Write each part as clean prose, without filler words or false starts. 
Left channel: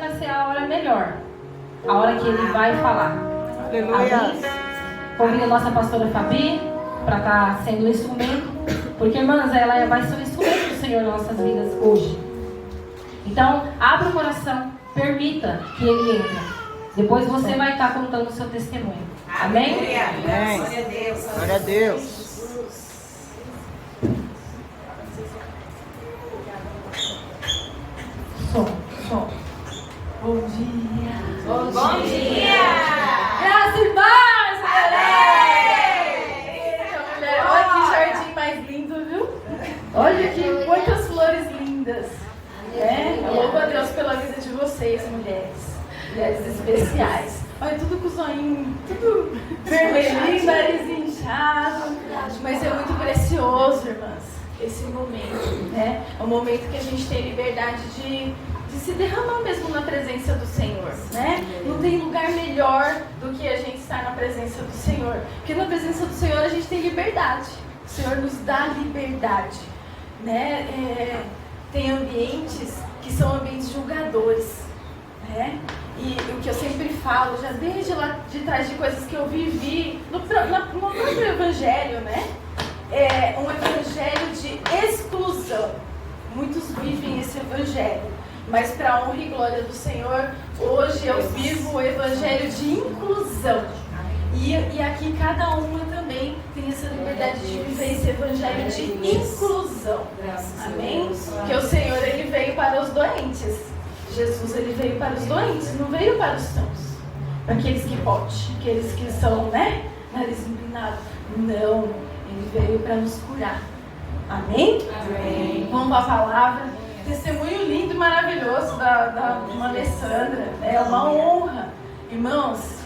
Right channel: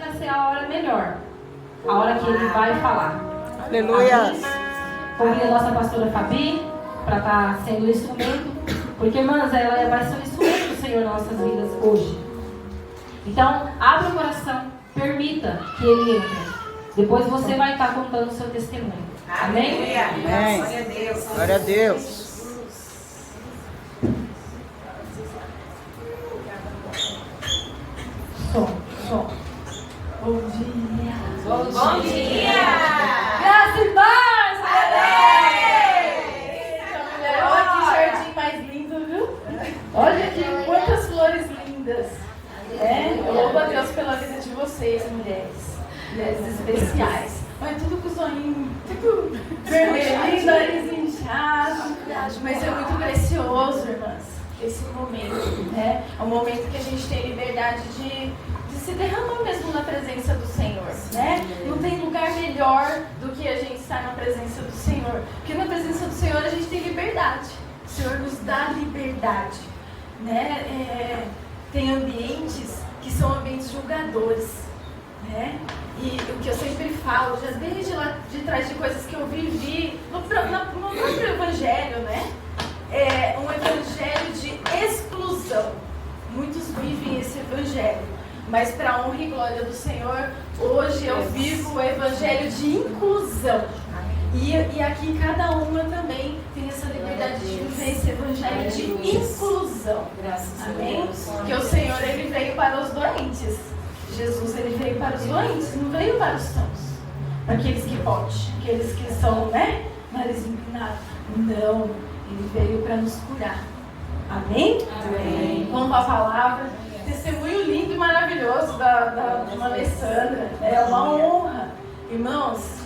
vai ser a hora melhor. A hora que ele vai falar. Aleluia. Convido a nossa pastora Fabi para estar sendo o instrumento. Porque, irmãs, ela vai ser o instrumento do Senhor nas nossas vidas hoje. Então, abra o coração. Permita que ele entre. Depois você vai estar contando o seu testemunho. Amém? Amém. Glória a Deus. Glória a Deus. Som. Bom dia. Bom dia. Graça e paz. Olha que jardim mais lindo, viu? Olha aqui, quantas flores lindas. Né? Louvo a Deus pela vida de vocês, mulheres. Mulheres especiais. Olha, tudo com o zoinho, tudo vermelhinho, nariz inchado. Mas é muito precioso, irmãs, esse momento. Né? É um momento que a gente tem liberdade de se derramar mesmo na presença do Senhor, né? Não tem lugar melhor do que a gente estar na presença do Senhor, porque na presença do Senhor a gente tem liberdade. O Senhor nos dá liberdade, né? Tem ambientes que são ambientes julgadores, né? E o que eu sempre falo, já desde lá de trás de coisas que eu vivi no próprio evangelho, né? É um evangelho de exclusão. Muitos vivem esse evangelho. Mas para a honra e glória do Senhor, hoje eu vivo o evangelho de inclusão. E aqui cada uma também tem essa liberdade de viver esse evangelho de inclusão. Amém? Porque o Senhor, ele veio para os doentes. Jesus, ele veio para os doentes, não veio para os sãos. Para aqueles que podem, aqueles que são, né? Nariz empinado. Não, ele veio para nos curar. Amém? Amém. Vamos à palavra. Testemunho lindo e maravilhoso da irmã Alessandra. É uma honra. Irmãos,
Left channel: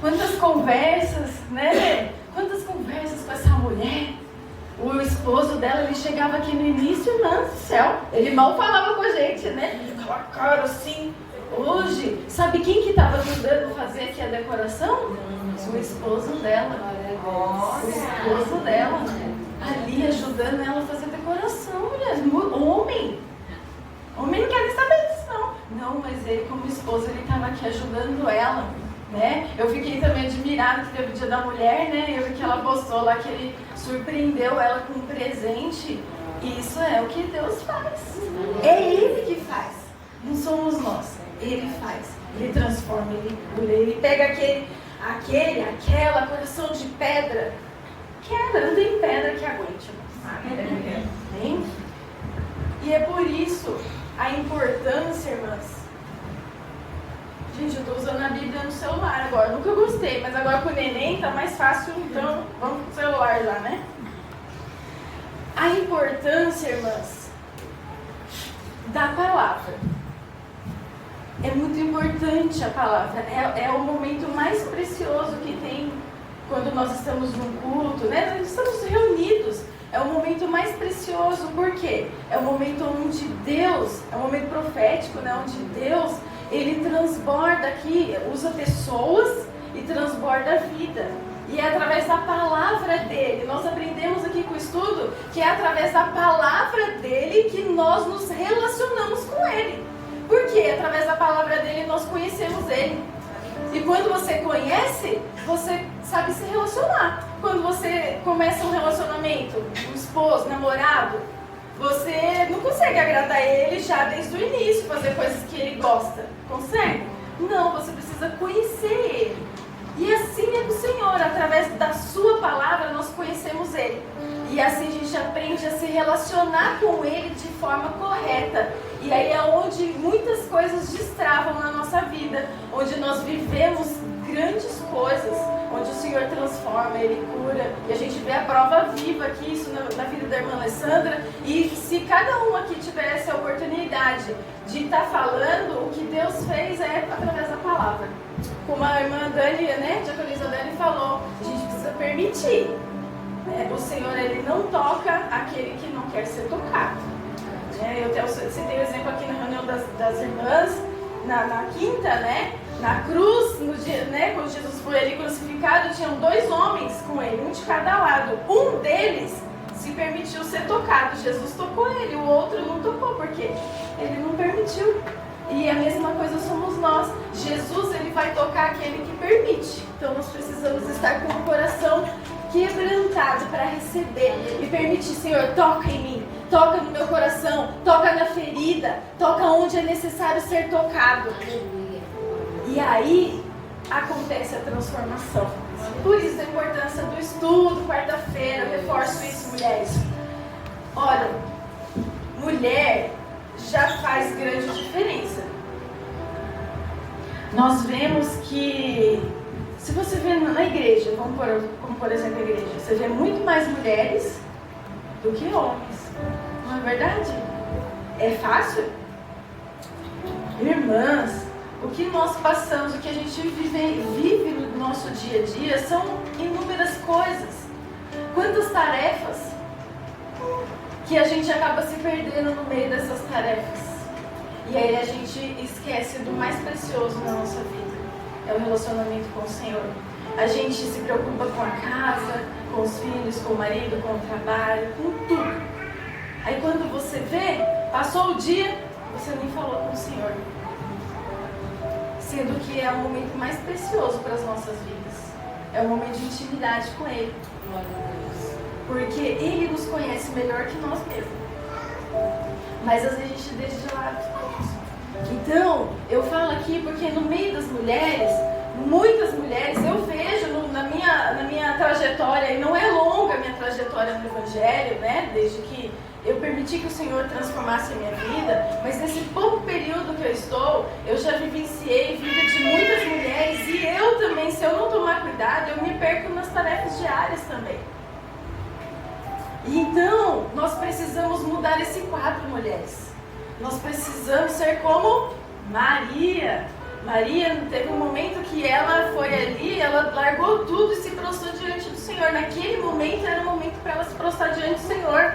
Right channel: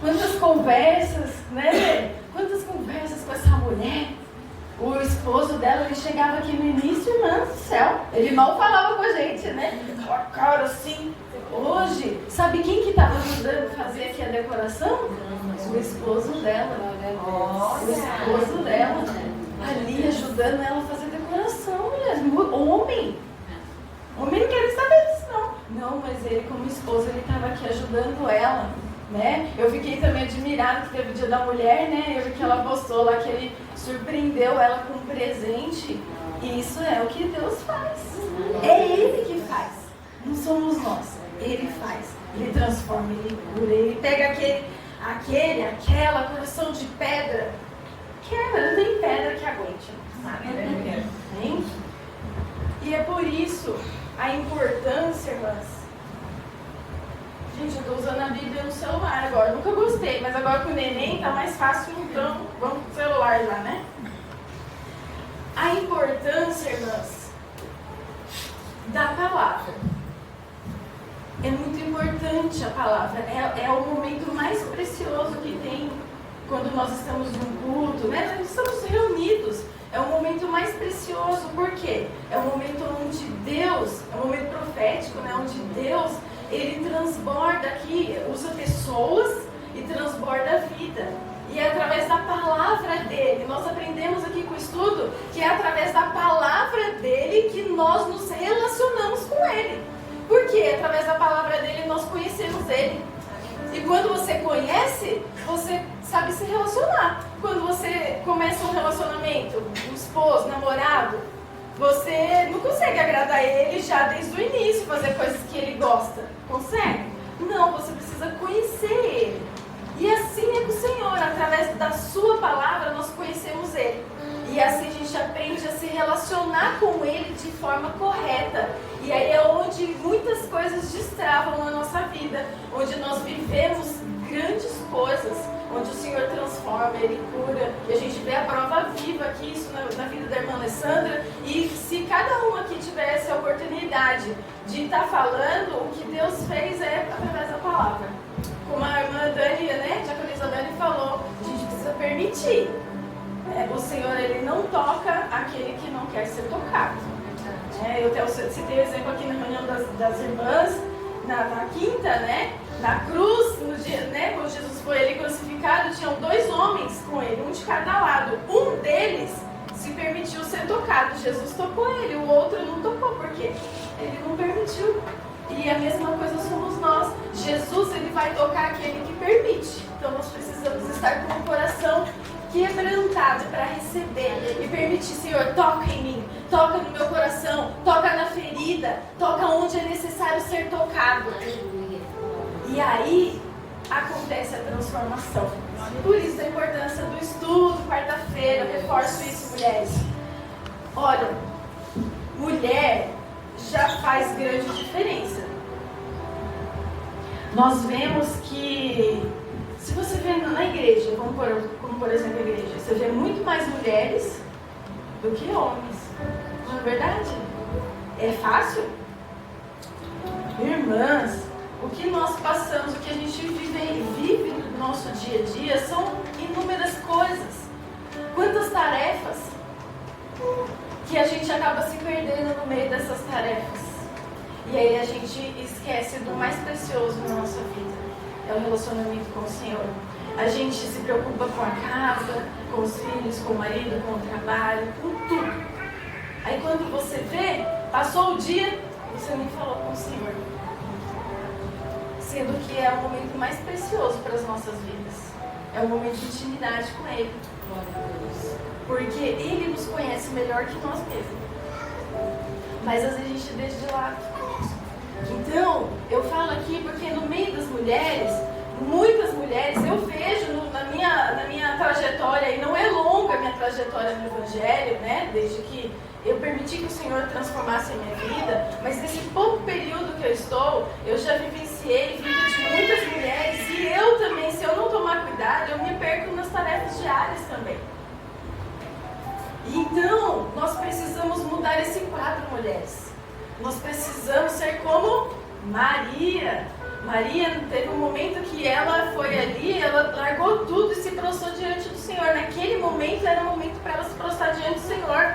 quantas conversas, né? Quantas conversas com essa mulher. O esposo dela, ele chegava aqui no início, irmã do céu. Ele mal falava com a gente, né? Com a cara assim. Hoje, sabe quem que estava ajudando a fazer aqui a decoração? O esposo dela. O esposo dela. Ali ajudando ela a fazer a decoração, mulher. Homem. Homem não quer saber disso, não. Não, mas ele, como esposo, ele estava aqui ajudando ela, né? Eu fiquei também admirada que teve o Dia da Mulher, né? Eu vi que ela postou lá que ele surpreendeu ela com um presente. E isso é o que Deus faz. É Ele que faz. Não somos nós. Ele faz. Ele transforma, Ele cura. Ele pega aquela coração de pedra. Quebra, não tem pedra que aguente. Amém? E é por isso a importância, irmãs. Gente, eu estou usando a Bíblia no celular agora. Nunca gostei, mas agora com o neném tá mais fácil, então vamos pro celular lá, né? A importância, irmãs, da palavra. É muito importante a palavra. É o momento mais precioso que tem quando nós estamos no culto, né? Nós estamos reunidos. É o momento mais precioso, por quê? É o momento onde Deus, é um momento profético, né? Onde Deus, ele transborda aqui, usa pessoas e transborda a vida. E é através da palavra dele, nós aprendemos aqui com o estudo, que é através da palavra dele que nós nos relacionamos com ele. Por quê? Através da palavra dele nós conhecemos ele. E quando você conhece, você sabe se relacionar. Quando você começa um relacionamento, um esposo, namorado, você não consegue agradar ele já desde o início, fazer coisas que ele gosta. Consegue? Não, você precisa conhecer ele. E assim é com o Senhor, através da sua palavra nós conhecemos ele. E assim a gente aprende a se relacionar com ele de forma correta. E aí é onde muitas coisas destravam na nossa vida, onde nós vivemos grandes coisas, onde o Senhor transforma, Ele cura. E a gente vê a prova viva aqui, isso na vida da irmã Alessandra. E se cada um aqui tivesse a oportunidade de estar falando, o que Deus fez é através da palavra. Como a irmã Dani, né, a diaconisa Dani falou, a gente precisa permitir. O Senhor, Ele não toca aquele que não quer ser tocado. Eu citei o exemplo aqui na reunião das irmãs, na quinta, né? Na cruz, no dia, né? Quando Jesus foi ali crucificado, tinham 2 homens com ele, um de cada lado. Um deles se permitiu ser tocado. Jesus tocou ele, o outro não tocou, porque ele não permitiu. E a mesma coisa somos Jesus, ele vai tocar aquele que permite. Então nós precisamos estar com o coração quebrantado para receber e permitir, Senhor, toca em mim, toca no meu coração, toca na ferida, toca onde é necessário ser tocado. E aí acontece a transformação. Por isso a importância do estudo, quarta-feira, eu reforço isso, mulheres. Olha, mulher já faz grande diferença. Nós vemos que, se você vê na igreja, como por exemplo a igreja, você vê muito mais mulheres do que homens. Não é verdade? É fácil? Irmãs, o que nós passamos, o que a gente vive no nosso dia a dia são inúmeras coisas. Quantas tarefas que a gente acaba se perdendo no meio dessas tarefas. E aí a gente esquece do mais precioso na nossa vida. É o relacionamento com o Senhor. A gente se preocupa com a casa, com os filhos, com o marido, com o trabalho, com tudo. Aí quando você vê, passou o dia, você nem falou com o Senhor. Sendo que é o momento mais precioso para as nossas vidas. É o momento de intimidade com Ele. Glória a Deus. Porque Ele nos conhece melhor que nós mesmos. Mas às vezes a gente deixa de lado. Então, eu falo aqui porque no meio das mulheres, muitas mulheres, eu vejo na minha trajetória, e não é longa a minha trajetória no Evangelho, né? Desde que eu permiti que o Senhor transformasse a minha vida, mas nesse pouco período que eu estou, eu já vivenciei a vida de muitas mulheres, e eu também, se eu não tomar cuidado, eu me perco nas tarefas diárias também. Então, nós precisamos mudar esse quadro, mulheres. Nós precisamos ser como Maria. Maria teve um momento que ela foi ali, ela largou tudo e se prostrou diante do Senhor. Naquele momento era o momento para ela se prostrar diante do Senhor.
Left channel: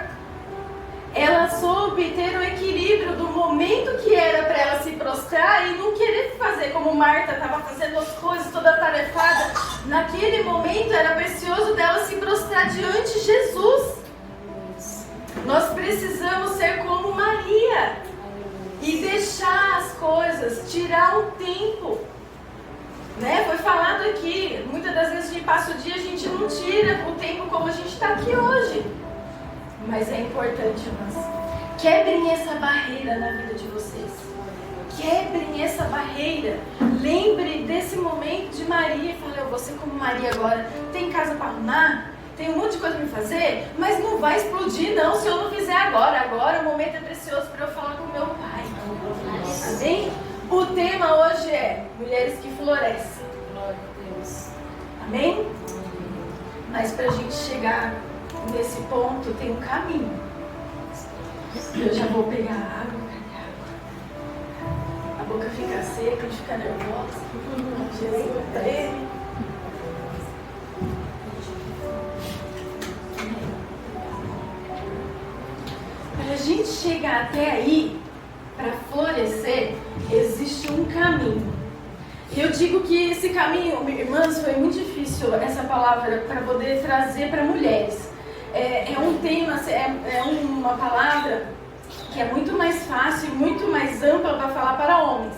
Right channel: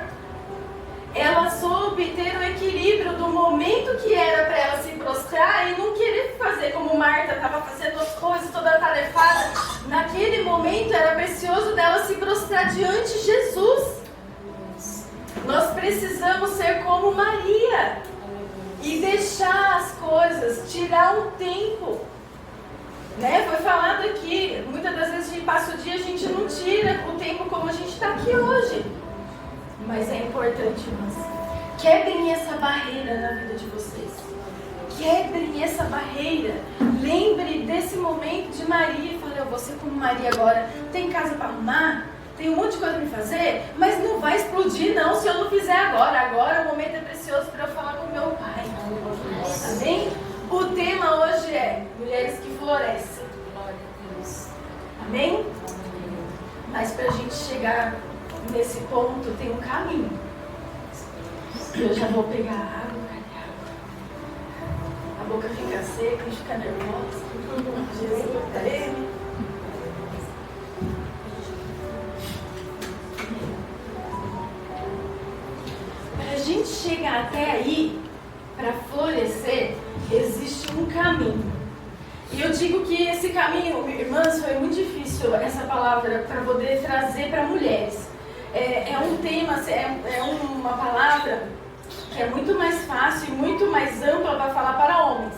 Ela soube ter o equilíbrio do momento que era para ela se prostrar e não querer fazer como Marta estava fazendo as coisas toda tarefada. Naquele momento era precioso dela se prostrar diante de Jesus. Nós precisamos ser como Maria e deixar as coisas, tirar um tempo, né? Foi falado aqui, muitas das vezes a gente passa o dia, a gente não tira o tempo como a gente está aqui hoje. Mas é importante, irmãs, quebrem essa barreira na vida de vocês. Quebrem essa barreira. Lembre desse momento de Maria e fale, eu vou ser como Maria agora. Tem casa para arrumar? Tem um monte de coisa para me fazer, mas não vai explodir não se eu não fizer agora. Agora o momento é precioso para eu falar com meu Pai. Amém? O tema hoje é mulheres que florescem. Amém? Mas para a gente chegar nesse ponto tem um caminho. Eu já vou pegar água, a boca fica seca, a gente fica nervosa. Jesus para ele. Para a gente chegar até aí, para florescer, existe um caminho. E eu digo que esse caminho, irmãs, foi muito difícil essa palavra para poder trazer para mulheres. É um tema, é uma palavra que é muito mais fácil e muito mais ampla para falar para homens.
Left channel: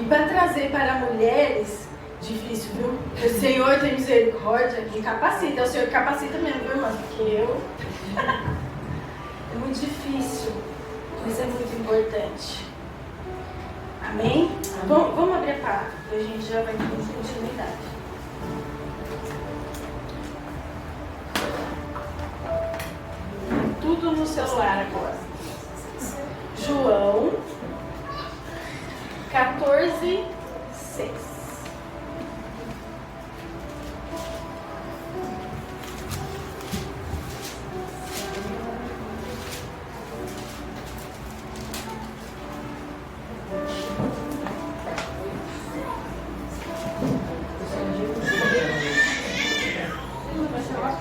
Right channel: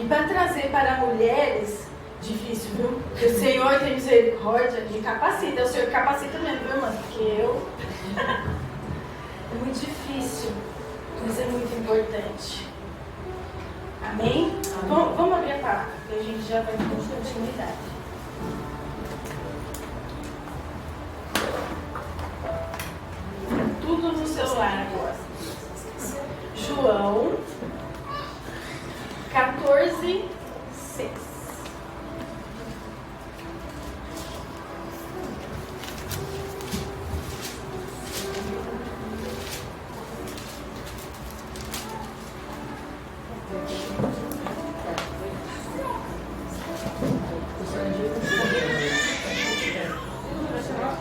E para trazer para mulheres, difícil, viu? O Senhor tem misericórdia, me capacita. O Senhor capacita mesmo, viu, irmã? Porque eu... É muito difícil, mas é muito importante. Amém? Vamos abrir a palavra, a gente já vai ter continuidade. Tudo no celular agora. João 14, 6.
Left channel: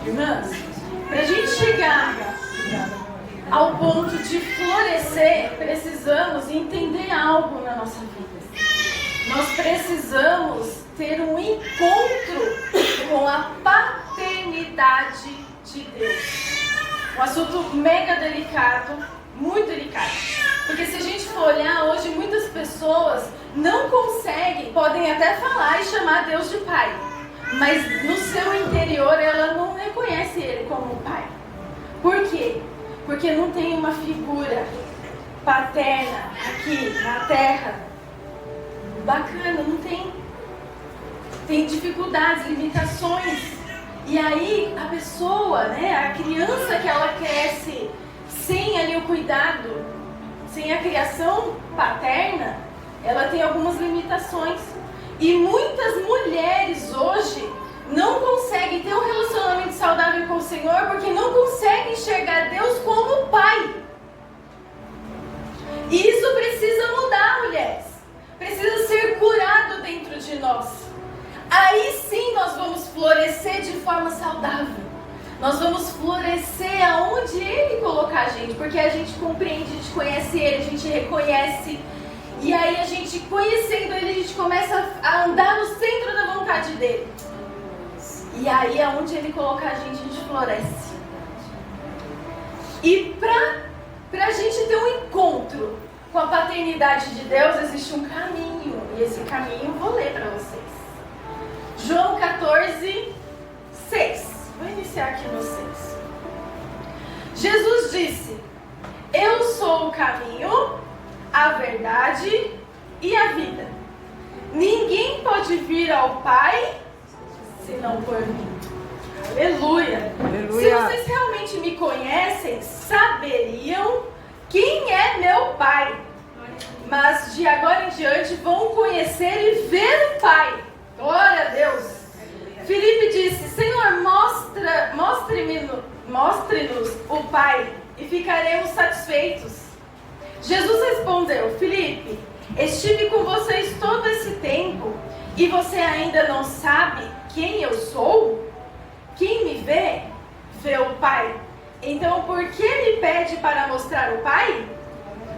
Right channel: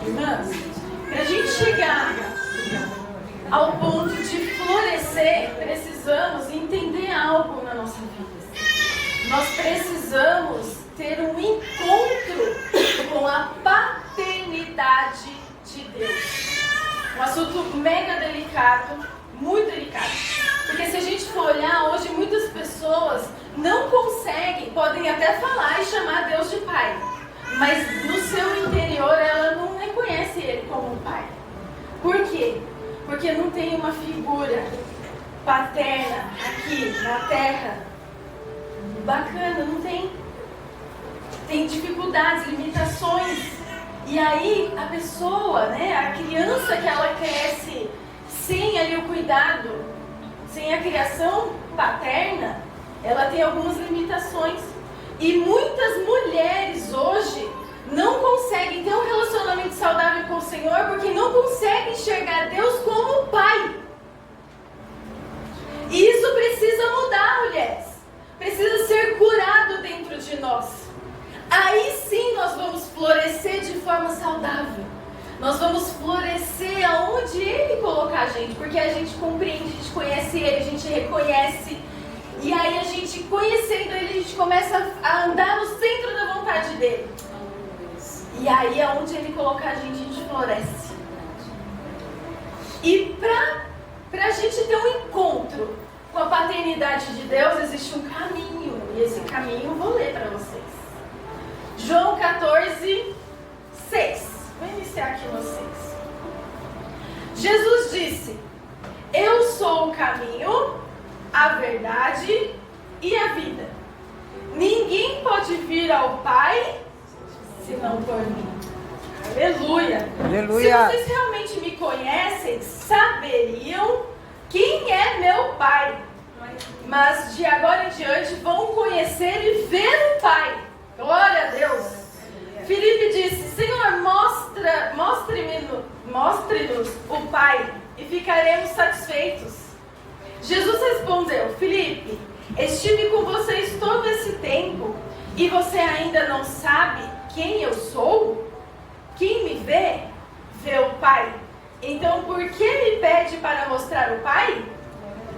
Irmãs, para a gente chegar ao ponto de florescer, precisamos entender algo na nossa vida. Nós precisamos ter um encontro com a paternidade de Deus. Um assunto mega delicado, muito delicado. Porque se a gente for olhar, hoje muitas pessoas não conseguem, podem até falar e chamar Deus de pai, mas no seu interior ela não reconhece Ele como pai. Por quê? Porque não tem uma figura paterna aqui na terra bacana, não tem. Tem dificuldades, limitações. E aí a pessoa, né, a criança que ela cresce sem ali o cuidado, sem a criação paterna, ela tem algumas limitações. E muitas mulheres hoje não conseguem ter um relacionamento saudável com o Senhor porque não conseguem enxergar Deus como pai. E isso precisa mudar, mulheres. Precisa ser curado dentro de nós. Aí sim nós vamos florescer de forma saudável. Nós vamos florescer aonde Ele colocar a gente. Porque a gente compreende, a gente conhece Ele, a gente reconhece. E aí a gente, conhecendo Ele, a gente começa a andar no centro da vontade dEle. E aí aonde Ele colocar a gente floresce. E pra a gente ter um encontro com a paternidade de Deus, existe um caminho. E esse caminho eu vou ler para vocês. João 14, 6. Vou iniciar aqui no 6. Jesus disse: eu sou o caminho, a verdade e a vida. Ninguém pode vir ao Pai senão por mim. Aleluia. Aleluia. Se vocês realmente me conhecem, saberiam quem é meu Pai. Mas de agora em diante vão conhecer e ver o Pai. Glória a Deus. Filipe disse: Senhor, mostre-nos o Pai e ficaremos satisfeitos. Jesus respondeu: Filipe, estive com vocês todo esse tempo e você ainda não sabe quem eu sou? Quem me vê, vê o Pai. Então por que me pede para mostrar o Pai?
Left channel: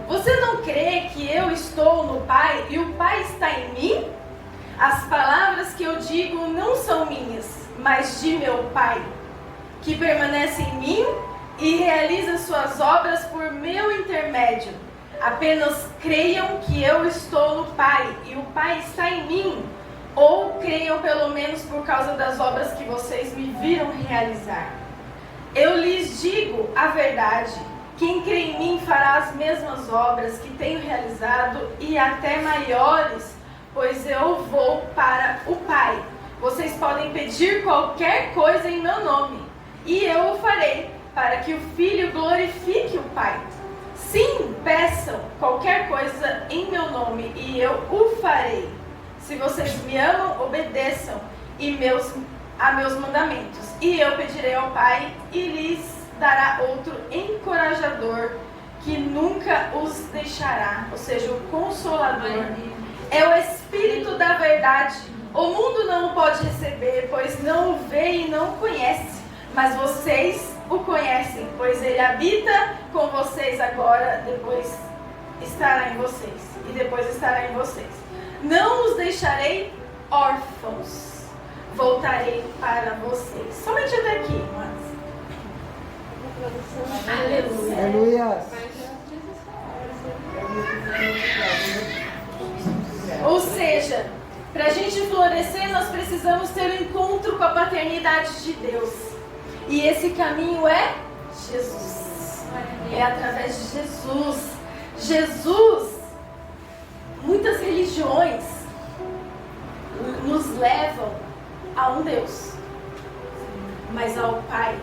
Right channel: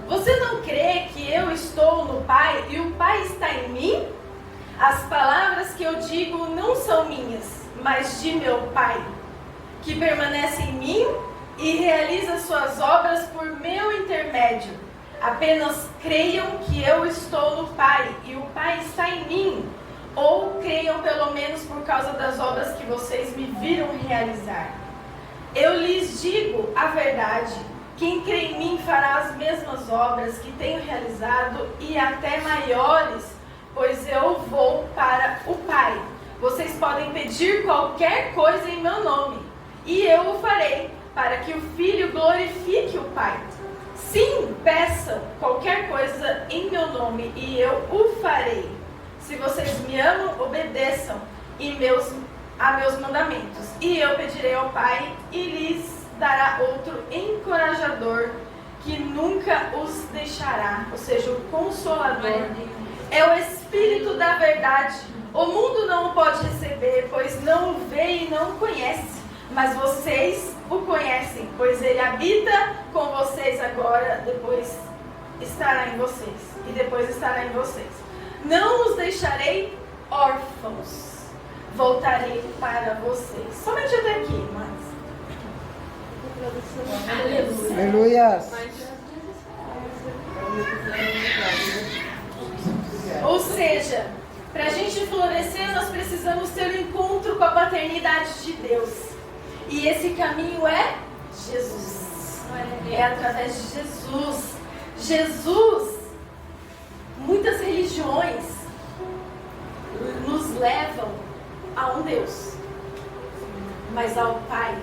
Você não crê que eu estou no Pai e o Pai está em mim? As palavras que eu digo não são minhas, mas de meu Pai, que permanece em mim e realiza suas obras por meu intermédio. Apenas creiam que eu estou no Pai e o Pai está em mim, ou creiam pelo menos por causa das obras que vocês me viram realizar. Eu lhes digo a verdade: quem crê em mim fará as mesmas obras que tenho realizado e até maiores, pois eu vou para o Pai. Vocês podem pedir qualquer coisa em meu nome, e eu o farei, para que o Filho glorifique o Pai. Sim, peçam qualquer coisa em meu nome, e eu o farei. Se vocês me amam, obedeçam a meus mandamentos. E eu pedirei ao Pai, e lhes dará outro encorajador, que nunca os deixará, ou seja, o Consolador. É o Espírito da verdade. O mundo não o pode receber, pois não o vê e não o conhece. Mas vocês o conhecem, pois ele habita com vocês agora, depois estará em vocês. E depois estará em vocês. Não os deixarei órfãos. Voltarei para vocês. Somente até aqui, mas... Aleluia. Ou seja, para a gente florescer, nós precisamos ter um encontro com a paternidade de Deus. E esse caminho é Jesus. É através de Jesus. Jesus, muitas religiões nos levam a um Deus, mas ao Pai.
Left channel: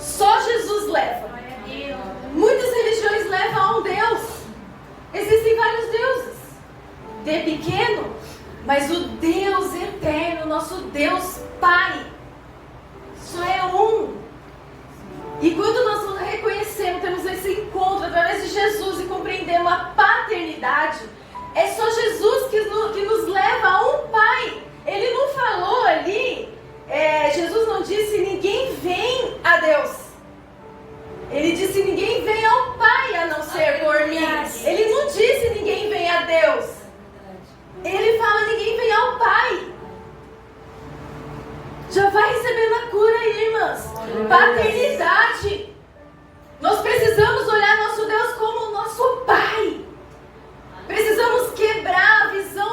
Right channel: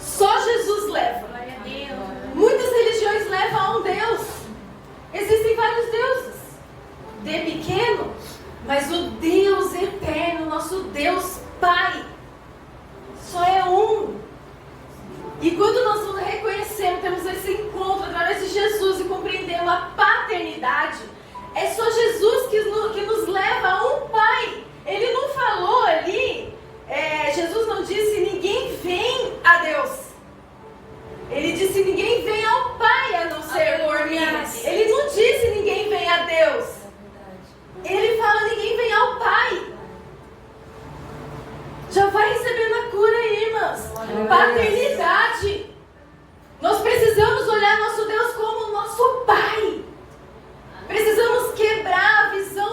Só Jesus leva. Muitas religiões levam a um Deus. Existem vários deuses. De pequeno, mas o Deus eterno, nosso Deus Pai, só é um. E quando nós reconhecemos, temos esse encontro através de Jesus e compreendemos a paternidade, é só Jesus que nos leva a um Pai. Ele não falou ali, Jesus não disse ninguém vem a Deus. Ele disse ninguém vem ao Pai a não ser por mim. Ele não disse ninguém vem a Deus. Ele fala ninguém vem ao Pai. Já vai recebendo a cura aí, irmãs. Paternidade. Nós precisamos olhar nosso Deus como nosso Pai. Precisamos quebrar a visão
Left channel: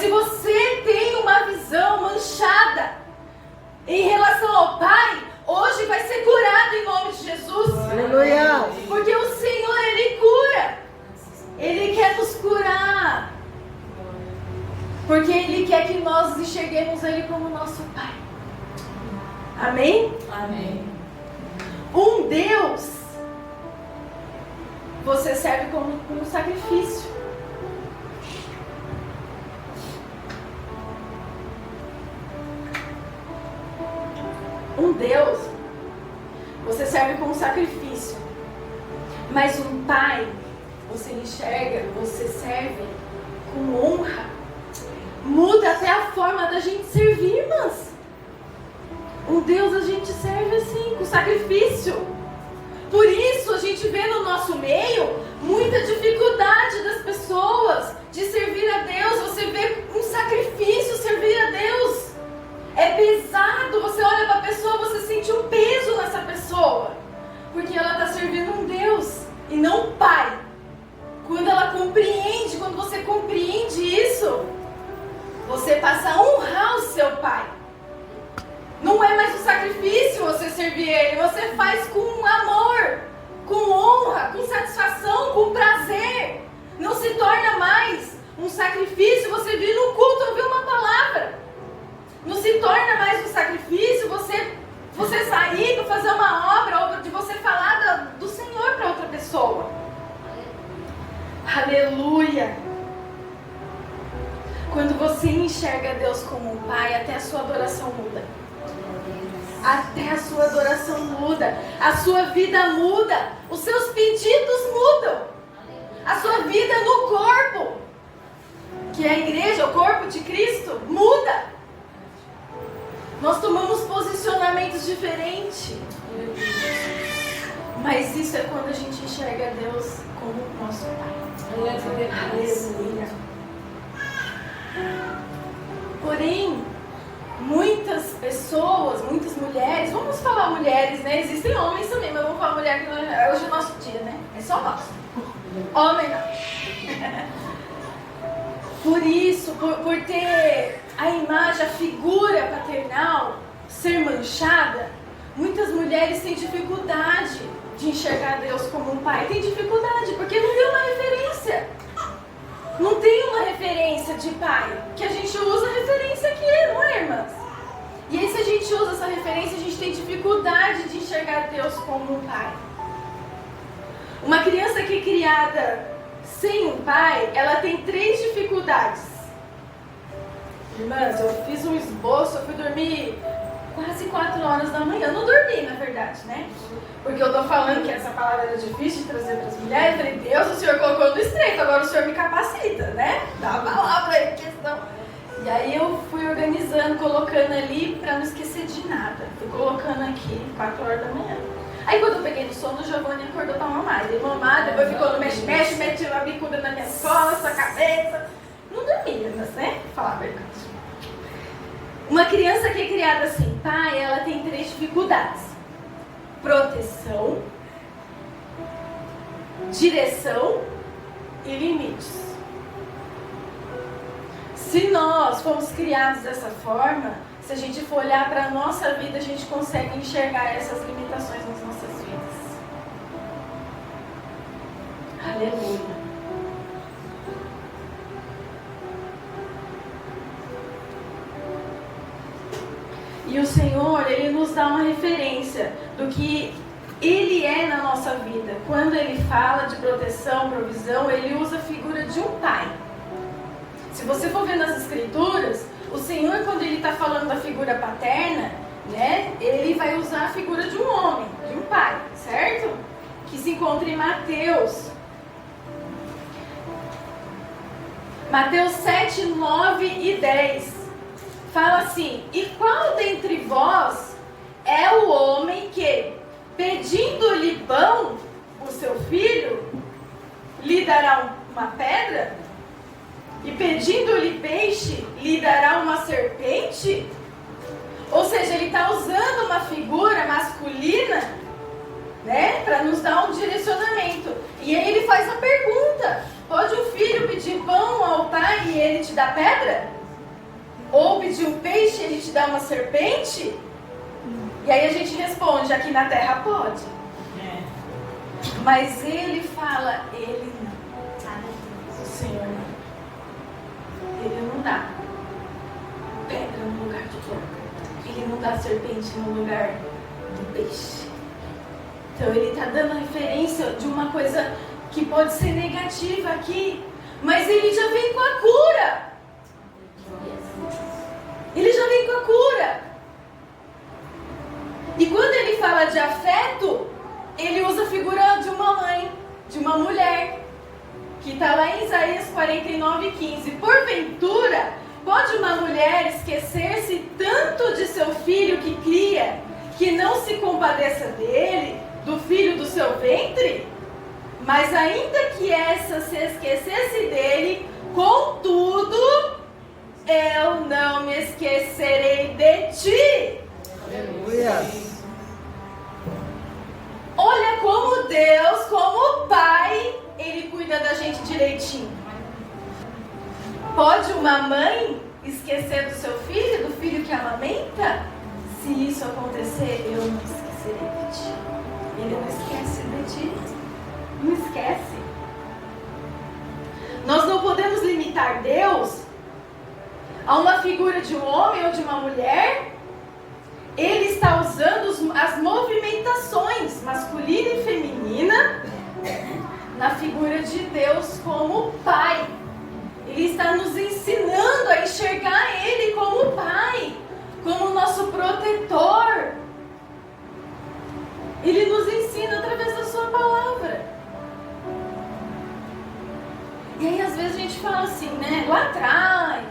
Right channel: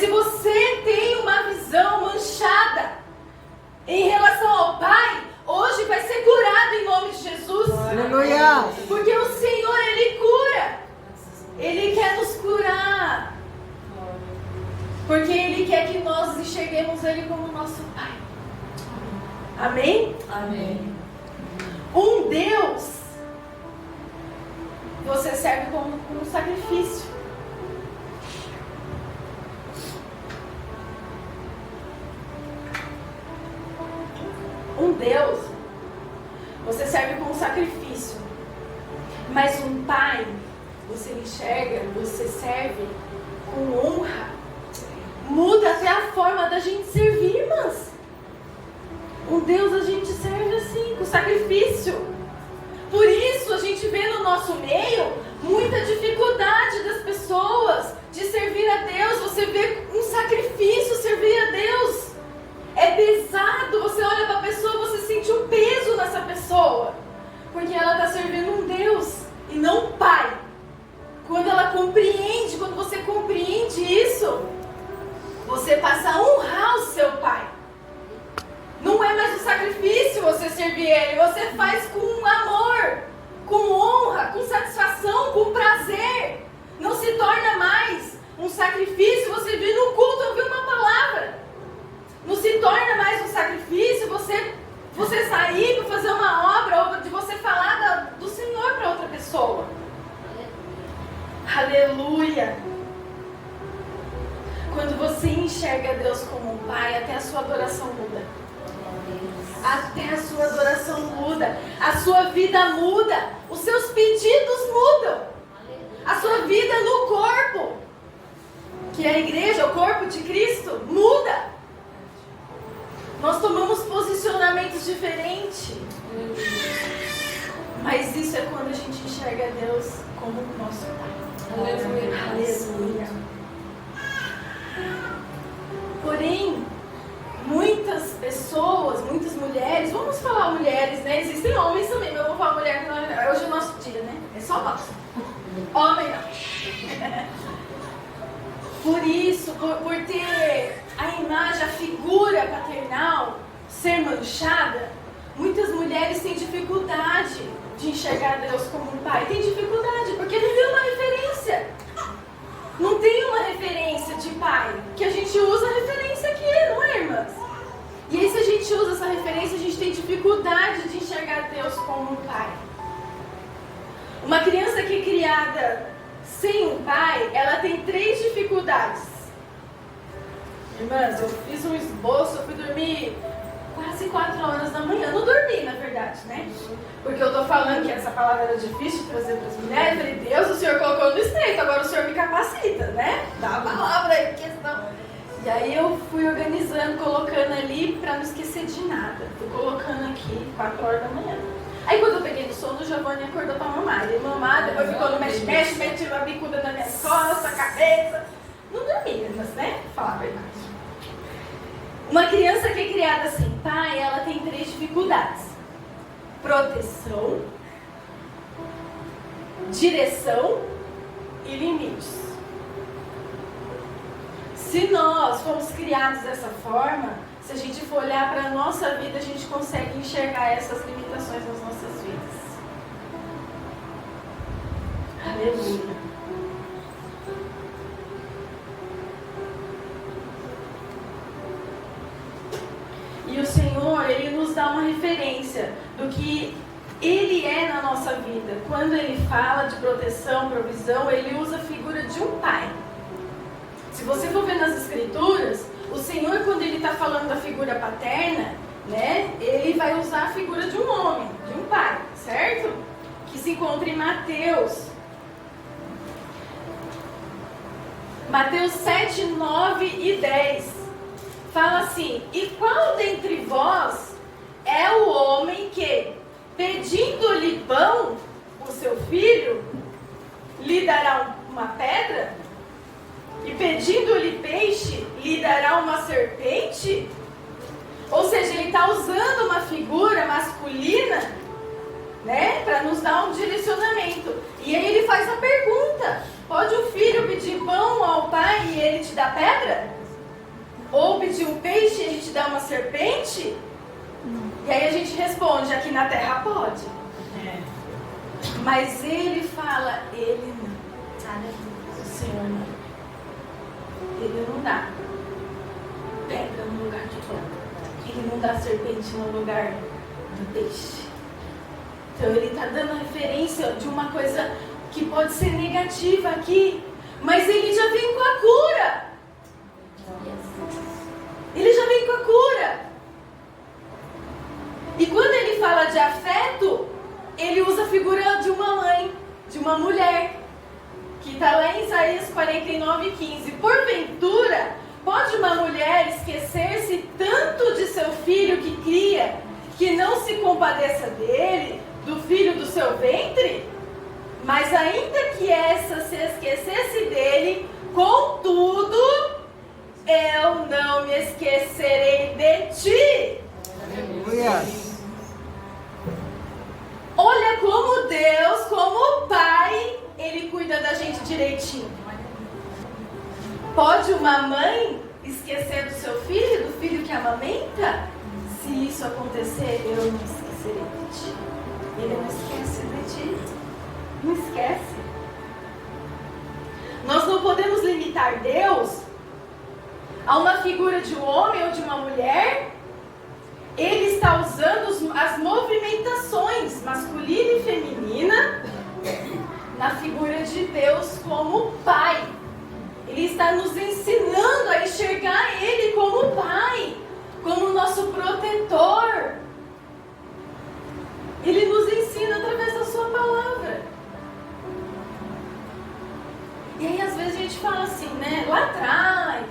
se você tem uma visão manchada em relação ao Pai, hoje vai ser curado em nome de Jesus. Aleluia. Porque o Senhor, Ele cura. Ele quer nos curar. Porque Ele quer que nós enxerguemos Ele como nosso Pai. Amém? Amém. Um Deus, você serve como um sacrifício. Um Deus, você serve como um sacrifício. Mas um Pai, você enxerga, você serve com honra. Muda até a forma da gente servir, irmãs. Um Deus a gente serve assim, com sacrifício. Por isso a gente vê no nosso meio muita dificuldade das pessoas de servir a Deus. Você vê um sacrifício servir a Deus. É pesado, você olha para a pessoa, você sente um peso nessa pessoa. Porque ela está servindo um Deus e não um Pai. Quando ela compreende, quando você compreende isso, você passa a honrar o seu Pai. Não é mais um sacrifício você servir Ele, você faz com amor, com honra, com satisfação, com prazer. Não se torna mais um sacrifício você vir no culto ouvir uma palavra. Não se torna mais um sacrifício você sair para fazer uma obra ou de você falar do Senhor para outra pessoa. Aleluia! Quando você enxerga Deus como um Pai, até a sua adoração muda. Até a sua adoração muda. A sua vida muda. Os seus pedidos mudam. A sua vida no corpo, que é a igreja, o corpo de Cristo, muda. Nós tomamos posicionamentos diferentes. Mas isso é quando a gente enxerga Deus como o nosso Pai. Aleluia. Porém, muitas pessoas, muitas mulheres, vamos falar mulheres, né? Existem homens também, mas vamos falar mulher, que hoje é o nosso dia, né? É só nosso. Homem não. Por isso, por ter a imagem, a figura paternal ser manchada, muitas mulheres têm dificuldade de enxergar Deus como um pai. Tem dificuldade, porque não tem uma referência. Não tem uma referência de pai, que a gente usa a referência aqui, não é, irmãs? E aí, se a gente usa essa referência, a gente tem dificuldade de enxergar Deus como um pai. Uma criança que é criada sem um pai, ela tem 3 dificuldades. Irmãs, eu fiz um esboço, eu fui dormir quase 4 horas da manhã. Eu não dormi, na verdade, né? Porque eu tô falando que essa palavra era difícil de trazer para as mulheres. Eu falei, Deus, o Senhor colocou no estreito, agora o Senhor me capacita, né? Dá a palavra aí, questão. E aí eu fui organizando, colocando ali para não esquecer de nada. Fui colocando aqui, 4 horas da manhã. Aí quando eu peguei no sono, o Giovanni acordou pra mamar. Ele mamar, depois ficou no mexe-mexe, metiu a bicuda na minha costa, a cabeça. Não dormia, né? Pra falar a verdade. Uma criança que é criada sem pai, ela tem 3 dificuldades: proteção, direção e limites. Se nós fomos criados dessa forma, se a gente for olhar para a nossa vida, a gente consegue enxergar essas limitações nas nossas vidas. Aleluia. E o Senhor, Ele nos dá uma referência do que Ele é na nossa vida. Quando Ele fala de proteção, provisão, Ele usa a figura de um pai. Se você for ver nas Escrituras, o Senhor, quando Ele está falando da figura paterna, né, Ele vai usar a figura de um homem, de um pai, certo? Que se encontra em Mateus. Mateus 7, 9 e 10. Fala assim: e qual dentre vós é o homem que, pedindo-lhe pão, o seu filho, lhe dará uma pedra? E pedindo-lhe peixe, lhe dará uma serpente? Ou seja, ele está usando uma figura masculina, né, para nos dar um direcionamento. E aí ele faz a pergunta: pode o filho pedir pedir pão ao pai e ele te dá pedra? Ou pedir um peixe e ele te dá uma serpente? E aí a gente responde, aqui na terra pode. Mas ele fala, ele não. O Senhor não. Ele não dá pedra no lugar de pão. Ele não dá serpente no lugar do peixe. Então ele está dando a referência de uma coisa que pode ser negativa aqui, mas ele já vem com a cura. Ele já vem com a cura. E quando ele fala de afeto, ele usa a figura de uma mãe, de uma mulher, que está lá em Isaías 49:15. Porventura, pode uma mulher esquecer-se tanto de seu filho que cria, que não se compadeça dele, do filho do seu ventre? Mas ainda que essa se esquecesse dele, contudo, eu não me esquecerei de ti. Aleluia. Olha como Deus, como Pai, Ele cuida da gente direitinho. Pode uma mãe esquecer do seu filho, do filho que amamenta? Se isso acontecer, eu não esquecerei de ti. Ele não esquece de ti. Não esquece. Nós não podemos limitar Deus a uma figura de um homem ou de uma mulher. Ele está usando as movimentações masculina e feminina na figura de Deus como Pai. Ele está nos ensinando a enxergar Ele como Pai, como nosso protetor. Ele nos ensina através da sua palavra. E aí às vezes a gente fala assim, né? Lá atrás,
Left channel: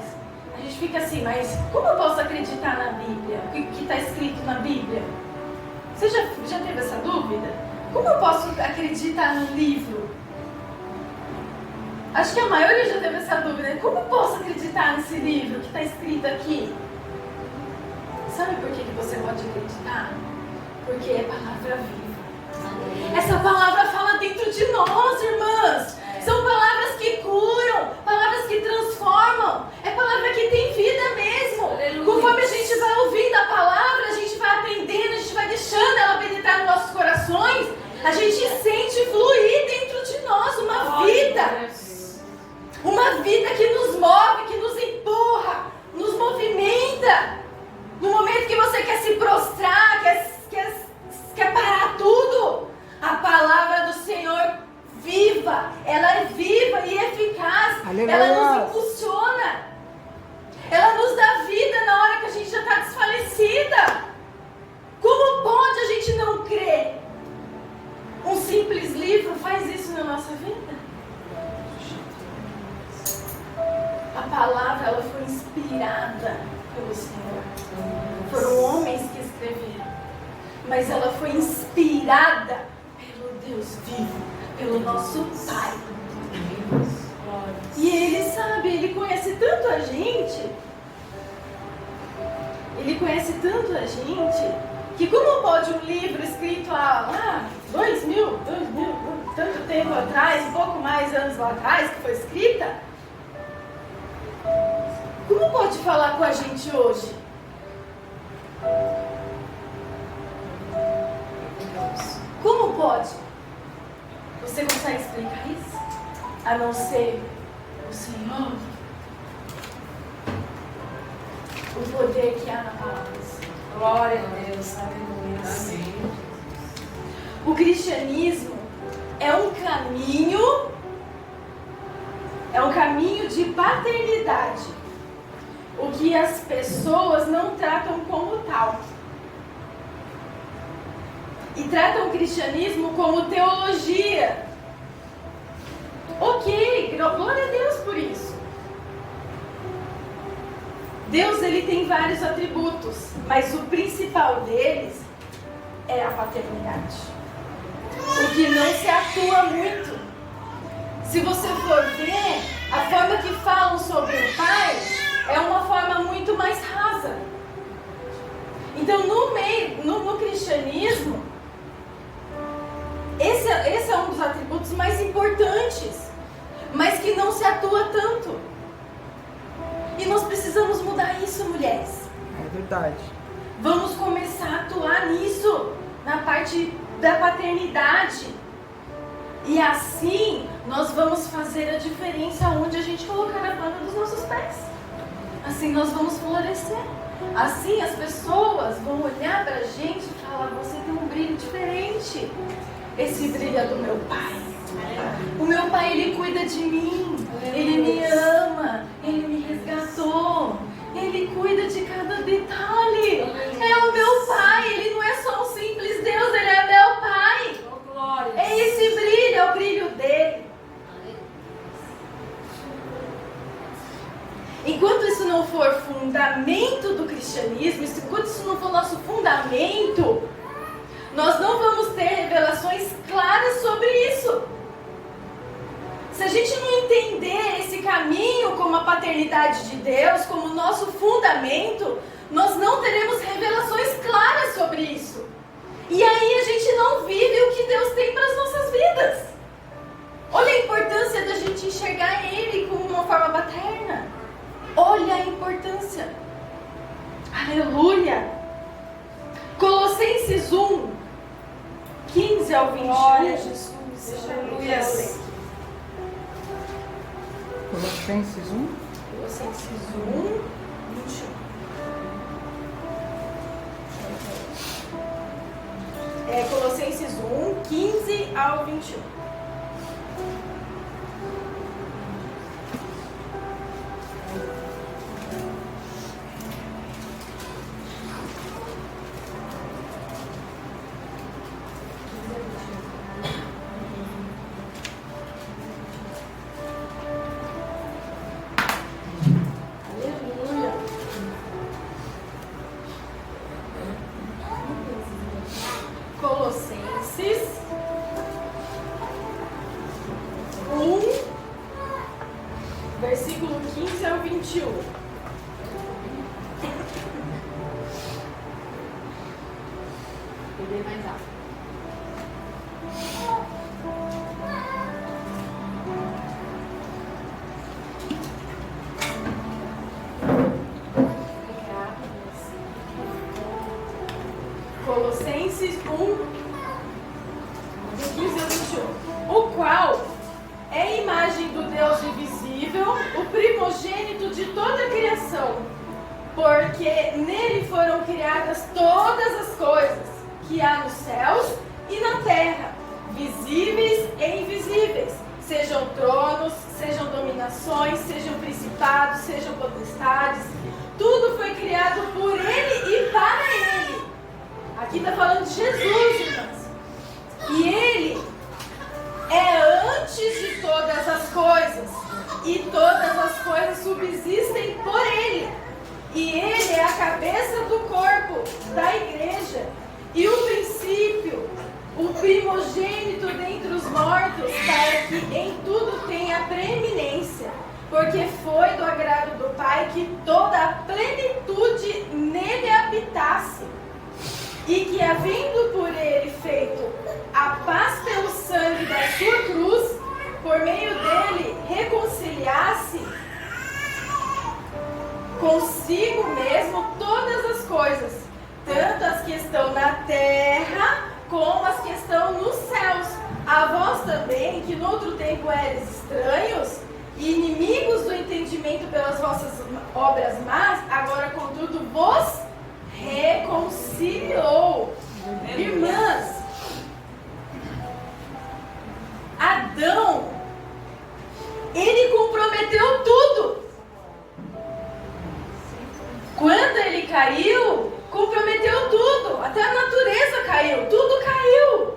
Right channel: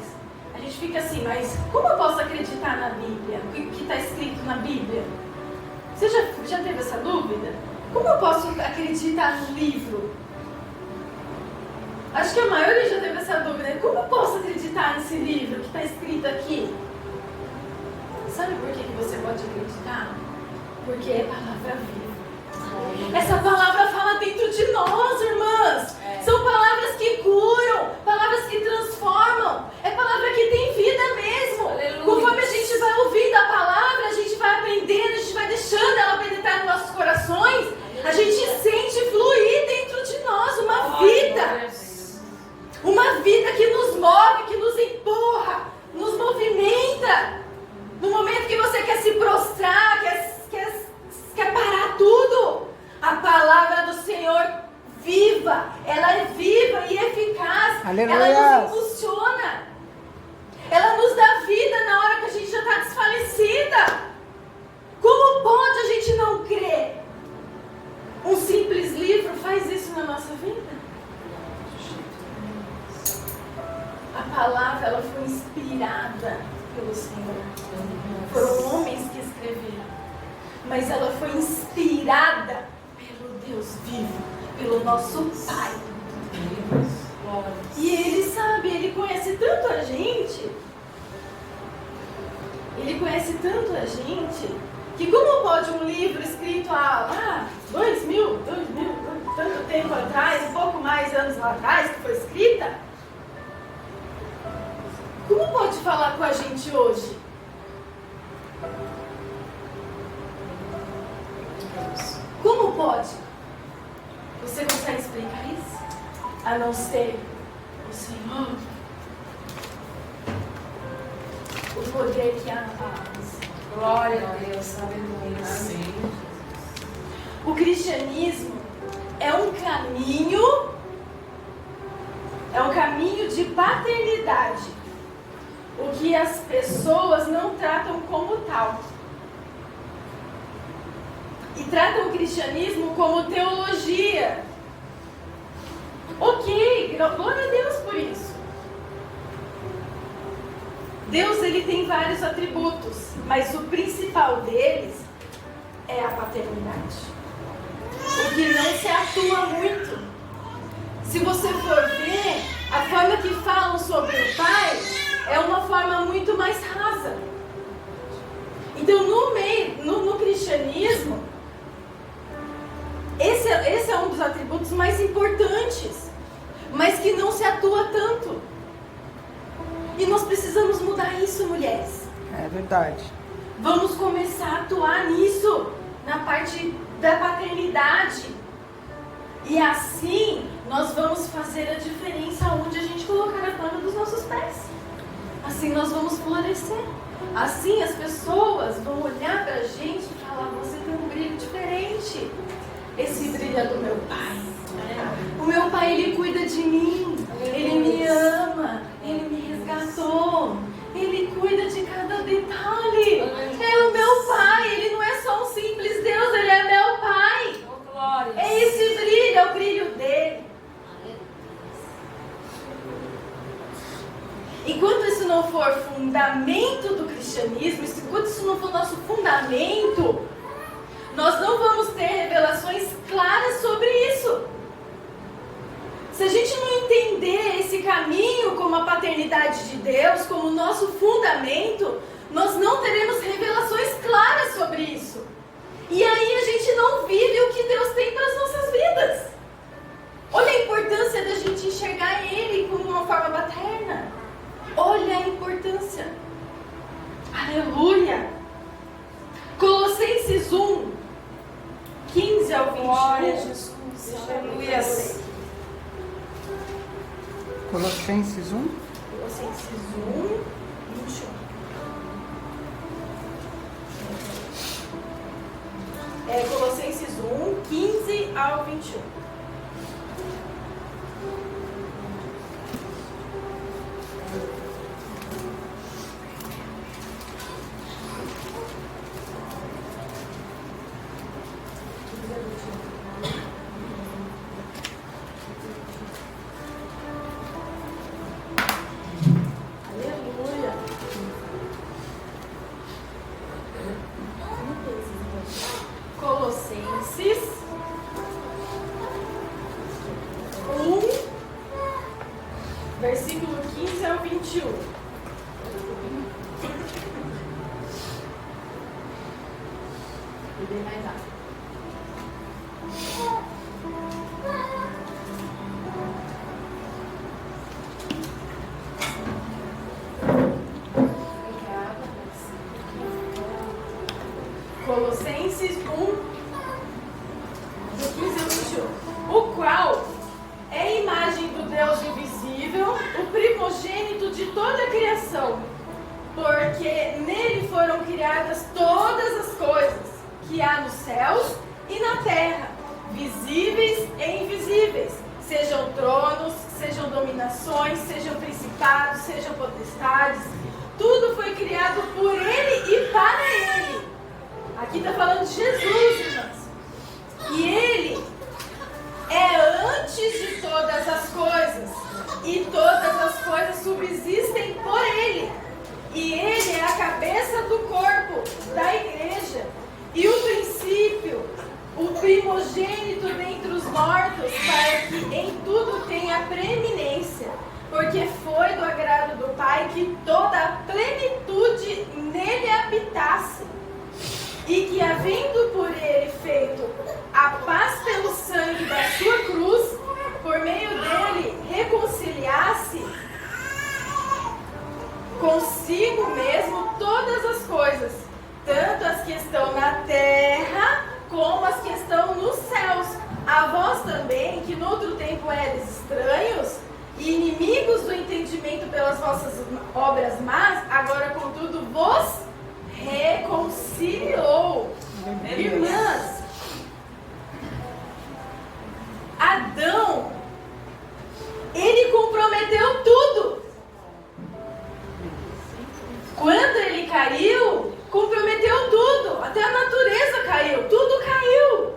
a gente fica assim, mas como eu posso acreditar na Bíblia? O que está escrito na Bíblia? Você já teve essa dúvida? Como eu posso acreditar no livro? Acho que a maioria já teve essa dúvida. Como eu posso acreditar nesse livro que está escrito aqui? Sabe por que você pode acreditar? Porque é palavra viva. Essa palavra fala dentro de nós, irmãs. São palavras que curam, palavras que transformam. É palavra que tem vida mesmo. Aleluia. Conforme a gente vai ouvindo a palavra, a gente vai aprendendo, a gente vai deixando ela penetrar nos nossos corações. A gente sente fluir dentro de nós uma vida. Uma vida que nos move, que nos empurra, nos movimenta. No momento que você quer se prostrar, quer parar tudo, a palavra do Senhor viva, ela é viva e eficaz. Aleluia. Ela nos impulsiona. Ela nos dá vida na hora que a gente já está desfalecida. Como pode a gente não crer? Um simples livro faz isso na nossa vida? A palavra, ela foi inspirada pelo Senhor. Foram homens que escreveram. Mas ela foi inspirada pelo Deus vivo, pelo nosso Pai. E Ele sabe, Ele conhece tanto a gente. Ele conhece tanto a gente, que como pode um livro escrito há 2000, tanto tempo atrás, um pouco mais anos lá atrás, que foi escrita, como pode falar com a gente hoje? Como pode? Você consegue explicar isso? A não ser o Senhor? O poder que há na palavra do Senhor. Glória a Deus, aleluia. Amém. O cristianismo é um caminho de paternidade, o que as pessoas não tratam como tal. E tratam o cristianismo como teologia. Ok, glória a Deus por isso. Deus, ele tem vários atributos, mas o principal deles é a paternidade. O que não se atua muito. Se você for ver, a forma que falam sobre o Pai é uma forma muito mais rasa. Então, no cristianismo, esse é um dos atributos mais importantes, mas que não se atua atua tanto. E nós precisamos mudar isso, mulheres. É verdade. Vamos começar a atuar nisso, na parte da paternidade. E assim, nós vamos fazer a diferença onde a gente colocar a planta dos nossos pés. Assim nós vamos florescer. Assim as pessoas vão olhar pra gente e falar, você tem um brilho diferente. Esse brilho é do meu pai. O meu pai, ele cuida de mim. Ele me ama. Ele me resgatou. Ele cuida de cada detalhe. É o meu pai. Ele não é só um simples Deus. Ele é meu pai. É esse brilho, é o brilho dele. Enquanto isso não for fundamento do cristianismo, enquanto isso não for nosso fundamento, nós não vamos ter revelações claras sobre isso. Se a gente não entender esse caminho como a paternidade de Deus, como nosso fundamento, nós não teremos revelações claras sobre isso. E aí a gente não vive o que Deus tem para as nossas vidas. Olha a importância da gente enxergar Ele como uma forma paterna. Olha a importância. Aleluia. Colossenses 1, 15 ao 21. Glória a Jesus. Aleluia. Colossenses 1. Colossenses 1, 21. Colossenses 1, 15 ao 21. Aleluia. Colossenses 1, versículo 15 ao 21. Vou mais rápido. Colossenses 1, do 15 ao 21. O qual é a imagem do Deus invisível, o primogênito de toda a criação, porque nele foram criadas todas as coisas que há nos céus e na terra, visíveis e invisíveis, sejam tronos, sejam dominações, sejam principados, sejam potestades, tudo foi criado por ele e para ele. Aqui está falando de Jesus, irmãs. E ele é antes de todas as coisas, e todas as coisas subsistem por ele. E ele é a cabeça do corpo, da igreja, e o princípio, o primogênito dentre os mortos, para que em tudo tenha preeminência, porque foi do agrado do Pai que toda a plenitude nele habitasse, e que, havendo por ele feito a paz pelo sangue da sua cruz, por meio dele reconciliasse consigo mesmo todas as coisas, tanto as que estão na terra como as que estão nos céus. A vós também, que no outro tempo eres estranhos e inimigos do entendimento pelas vossas obras más, agora contudo vos reconciliou. Irmãs, Adão, ele comprometeu tudo. Quando ele caiu, comprometeu tudo. Até a natureza caiu, tudo caiu.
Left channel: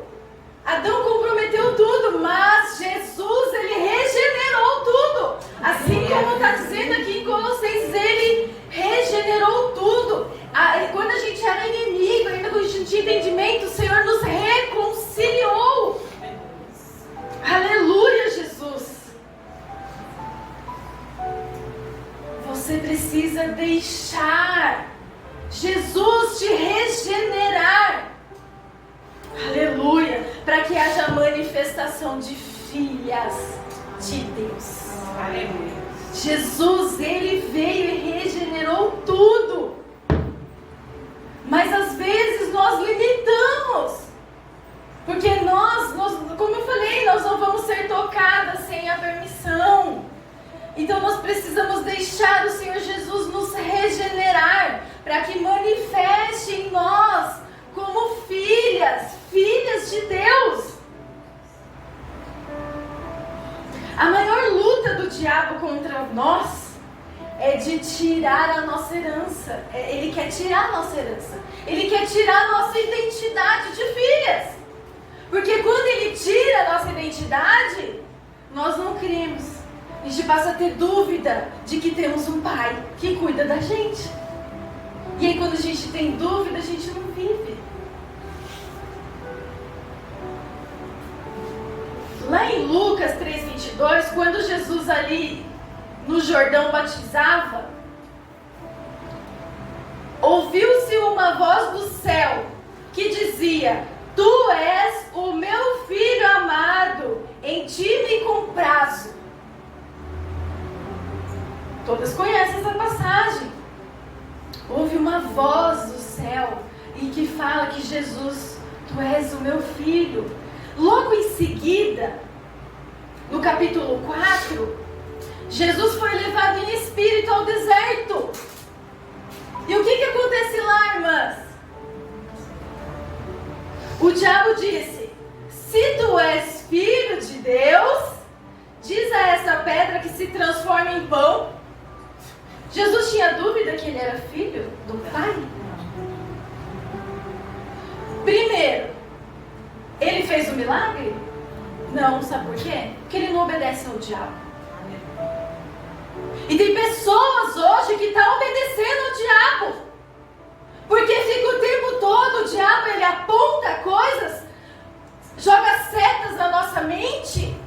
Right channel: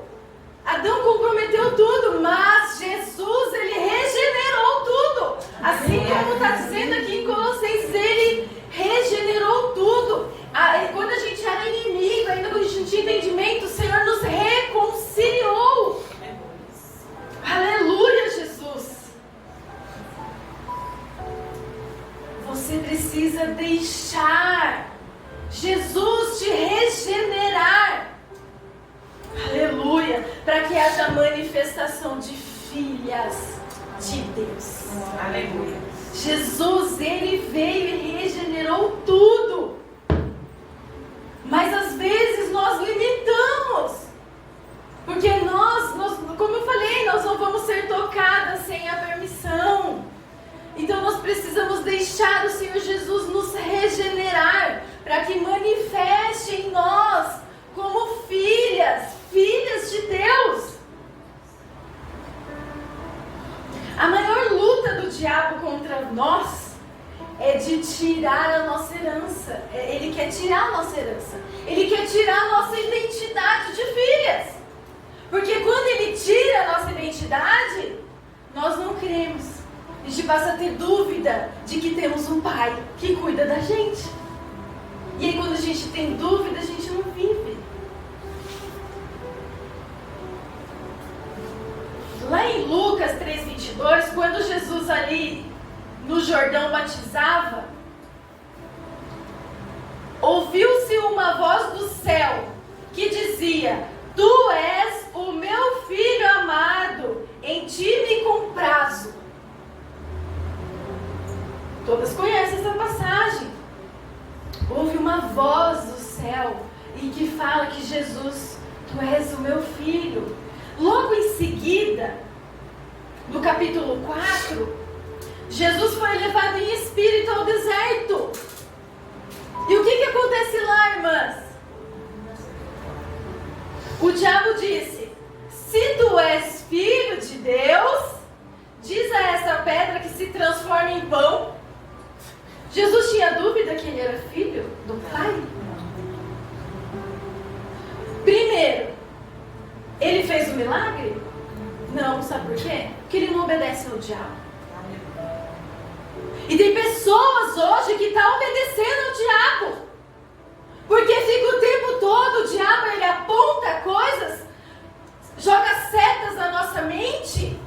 Adão comprometeu tudo, mas Jesus, ele regenerou tudo. Assim como está dizendo aqui em Colossenses, ele regenerou tudo. Quando a gente era inimigo, ainda quando a gente não tinha entendimento, o Senhor nos reconciliou. Aleluia, Jesus. Você precisa deixar Jesus te regenerar. Aleluia. Para que haja manifestação de filhas de Deus. Aleluia. Jesus, ele veio e regenerou tudo. Mas às vezes nós limitamos. Porque nós, como eu falei, nós não vamos ser tocadas sem a permissão. Então nós precisamos deixar o Senhor Jesus nos regenerar, para que manifeste em nós como filhas de Deus. A maior luta do diabo contra nós é de tirar a nossa herança. Ele quer tirar a nossa herança. Ele quer tirar a nossa identidade de filhas. Porque quando ele tira a nossa identidade, nós não cremos. A gente passa a ter dúvida de que temos um pai que cuida da gente. E aí quando a gente tem dúvida, a gente não vive. Lá em Lucas 3:22, quando Jesus ali no Jordão batizava, ouviu-se uma voz do céu que dizia: Tu és o meu filho amado, em ti me comprazo. Todas conhecem essa passagem. Houve uma voz do céu e que fala que Jesus, tu és o meu filho. Logo em seguida, no capítulo 4, Jesus foi levado em espírito ao deserto. E o que acontece lá, irmãs? O diabo disse: se tu és filho de Deus, diz a essa pedra que se transforma em pão. Jesus tinha dúvida que ele era filho do Pai? Primeiro, ele fez o milagre? Não, sabe por quê? Porque ele não obedece ao diabo. E tem pessoas hoje que estão obedecendo ao diabo. Porque fica o tempo todo, o diabo, ele aponta coisas, joga setas na nossa mente,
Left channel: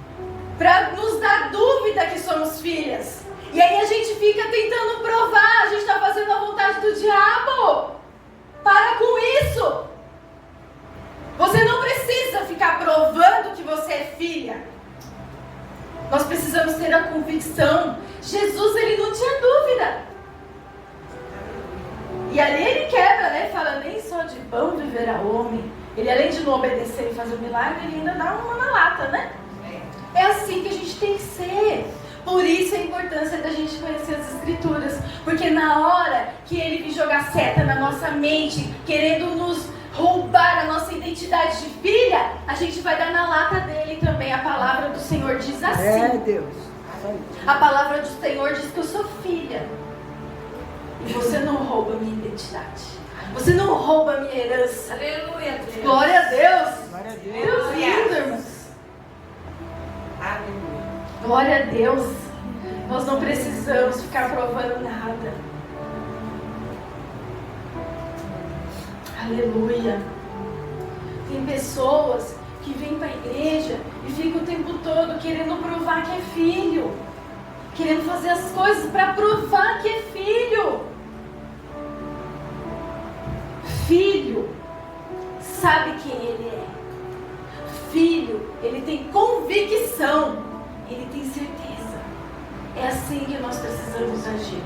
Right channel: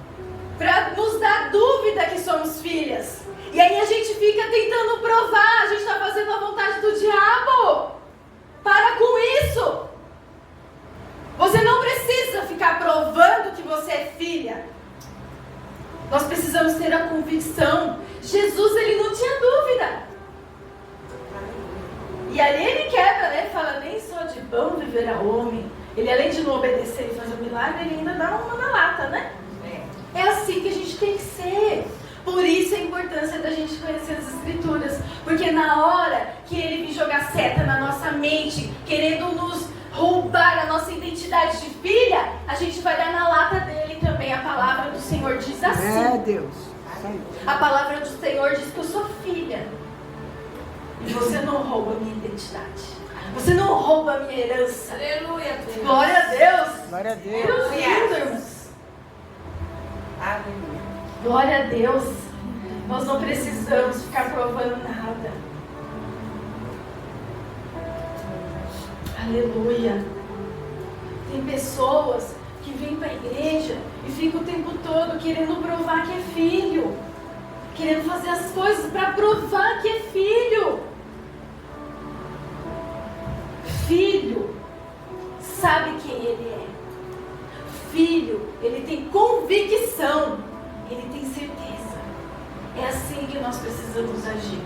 para nos dar dúvida que somos filhas. E aí a gente fica tentando provar, a gente está fazendo a vontade do diabo. Para com isso. Você não precisa ficar provando que você é filha. Nós precisamos ter a convicção. Jesus, ele não tinha dúvida. E ali ele quebra, né? Fala, nem só de pão viverá o homem. Ele, além de não obedecer e fazer um milagre, ele ainda dá uma na lata, né? É assim que a gente tem que ser. Por isso a importância da gente conhecer as Escrituras. Porque na hora que ele vir jogar seta na nossa mente, querendo nos roubar a nossa identidade de filha, a gente vai dar na lata dele também. A palavra do Senhor diz assim. É Deus. A palavra do Senhor diz que eu sou filha. E você não rouba a minha identidade. Você não rouba a minha herança. Aleluia, Deus. Glória a Deus. Glória a Deus. Deus lindo, irmãos. Aleluia. Glória a Deus. Nós não precisamos ficar provando nada. Aleluia. Tem pessoas que vêm para a igreja e ficam o tempo todo querendo provar que é filho. Querendo fazer as coisas para provar que é filho. Filho sabe quem ele é. Filho, ele tem convicção. Ele tem certeza. É assim que nós precisamos agir.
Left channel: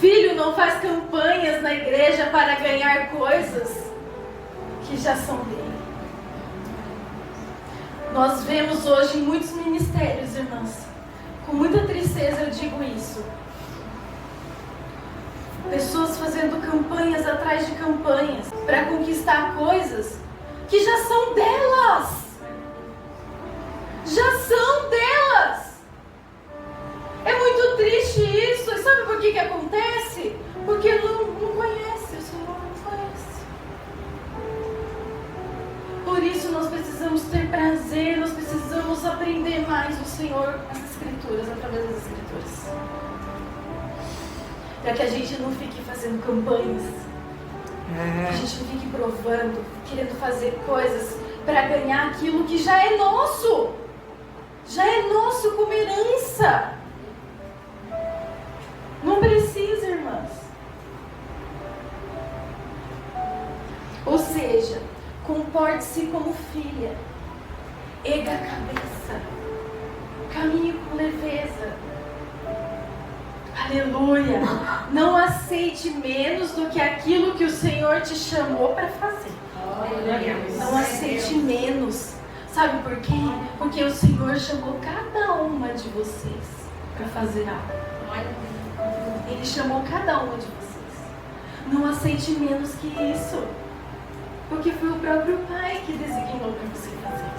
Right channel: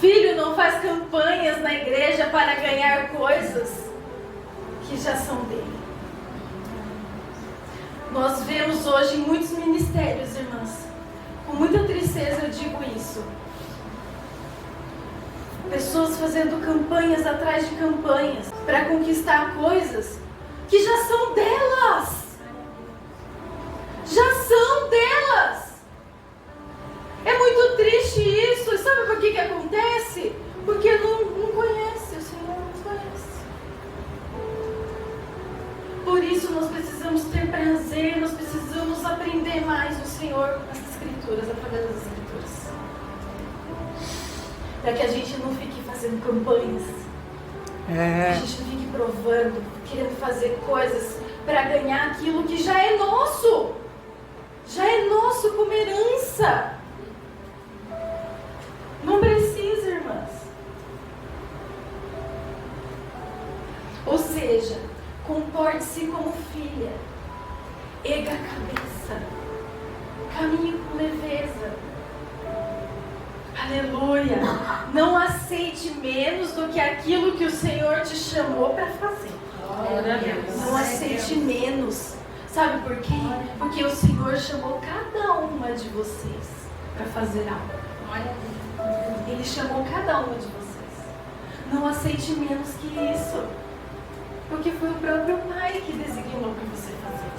Filho não faz campanhas na igreja para ganhar coisas que já são dele. Nós vemos hoje muitos ministérios, irmãs. Com muita tristeza eu digo isso. Pessoas fazendo campanhas atrás de campanhas para conquistar coisas que já são delas. Já são delas. É muito triste isso. E sabe por que acontece? Porque não conhece, o Senhor não conhece. Por isso nós precisamos ter prazer, nós precisamos aprender mais do Senhor nas Escrituras, através das Escrituras. Para que a gente não fique fazendo campanhas. A gente não fique provando, querendo fazer coisas para ganhar aquilo que já é nosso. Já é nosso como herança. Não precisa, irmãs. Ou seja, comporte-se como filha. Erga a cabeça. Caminhe com leveza. Aleluia. Não aceite menos do que aquilo que o Senhor te chamou para fazer. Não aceite menos. Sabe por quê? Porque o Senhor chamou cada uma de vocês para fazer algo. Ele chamou cada uma de vocês. Não aceite menos que isso. Porque foi o próprio Pai que designou para você fazer.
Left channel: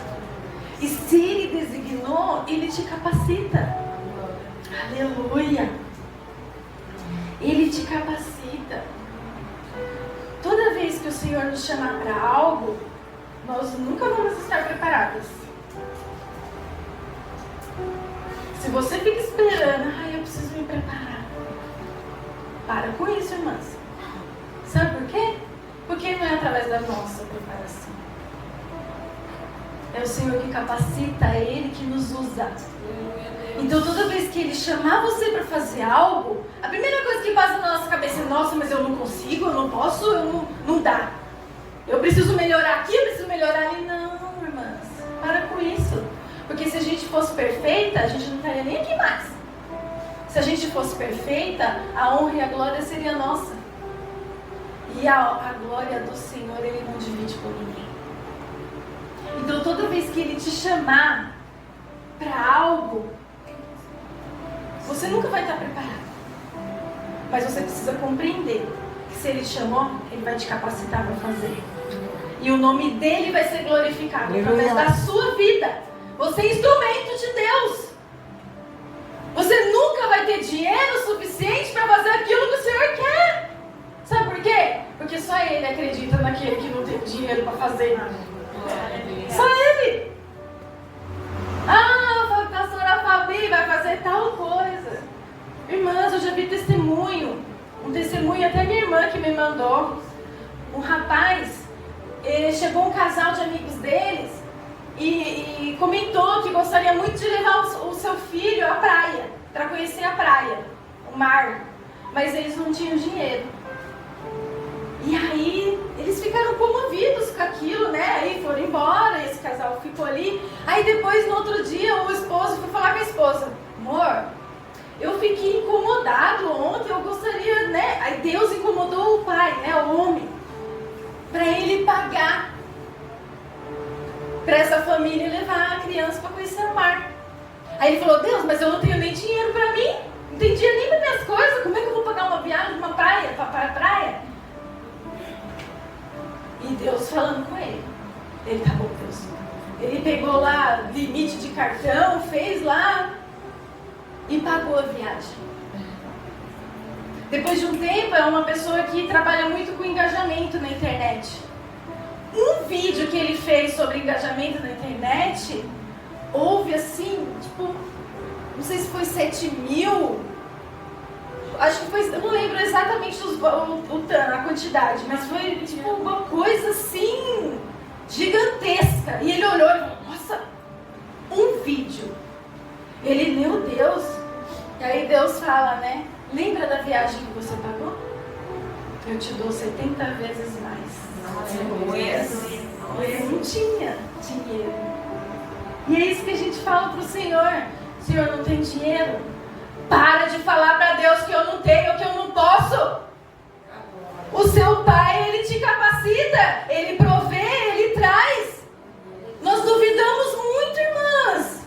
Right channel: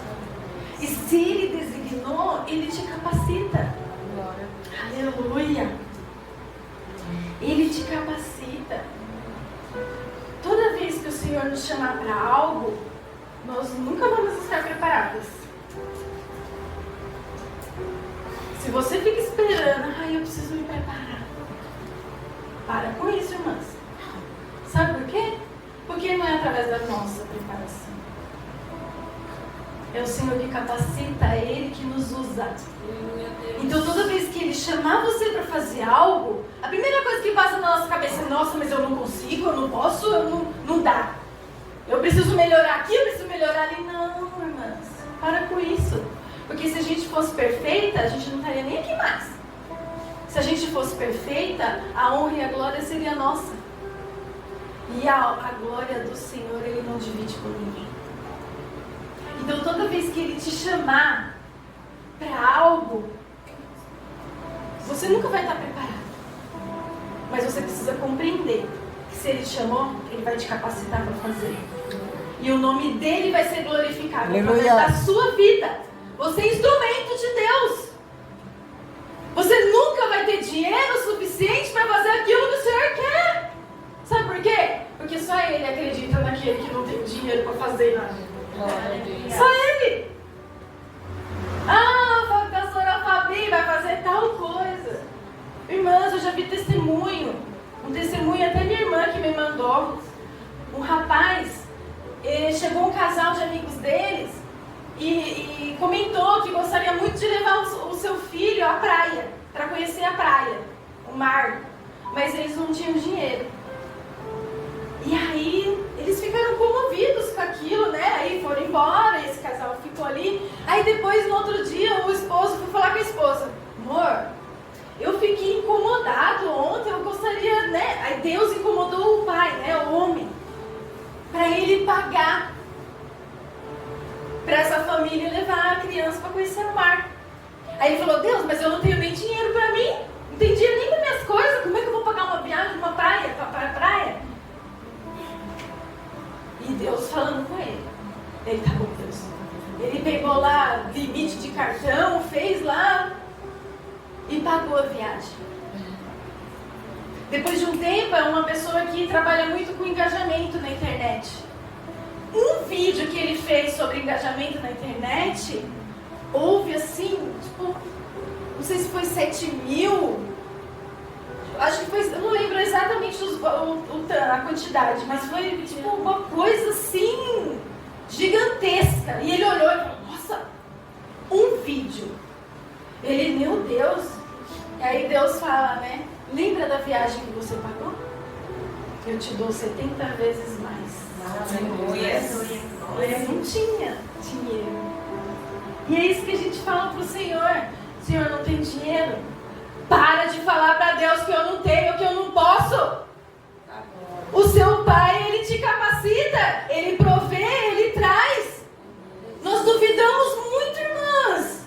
E se Ele designou, Ele te capacita. Aleluia. Ele te capacita. Toda vez que o Senhor nos chamar para algo, nós nunca vamos estar preparadas. Se você fica esperando, eu preciso me preparar. Para com isso, irmãs. Sabe por quê? Porque não é através da nossa preparação. É o Senhor que capacita, é Ele que nos usa. Então toda vez que Ele chamar você para fazer algo, a primeira coisa que passa na nossa cabeça é: nossa, mas eu não consigo, eu não posso, não dá. Eu preciso melhorar aqui, eu preciso melhorar ali. Não, irmãs, para com isso. Porque se a gente fosse perfeita, a gente não estaria nem aqui mais. Se a gente fosse perfeita, a honra e a glória seria nossa. E a glória do Senhor, Ele não divide com ninguém. Então toda vez que Ele te chamar para algo, você nunca vai estar preparado. Mas você precisa compreender que se Ele chamou, Ele vai te capacitar para fazer. E o nome dEle vai ser glorificado através da sua vida. Você é instrumento de Deus. Você nunca vai ter dinheiro suficiente para fazer aquilo que o Senhor quer. Sabe por quê? Porque só Ele acredita naquele que não tem dinheiro para fazer nada. Só Ele. Pastora Fabi vai fazer tal coisa. Irmãs, eu já vi testemunho. Um testemunho até minha irmã que me mandou. Um rapaz, chegou um casal de amigos deles e comentou que gostaria muito de levar o seu filho à praia, para conhecer a praia, o mar. Mas eles não tinham dinheiro. E aí, eles ficaram comovidos com aquilo, né? Aí foram embora, esse casal ficou ali. Aí depois, no outro dia, o esposo foi falar com a esposa: amor, eu fiquei incomodado ontem, eu gostaria, né? Aí Deus incomodou o pai, né? O homem, para ele pagar para essa família levar a criança para conhecer o mar. Aí ele falou: Deus, mas eu não tenho nem dinheiro para mim, não tenho dinheiro nem para minhas coisas, como é que eu vou pagar uma viagem de uma praia para a praia? E Deus falando com ele: ele, tá bom, Deus. Ele pegou lá limite de cartão, fez lá e pagou a viagem. Depois de um tempo, é uma pessoa que trabalha muito com engajamento na internet. Um vídeo que ele fez sobre engajamento na internet, houve assim, não sei se foi 7.000, acho que foi, eu não lembro exatamente a quantidade, mas foi uma coisa assim, gigantesca. E ele olhou e falou: nossa, um vídeo. Ele, meu Deus. E aí Deus fala, né? Lembra da viagem que você pagou? Eu te dou 70 vezes mais. Ele não tinha dinheiro. E é isso que a gente fala pro Senhor: Senhor, não tem dinheiro? Para de falar para Deus que eu não tenho, que eu não posso. O seu Pai, Ele te capacita, Ele provê, Ele traz. Nós duvidamos muito, irmãs.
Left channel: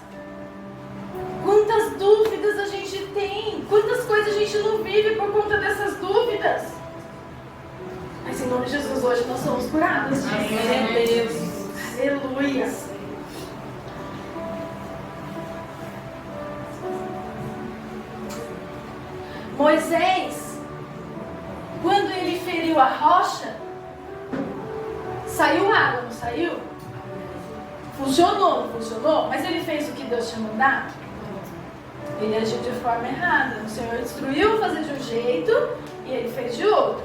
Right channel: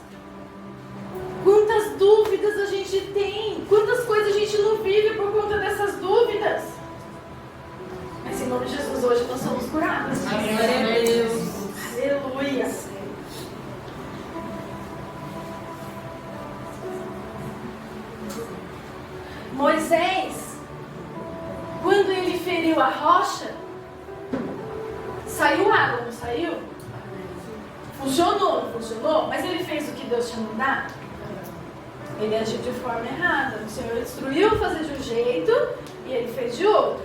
Quantas dúvidas a gente tem, quantas coisas a gente não vive por conta dessas dúvidas. Mas em nome de Jesus, hoje nós somos curados. Aleluia. Moisés, quando ele feriu a rocha, saiu água, não saiu? Funcionou, não funcionou? Mas ele fez o que Deus tinha mandado? Ele agiu de forma errada. O Senhor instruiu fazer de um jeito e ele fez de outro.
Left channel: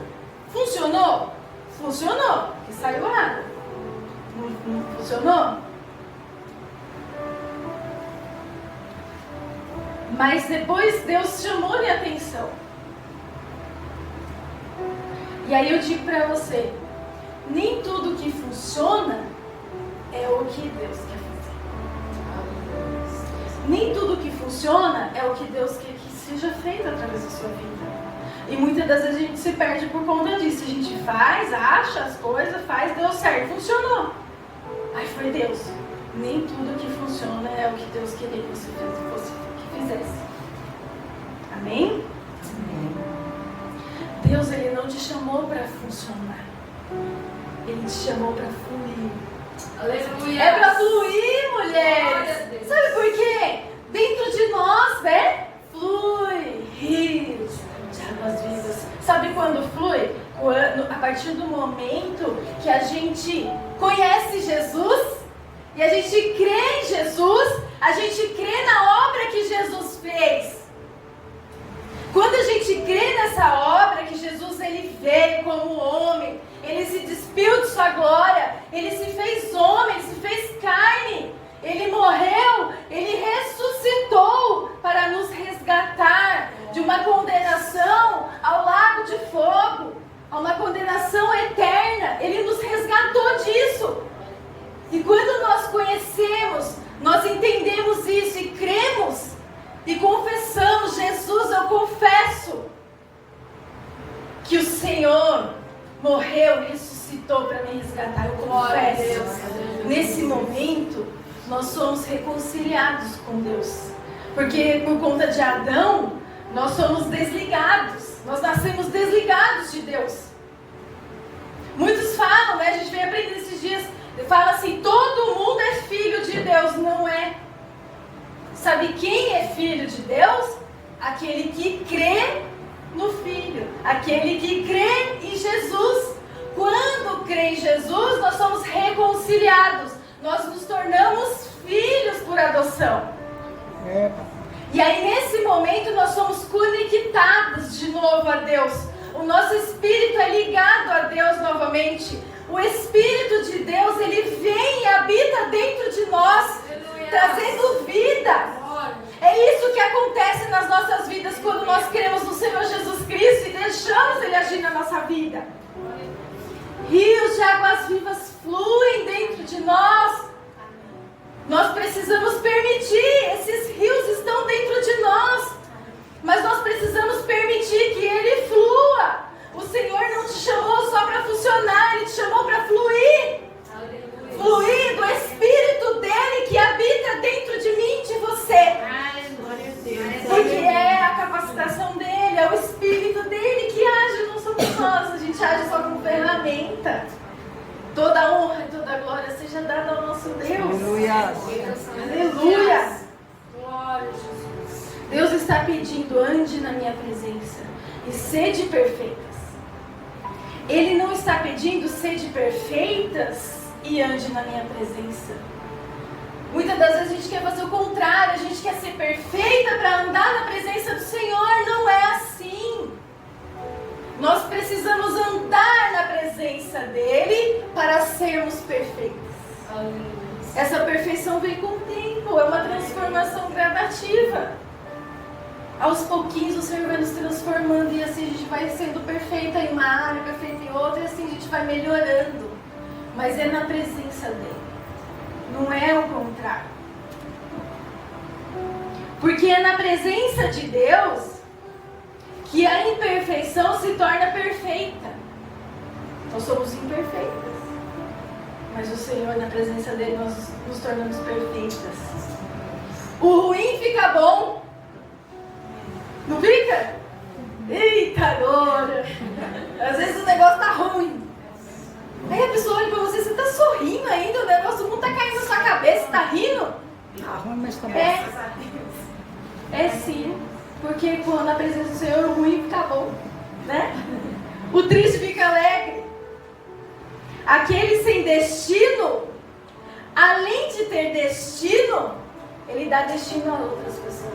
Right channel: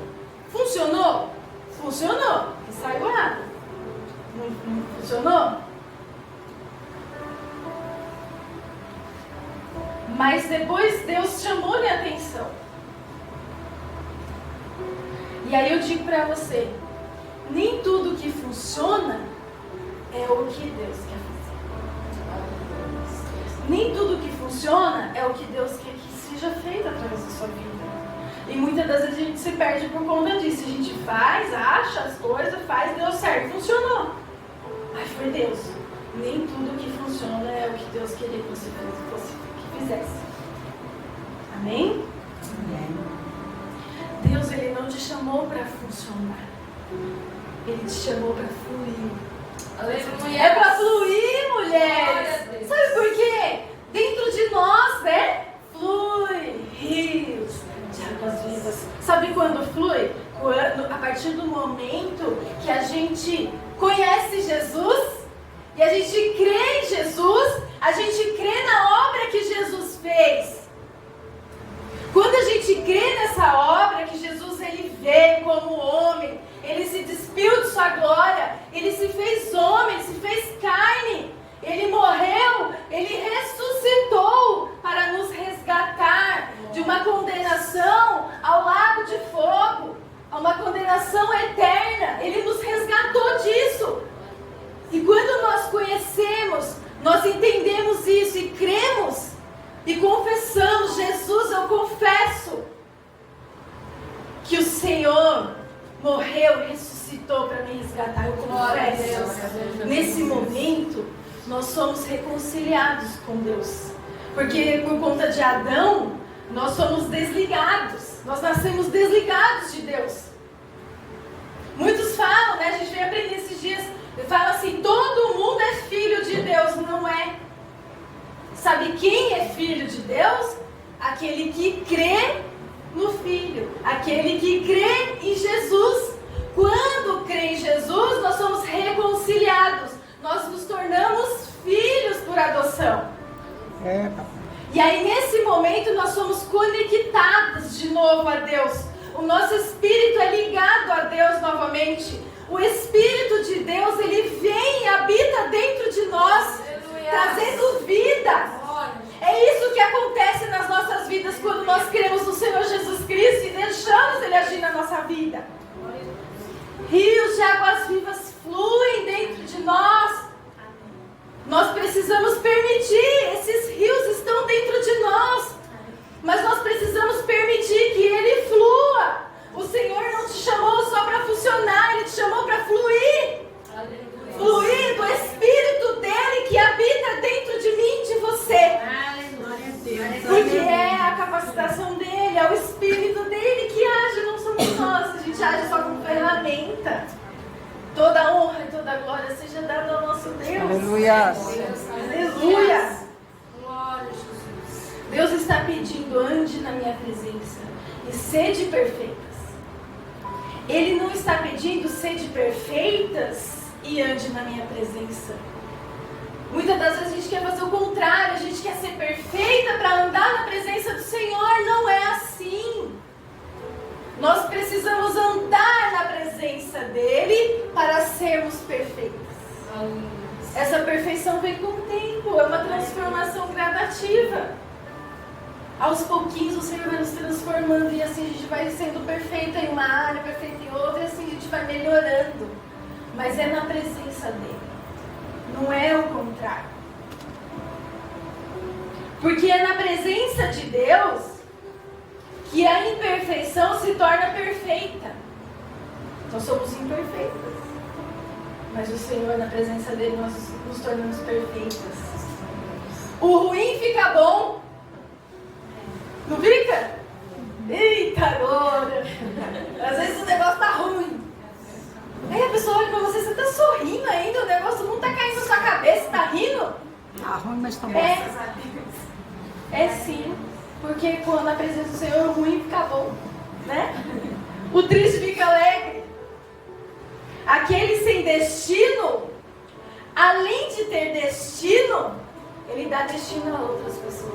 Funcionou? Funcionou, e saiu água. Não funcionou? Mas depois Deus chamou-lhe a atenção. E aí eu digo para você: nem tudo que funciona é o que Deus quer fazer. Nem tudo que funciona é o que Deus quer que seja feito através da sua vida. E muitas das vezes a gente se perde por conta disso. A gente faz, acha as coisas, faz, deu certo, funcionou. Ai, foi Deus. Nem tudo que funciona é o que Deus queria que você fizesse. Amém? Amém. Deus, Ele não te chamou para funcionar. Ele te chamou para fluir. Aleluia. É para fluir, mulheres. Sabe por quê? Dentro de nós, né? Flui rios de águas vivas. Sabe quando flui? Quando, a partir do momento que a gente conhece Jesus e a gente crê em Jesus, a gente crê na obra que Jesus fez. Quando a gente crê nessa obra que Jesus ele veio como homem, ele se despiu de sua glória, ele se fez homem, se fez carne, ele morreu, ele ressuscitou para nos resgatar de uma condenação ao lago de fogo, a uma condenação eterna. Ele nos resgatou disso. E quando nós conhecemos, nós entendemos isso e cremos e confessamos: Jesus, eu confesso que o Senhor morreu e ressuscitou para me resgatar. Eu confesso. Nesse momento, nós somos reconciliados com Deus. Porque por conta de Adão, nós somos desligados. Nós nascemos desligados de Deus. Muitos falam, né? A gente vem aprender esses dias. Fala assim: todo mundo é filho de Deus. Não é. Sabe quem é filho de Deus? Aquele que crê no Filho. Aquele que crê em Jesus. Quando crê em Jesus, nós somos reconciliados. Nós nos tornamos filhos por adoção. E aí nesse momento nós somos conectados de novo a Deus. O nosso espírito é ligado a Deus novamente. O Espírito de Deus, ele vem e habita dentro de nós, trazendo vida. É isso que acontece nas nossas vidas quando nós cremos no Senhor Jesus Cristo e deixamos ele agir na nossa vida. Rios de águas vivas fluem dentro de nós. Nós precisamos permitir, esses rios estão dentro de nós, mas nós precisamos permitir que ele flua. O Senhor não te chamou só para funcionar, ele te chamou para fluir. Fluir do Espírito dele que habita dentro de mim e de você. Porque é a capacitação dele, é o Espírito dele que age, não somos nós. A gente age só como ferramenta. Toda honra e toda glória seja dada ao nosso Deus. Aleluia. Aleluia. Deus está pedindo: ande na minha presença e sede perfeitas. Ele não está pedindo: sede perfeitas e ande na minha presença. Muitas das vezes a gente quer fazer o contrário, a gente quer ser perfeita para andar na presença do Senhor. Não é assim. Nós precisamos andar na presença dele para sermos perfeitas. Essa perfeição vem com o tempo, é uma transformação gradativa. Aos pouquinhos o Senhor vai nos transformando e assim a gente vai sendo perfeita em uma área, perfeita em outra, e assim a gente vai melhorando. Mas é na presença dele, não é o contrário. Porque é na presença de Deus que a imperfeição se torna perfeita. Nós somos imperfeitas, mas o Senhor, na presença dele, nós nos tornamos perfeitas. O ruim fica bom, não fica? Eita glória! Às vezes o negócio tá ruim. Aí a pessoa olha pra você: você tá sorrindo ainda, o negócio não tá caindo na sua cabeça, tá rindo? Mas tá bom. É sim, porque quando na presença do Senhor o ruim fica bom, né? O triste fica alegre. Aquele sem destino, além de ter destino, ele dá destino a outras pessoas.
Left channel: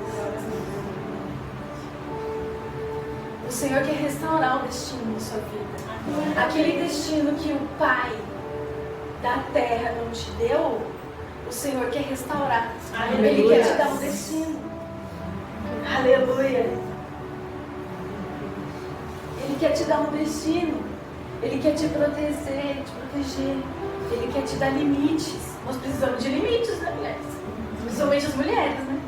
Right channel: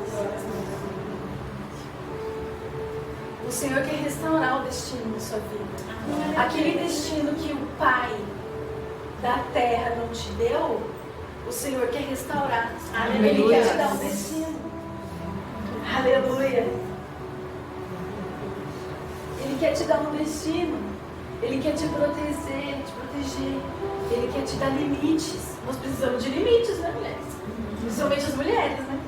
O Senhor quer restaurar o destino na sua vida. Aquele destino que o Pai da terra não te deu, o Senhor quer restaurar. Ele quer te dar um destino. Aleluia. Ele quer te dar um destino. Ele quer te proteger, Ele quer te dar limites. Nós precisamos de limites, né, mulheres? Principalmente as mulheres, né?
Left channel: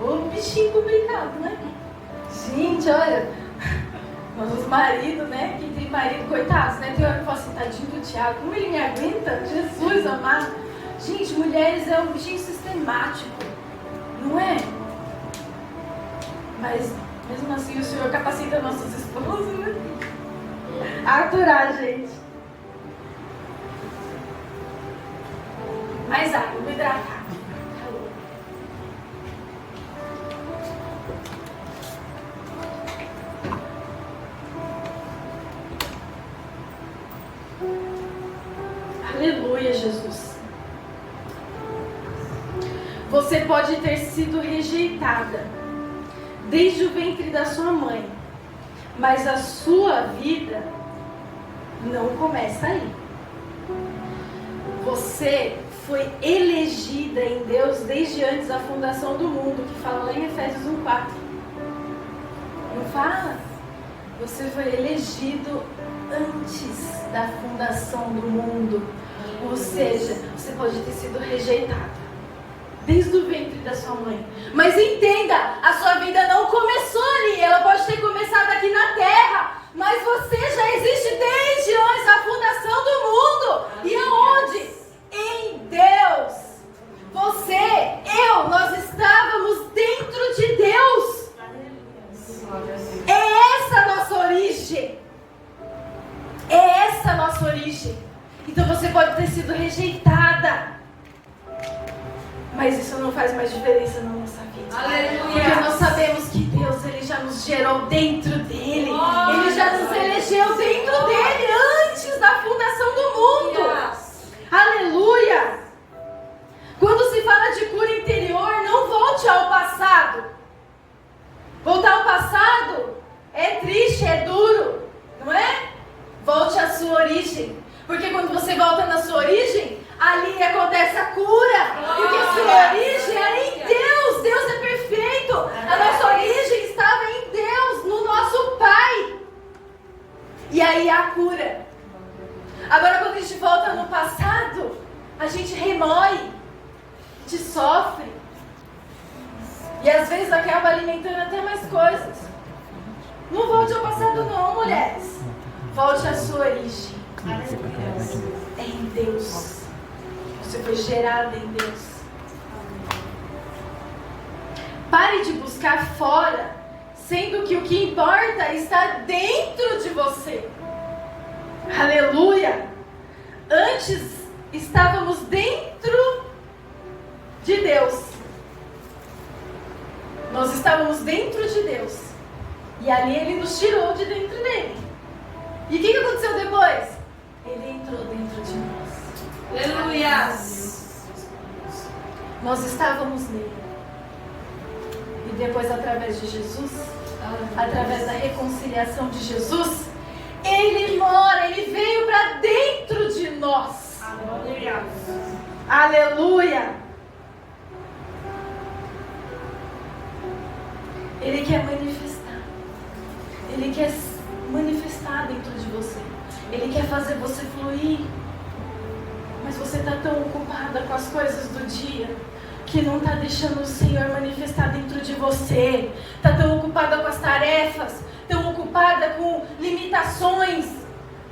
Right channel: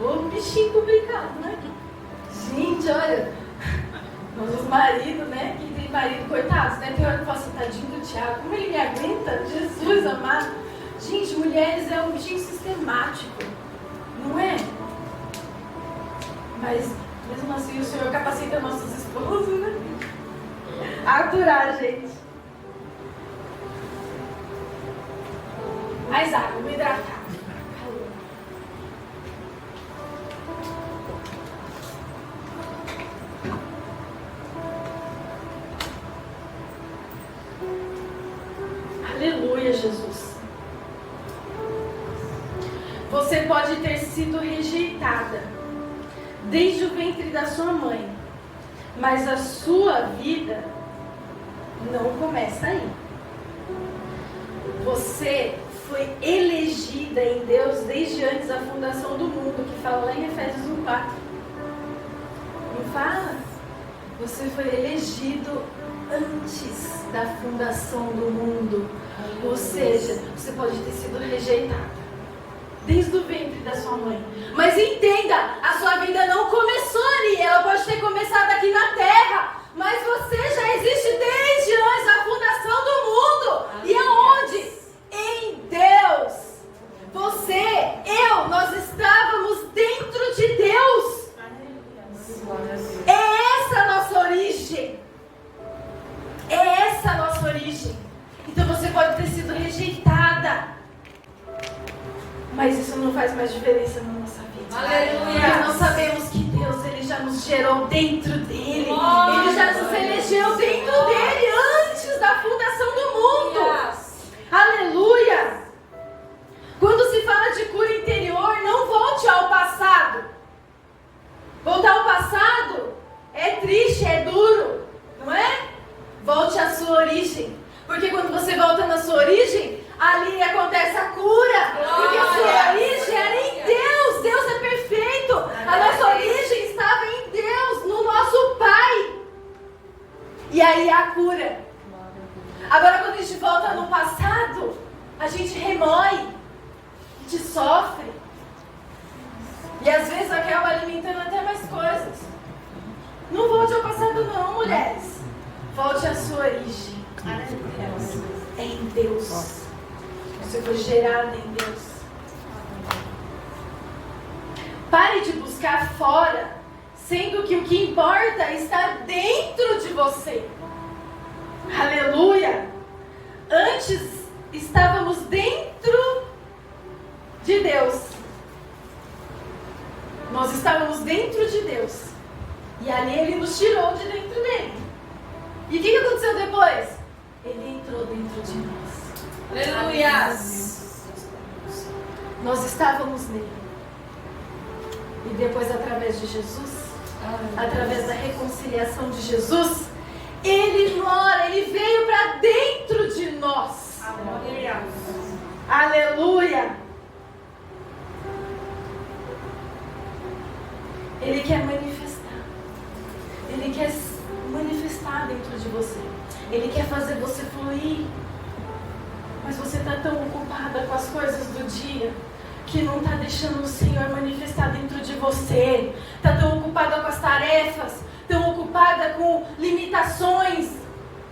Oh, bichinho complicado, né? Gente, olha, os maridos, né? Que tem marido, coitados, né? Tem hora que eu falo assim, tadinho do Thiago, como ele me aguenta? Jesus amado. Gente, mulheres é um bichinho sistemático, não é? Mas, mesmo assim, o Senhor capacita nossos esposos, né? A aturar, gente. Mais água, vou hidratar. Calor. Aleluia, Jesus. Você pode ter sido rejeitada desde o ventre da sua mãe, mas a sua vida não começa aí. Você foi elegida em Deus desde antes da fundação do mundo, que fala lá em Efésios 1:4. Não fala? Você foi elegido antes da fundação do mundo. Ou seja, você pode ter sido rejeitada desde o ventre da sua mãe. Mas entenda, a sua vida não começou ali. Ela pode ter começado aqui na terra, mas você já existe desde antes da fundação do mundo. E aonde? Em Deus. Você, eu, nós estávamos dentro de Deus. É essa a nossa origem. É essa a nossa origem. Então você pode ter sido rejeitada, mas isso não faz mais diferença na nossa vida. Aleluia. Porque nós sabemos que Deus, Ele já nos gerou dentro dEle. Ele já nos elegeu dentro dEle antes da fundação do mundo. Aleluia. Quando se fala de cura interior, não volte ao passado. Voltar ao passado é triste, é duro, não é? Volte à sua origem. Porque quando você volta na sua origem, ali acontece a cura. Porque a sua origem era em Deus. Deus é perfeito. A nossa origem estava em Deus, no nosso Pai. E aí a cura. Agora quando a gente volta no passado, a gente remói, a gente sofre. E às vezes acaba alimentando até mais coisas. Não volte ao passado não, mulheres. Volte à sua origem. É em Deus. Você foi gerada em Deus. Pare de buscar fora, sendo que o que importa está dentro de você. Aleluia! Antes estávamos dentro de Deus. Nós estávamos dentro de Deus. E ali Ele nos tirou de dentro dele. E o que aconteceu depois? Ele entrou dentro de nós. Aleluia! Nós estávamos nele. E depois, através de Jesus, através da reconciliação de Jesus, Ele mora, Ele veio para dentro de nós. Aleluia! Aleluia! Ele quer manifestar. Ele quer manifestar dentro de você. Ele quer fazer você fluir. Mas você está tão ocupada com as coisas do dia que não está deixando o Senhor manifestar dentro de você. Está tão ocupada com as tarefas, tão ocupada com limitações,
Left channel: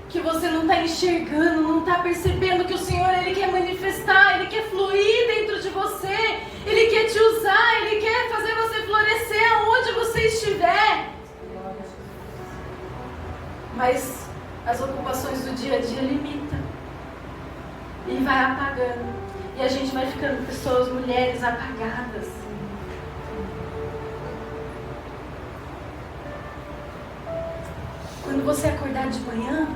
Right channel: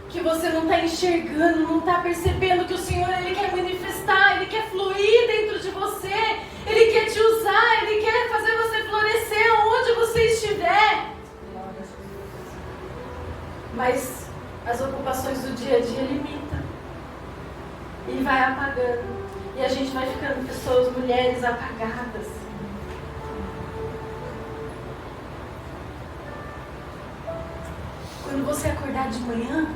que você não está enxergando, não está percebendo que o Senhor, Ele quer manifestar, Ele quer fluir dentro de você. Ele quer te usar, Ele quer fazer você florescer onde você estiver. Mas as ocupações do dia a dia limitam. E vai apagando. E a gente vai ficando pessoas, mulheres apagadas. Quando você acordar de manhã,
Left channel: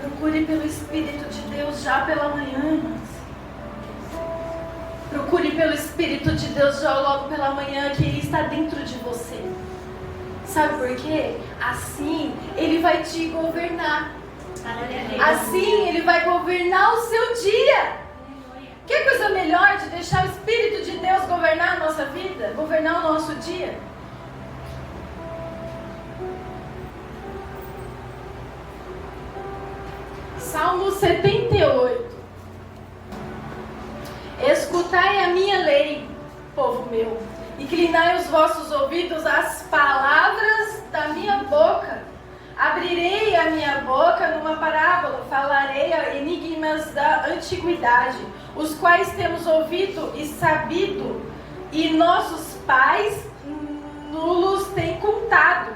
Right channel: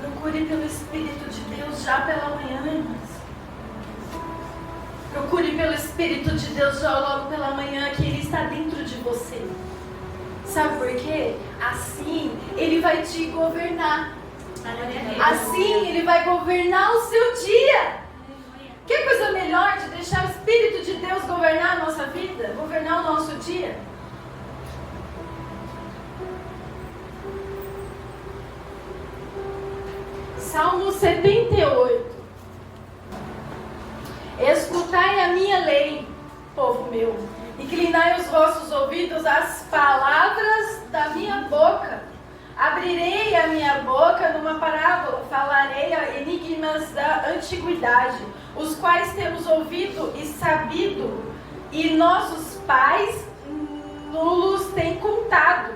procure pelo Espírito de Deus já pela manhã, irmãs. Procure pelo Espírito de Deus já logo pela manhã, que Ele está dentro de você. Sabe por quê? Assim Ele vai te governar. Assim Ele vai governar o seu dia. Que coisa melhor de deixar o Espírito de Deus governar a nossa vida? Governar o nosso dia? Salmo 78. Escutai a minha lei, povo meu, e Inclinai os vossos ouvidos às palavras da minha boca. Abrirei a minha boca numa parábola, falarei enigmas da antiguidade, os quais temos ouvido e sabido, e nossos pais nos têm contado.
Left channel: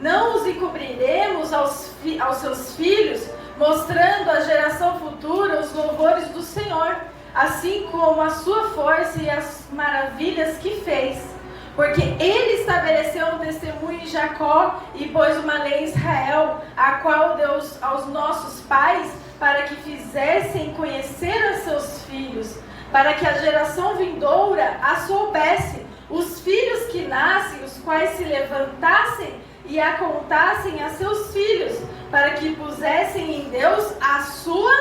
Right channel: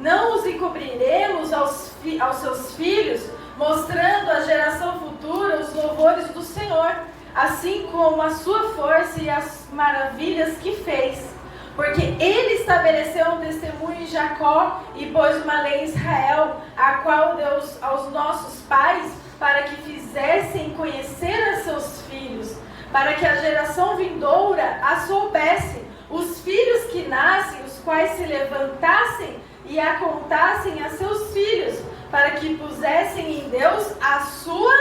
Não os encobriremos aos seus filhos, mostrando à geração futura os louvores do Senhor, assim como a sua força e as maravilhas que fez. Porque ele estabeleceu um testemunho em Jacó e pôs uma lei em Israel, a qual deu aos nossos pais, para que fizessem conhecer a seus filhos, para que a geração vindoura a soubesse, os filhos que nascem, os quais se levantassem e a contassem a seus filhos, para que pusessem em Deus a sua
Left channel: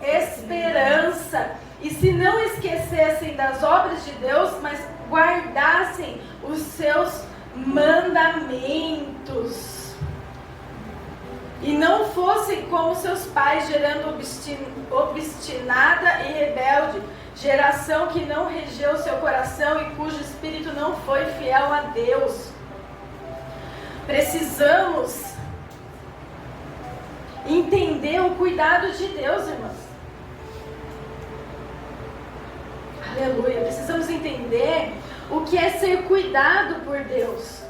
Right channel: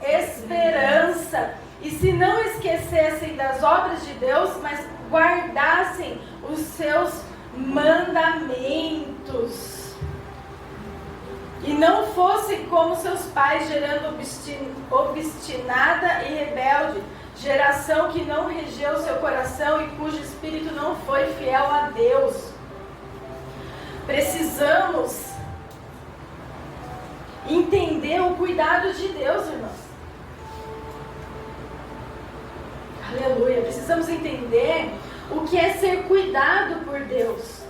esperança, e se não esquecessem das obras de Deus, mas guardassem os seus mandamentos, e não fossem como seus pais, gerando obstinada e rebelde, geração que não regeu seu coração e cujo espírito não foi fiel a Deus. Precisamos entender o cuidado de Deus, irmãos. Aleluia. Precisamos entender o que é ser cuidado por Deus.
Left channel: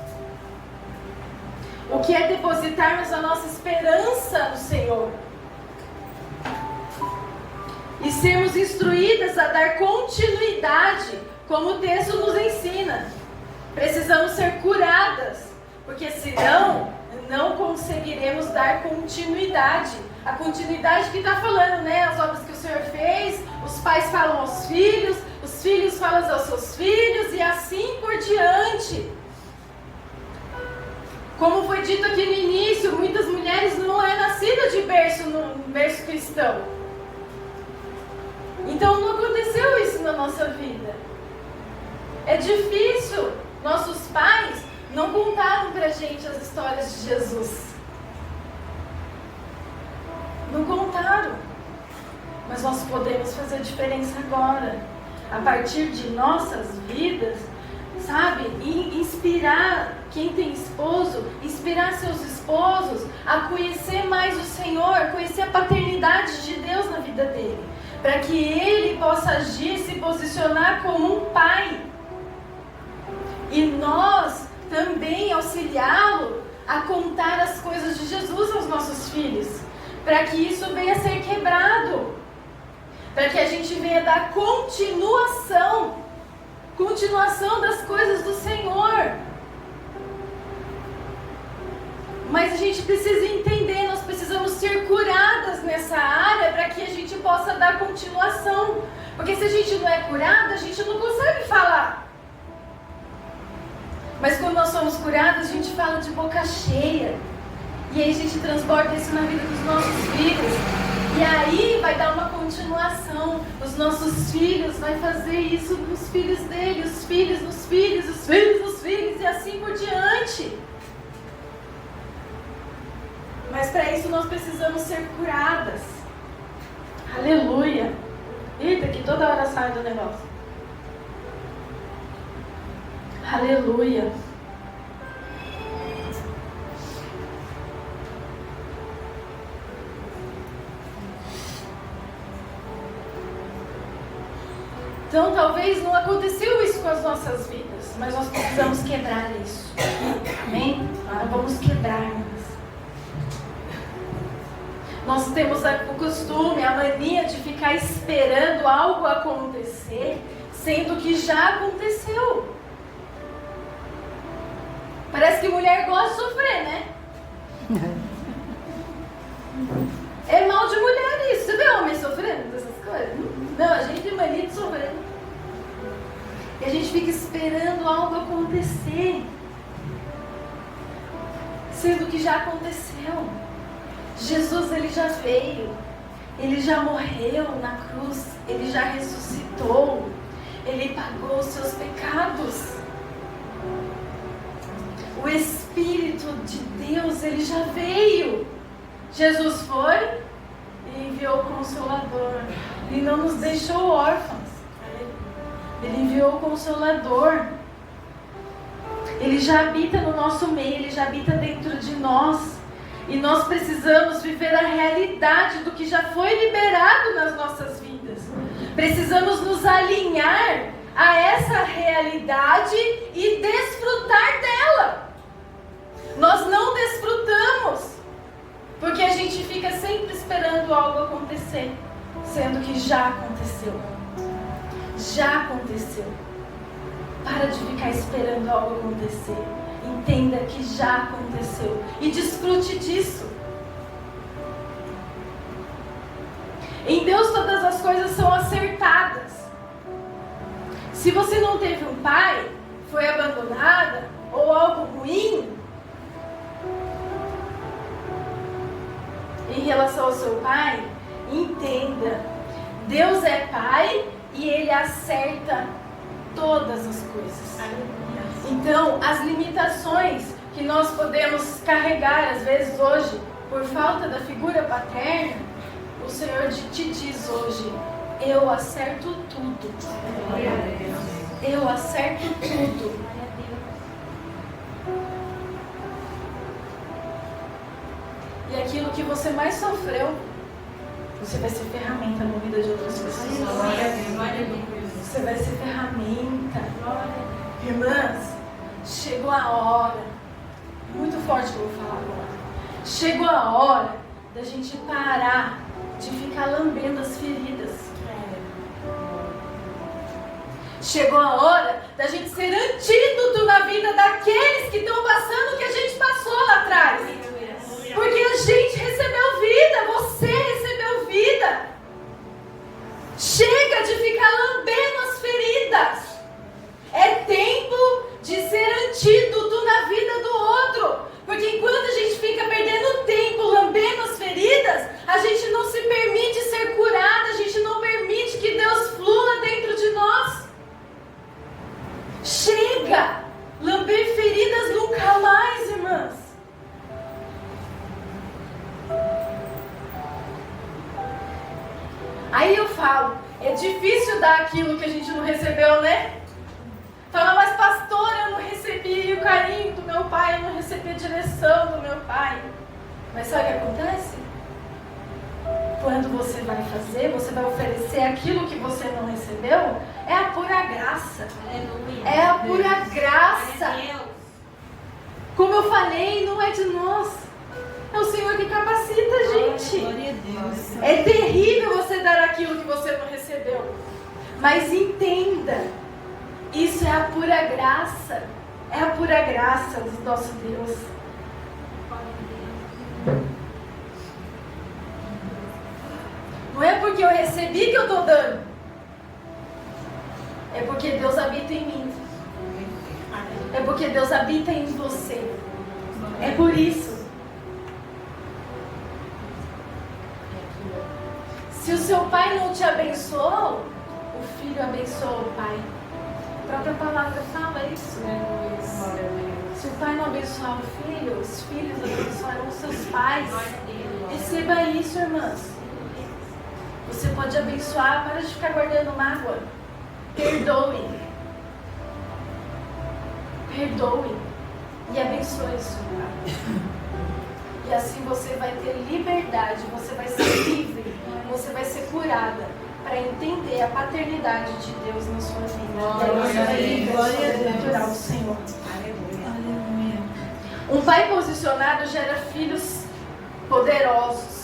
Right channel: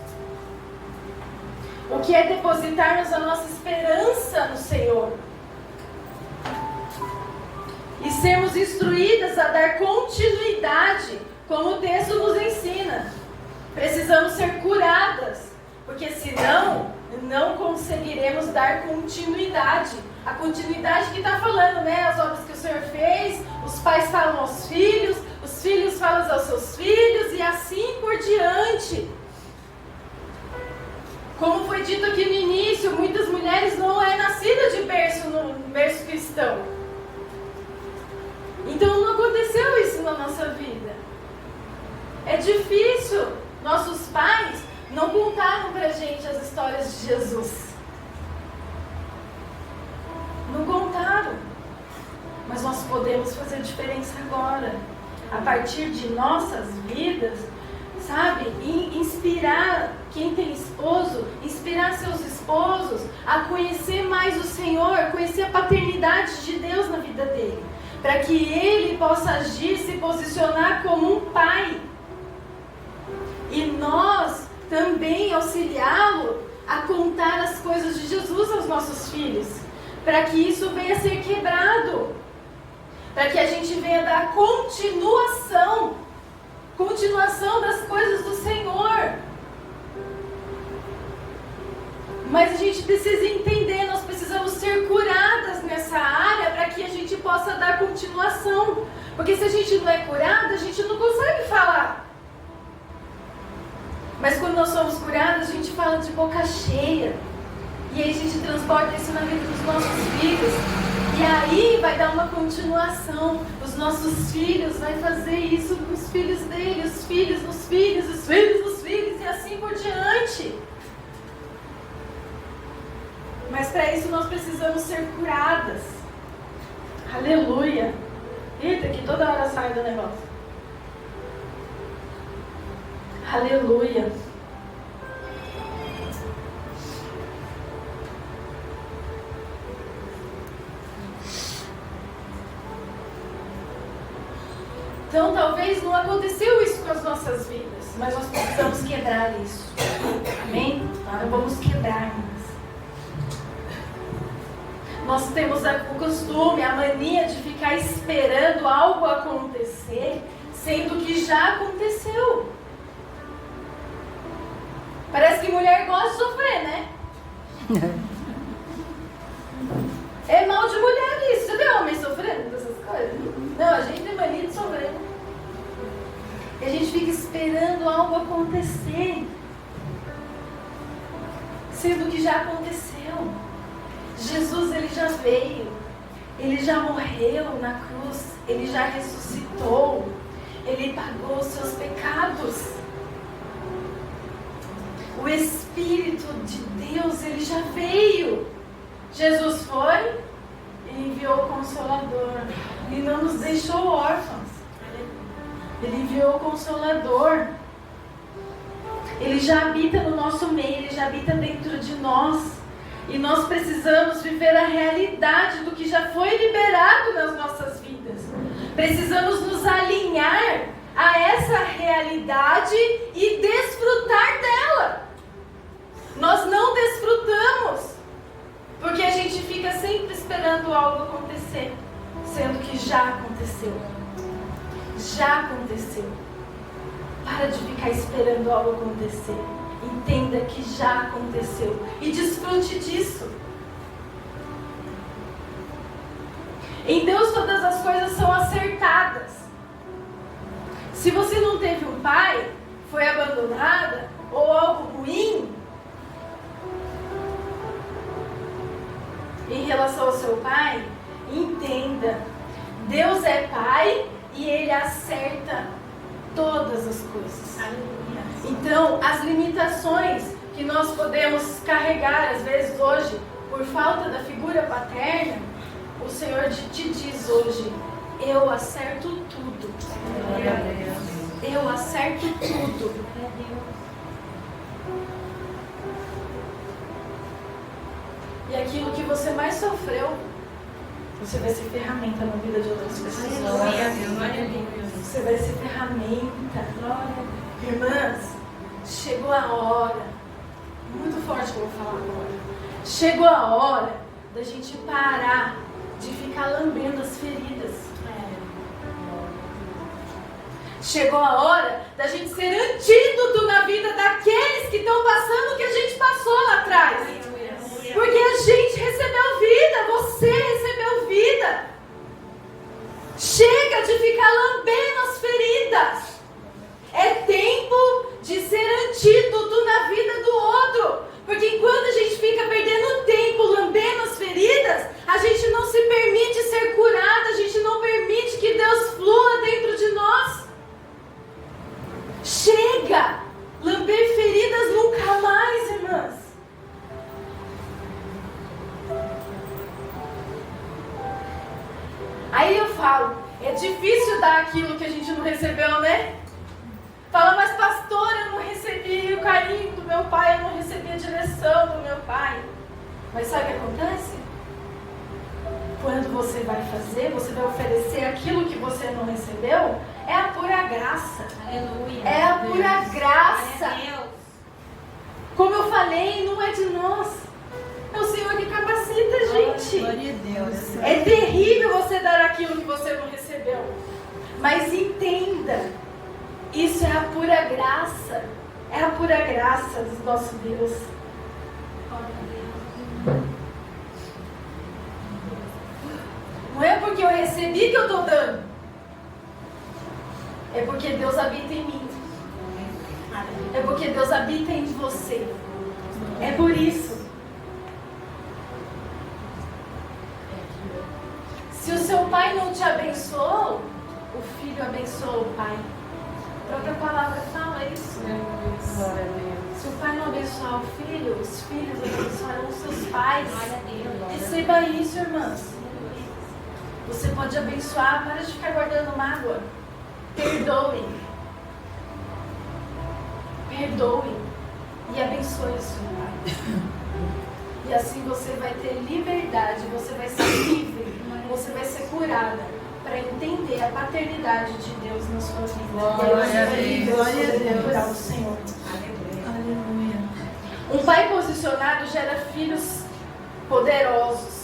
O que é depositarmos a nossa esperança no Senhor. E sermos instruídas a dar continuidade, como o texto nos ensina. Precisamos ser curadas, porque senão não conseguiremos dar continuidade. A continuidade que está falando, né? As obras que o Senhor fez, os pais falam aos filhos, os filhos falam aos seus filhos, e assim por diante. Como foi dito aqui no início, muitas mulheres não é nascida de berço no berço cristão. Então não aconteceu isso na nossa vida. É difícil. Nossos pais não contavam pra gente as histórias de Jesus. Não contaram. Mas nós podemos fazer diferença agora. A partir de nossas vidas, sabe? E inspirar quem tem esposo, inspirar seus esposos a conhecer mais o Senhor, a conhecer a paternidade de Deus na vida dele. Para que ele possa agir, se posicionar como um pai. E nós também auxiliá-lo a contar as coisas de Jesus aos nossos filhos. Para que isso venha a ser quebrado. Para que a gente venha dar continuação das coisas do Senhor. Mas a gente precisa entender, nós precisamos ser curadas nessa área para que a gente possa dar continuação. Porque se a gente não é curada, a gente não consegue falar. Mas quando nós somos curadas, a gente fala de boca cheia. E aí a gente transborda isso na vida dos nossos filhos. E aí vai dar uma continuação. Os nossos filhos vai fazer isso nos filhos dele, os filhos nos filhos, os filhos nos filhos, e assim por diante. Mas para isso nós precisamos ser curadas. Aleluia. Eita, que toda hora sai do negócio. Aleluia. Então talvez não aconteceu isso com as nossas vidas, mas nós precisamos quebrar isso. Amém? Nós vamos quebrar. Nós temos o costume, a mania de ficar esperando algo acontecer, sendo que já aconteceu. Parece que mulher gosta de sofrer, né? É mal de mulher isso. Você vê homem sofrendo dessas coisas? Não, a gente tem mania de sofrer. E a gente fica esperando algo acontecer, sendo que já aconteceu. Jesus, ele já veio, ele já morreu na cruz, ele já ressuscitou, ele pagou os seus pecados. O Espírito de Deus, ele já veio. Jesus foi e enviou o Consolador. Ele não nos deixou órfãos. Ele enviou o Consolador. Ele já habita no nosso meio, Ele já habita dentro de nós. E nós precisamos viver a realidade do que já foi liberado nas nossas vidas. Precisamos nos alinhar a essa realidade e desfrutar dela. Nós não desfrutamos, porque a gente fica sempre esperando algo acontecer, sendo que já aconteceu. Já aconteceu. Para de ficar esperando algo acontecer. Entenda que já aconteceu e desfrute disso. Em Deus todas as coisas são acertadas. Se você não teve um pai, foi abandonada ou algo ruim em relação ao seu pai, entenda, Deus é pai e Ele acerta todas as coisas. Então, as limitações que nós podemos carregar, às vezes hoje, por falta da figura paterna, o Senhor te diz hoje: eu acerto tudo. Eu acerto tudo. E aquilo que você mais sofreu, você vai ser ferramenta na vida de outras pessoas. Você vai ser ferramenta. Irmãs, chegou a hora, muito forte que eu vou falar agora. Chegou a hora da gente parar de ficar lambendo as feridas. Chegou a hora da gente ser antídoto na vida daqueles que estão passando o que a gente passou lá atrás. Porque a gente recebeu vida, você recebeu vida. Chega de ficar lambendo as feridas. É tempo de ser antídoto na vida do outro. Porque enquanto a gente fica perdendo tempo lambendo as feridas, a gente não se permite ser curada, a gente não permite que Deus flua dentro de nós. Chega! Lamber feridas nunca mais, irmãs. Aí eu falo, é difícil dar aquilo que a gente não recebeu, né? Fala, mas pastora, eu não recebi o carinho do meu pai, eu não recebi a direção do meu pai. Mas sabe o que acontece? Quando você vai fazer, você vai oferecer aquilo que você não recebeu, é a pura graça. Aleluia. É a pura graça. Como eu falei, não é de nós. É o Senhor que capacita, gente. Glória a Deus. É terrível você dar aquilo que você não recebeu. Mas entenda, isso é a pura graça. É a pura graça do nosso Deus. Não é porque eu recebi que eu estou dando. É porque Deus habita em mim. É porque Deus habita em você. É por isso. Se o seu pai não te abençoou, o filho abençoou o pai. A própria palavra fala isso. Se o pai não abençoar o filho, os filhos abençoarão os seus pais. Receba isso, irmãs. Você pode abençoar, para de ficar guardando mágoa. Perdoe. Perdoe. E abençoe o seu pai. E assim você vai ter liberdade, você vai ser livre, você vai ser curada para entender a paternidade de Deus na sua vida. Glória a Deus. Glória a Deus, Senhor. Aleluia. Um pai posicionado gera filhos poderosos.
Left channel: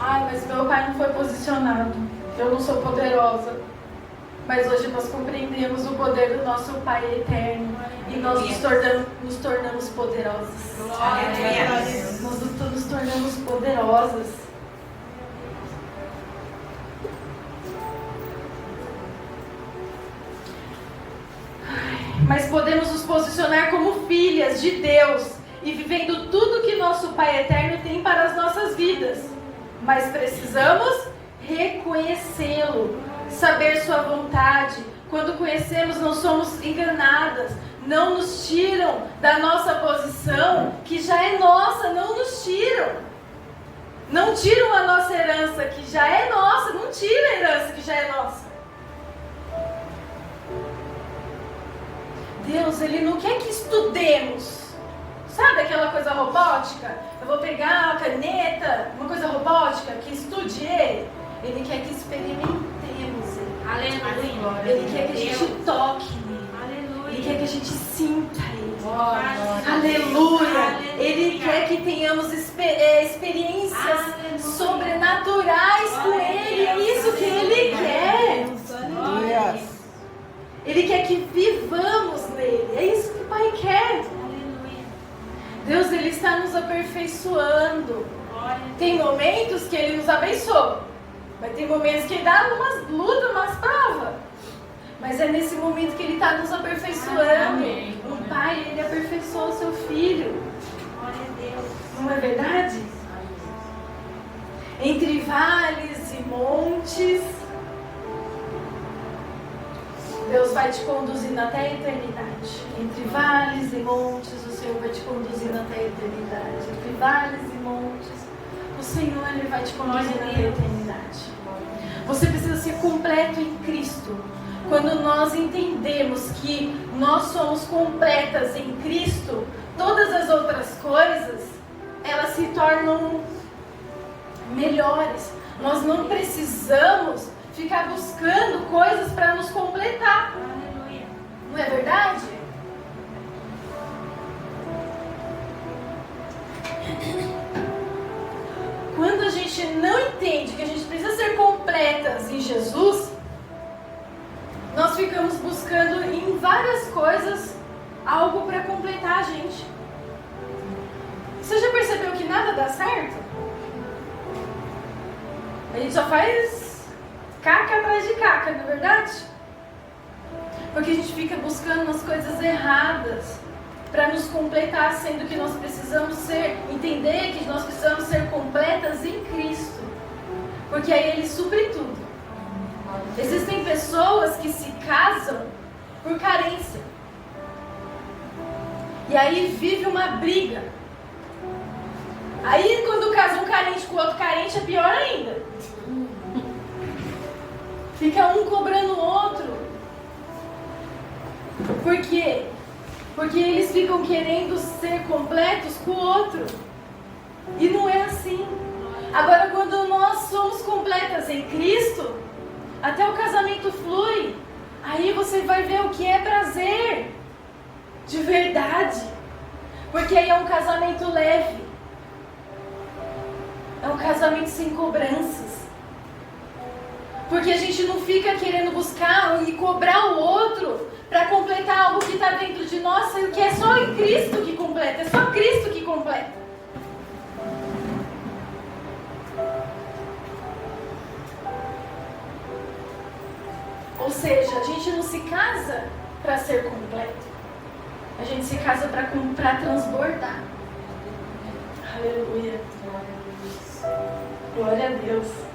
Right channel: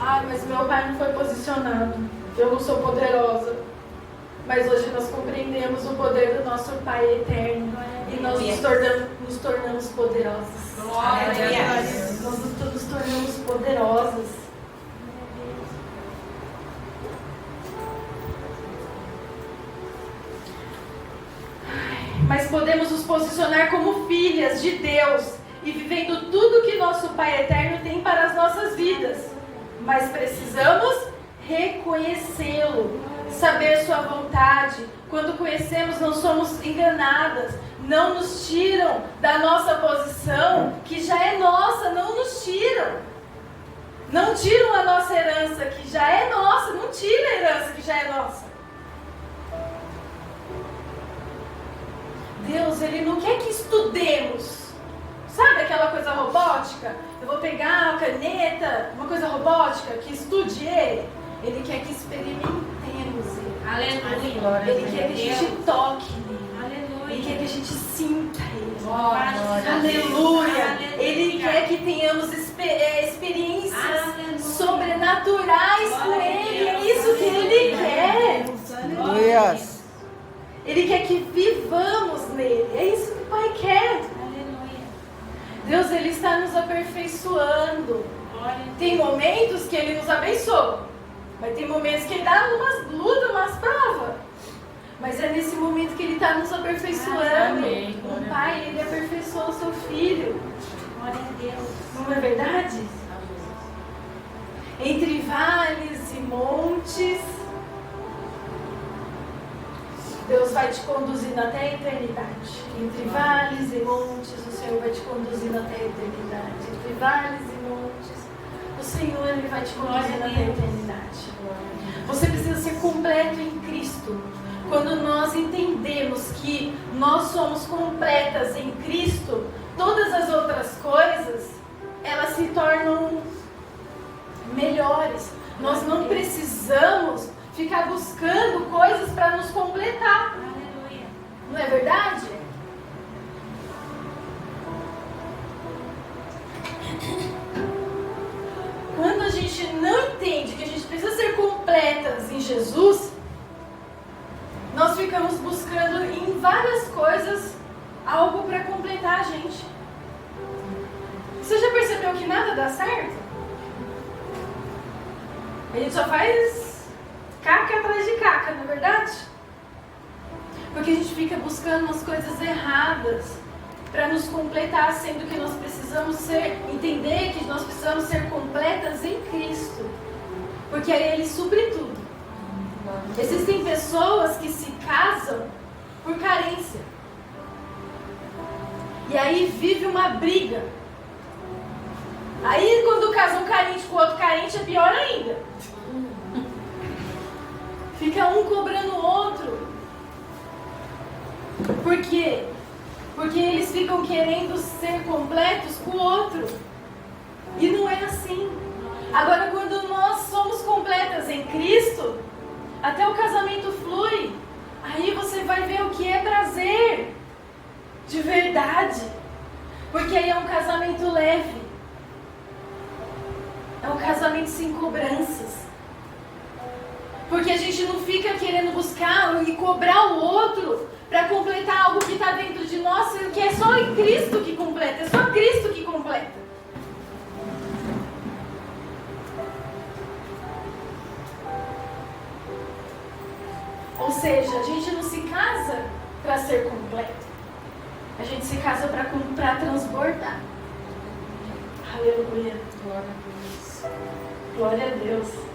Ai, mas meu pai não foi posicionado. Eu não sou poderosa. Mas hoje nós compreendemos o poder do nosso Pai eterno. E nós nos tornamos poderosas. Glória a Deus. Nós nos tornamos poderosas. Mas podemos nos posicionar como filhas de Deus e vivendo tudo que nosso Pai eterno tem para as nossas vidas. Mas precisamos reconhecê-lo, saber sua vontade. Quando conhecemos, não somos enganadas, não nos tiram da nossa posição, que já é nossa, não nos tiram. Não tiram a nossa herança, que já é nossa, não tira a herança, que já é nossa. Deus, Ele não quer que estudemos. Sabe aquela coisa robótica? Eu vou pegar a caneta, uma coisa robótica, que estude Ele. Ele quer que experimentemos Ele. Aleluia. Ele quer que a gente toque nele. Aleluia. Ele quer que a gente sinta Ele. Glória. Aleluia. Ele quer que tenhamos experiências sobrenaturais com Ele. É isso que Ele quer. Aleluia. Ele quer que vivamos nele. É isso que o Pai quer. Aleluia. Deus, Ele está nos aperfeiçoando. Glória. Tem momentos que Ele nos abençoa. Mas tem momentos que Ele dá umas lutas, umas provas. Mas é nesse momento que Ele está nos aperfeiçoando. Amém. O Pai, Ele aperfeiçoa o seu Filho. Glória a Deus. Não é verdade? Entre vales e montes, Deus vai te conduzindo até a eternidade. Entre vales e montes, o Senhor vai te conduzindo até a eternidade. Entre vales e montes, o Senhor, Ele vai te conduzindo até a eternidade. Você precisa ser completo em Cristo. Quando nós entendemos que nós somos completas em Cristo, todas as outras coisas, elas se tornam melhores. Nós não precisamos ficar buscando coisas para nos completar. Aleluia. Não é verdade? Quando a gente não entende que a gente precisa ser completas em Jesus, nós ficamos buscando em várias coisas algo para completar a gente. Você já percebeu que nada dá certo? A gente só faz caca atrás de caca, não é verdade? Porque a gente fica buscando as coisas erradas para nos completar, sendo que nós precisamos entender que nós precisamos ser completas em Cristo. Porque aí Ele supre tudo. Existem pessoas que se casam por carência. E aí vive uma briga. Aí quando casa um carente com o outro carente é pior ainda. Fica um cobrando o outro. Por quê? Porque eles ficam querendo ser completos com o outro. E não é assim. Agora, quando nós somos completas em Cristo, até o casamento flui. Aí você vai ver o que é prazer de verdade. Porque aí é um casamento leve. É um casamento sem cobranças. Porque a gente não fica querendo buscar e cobrar o outro para completar algo que está dentro de nós, que é só em Cristo que completa. É só Cristo que completa. Ou seja, a gente não se casa para ser completo. A gente se casa para transbordar. Aleluia. Glória a Deus. Glória a Deus.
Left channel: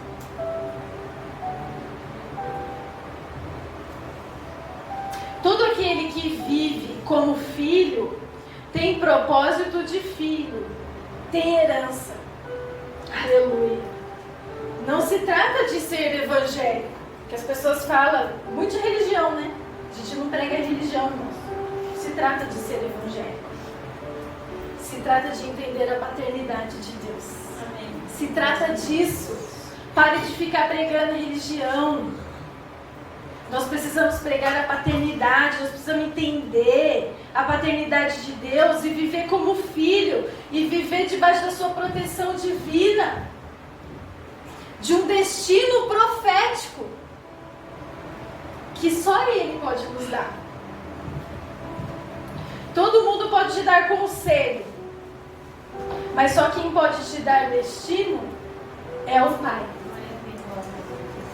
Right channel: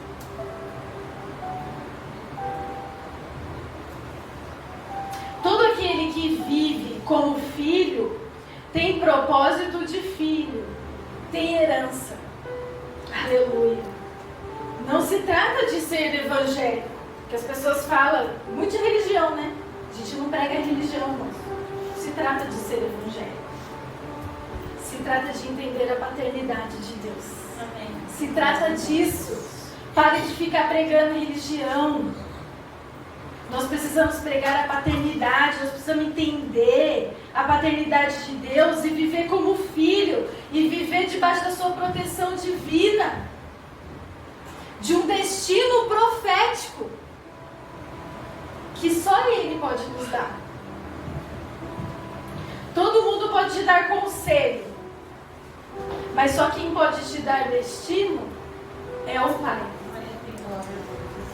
Todo aquele que vive como filho tem propósito de filho, tem herança. Aleluia. Não se trata de ser evangélico, que as pessoas falam muito de religião, né? A gente não prega religião, não. Se trata de ser evangélico. Se trata de entender a paternidade de Deus. Amém. Se trata disso. Pare de ficar pregando religião. Nós precisamos pregar a paternidade, nós precisamos entender a paternidade de Deus e viver como filho e viver debaixo da sua proteção divina, de um destino profético que só Ele pode nos dar. Todo mundo pode te dar conselho, mas só quem pode te dar destino é o Pai.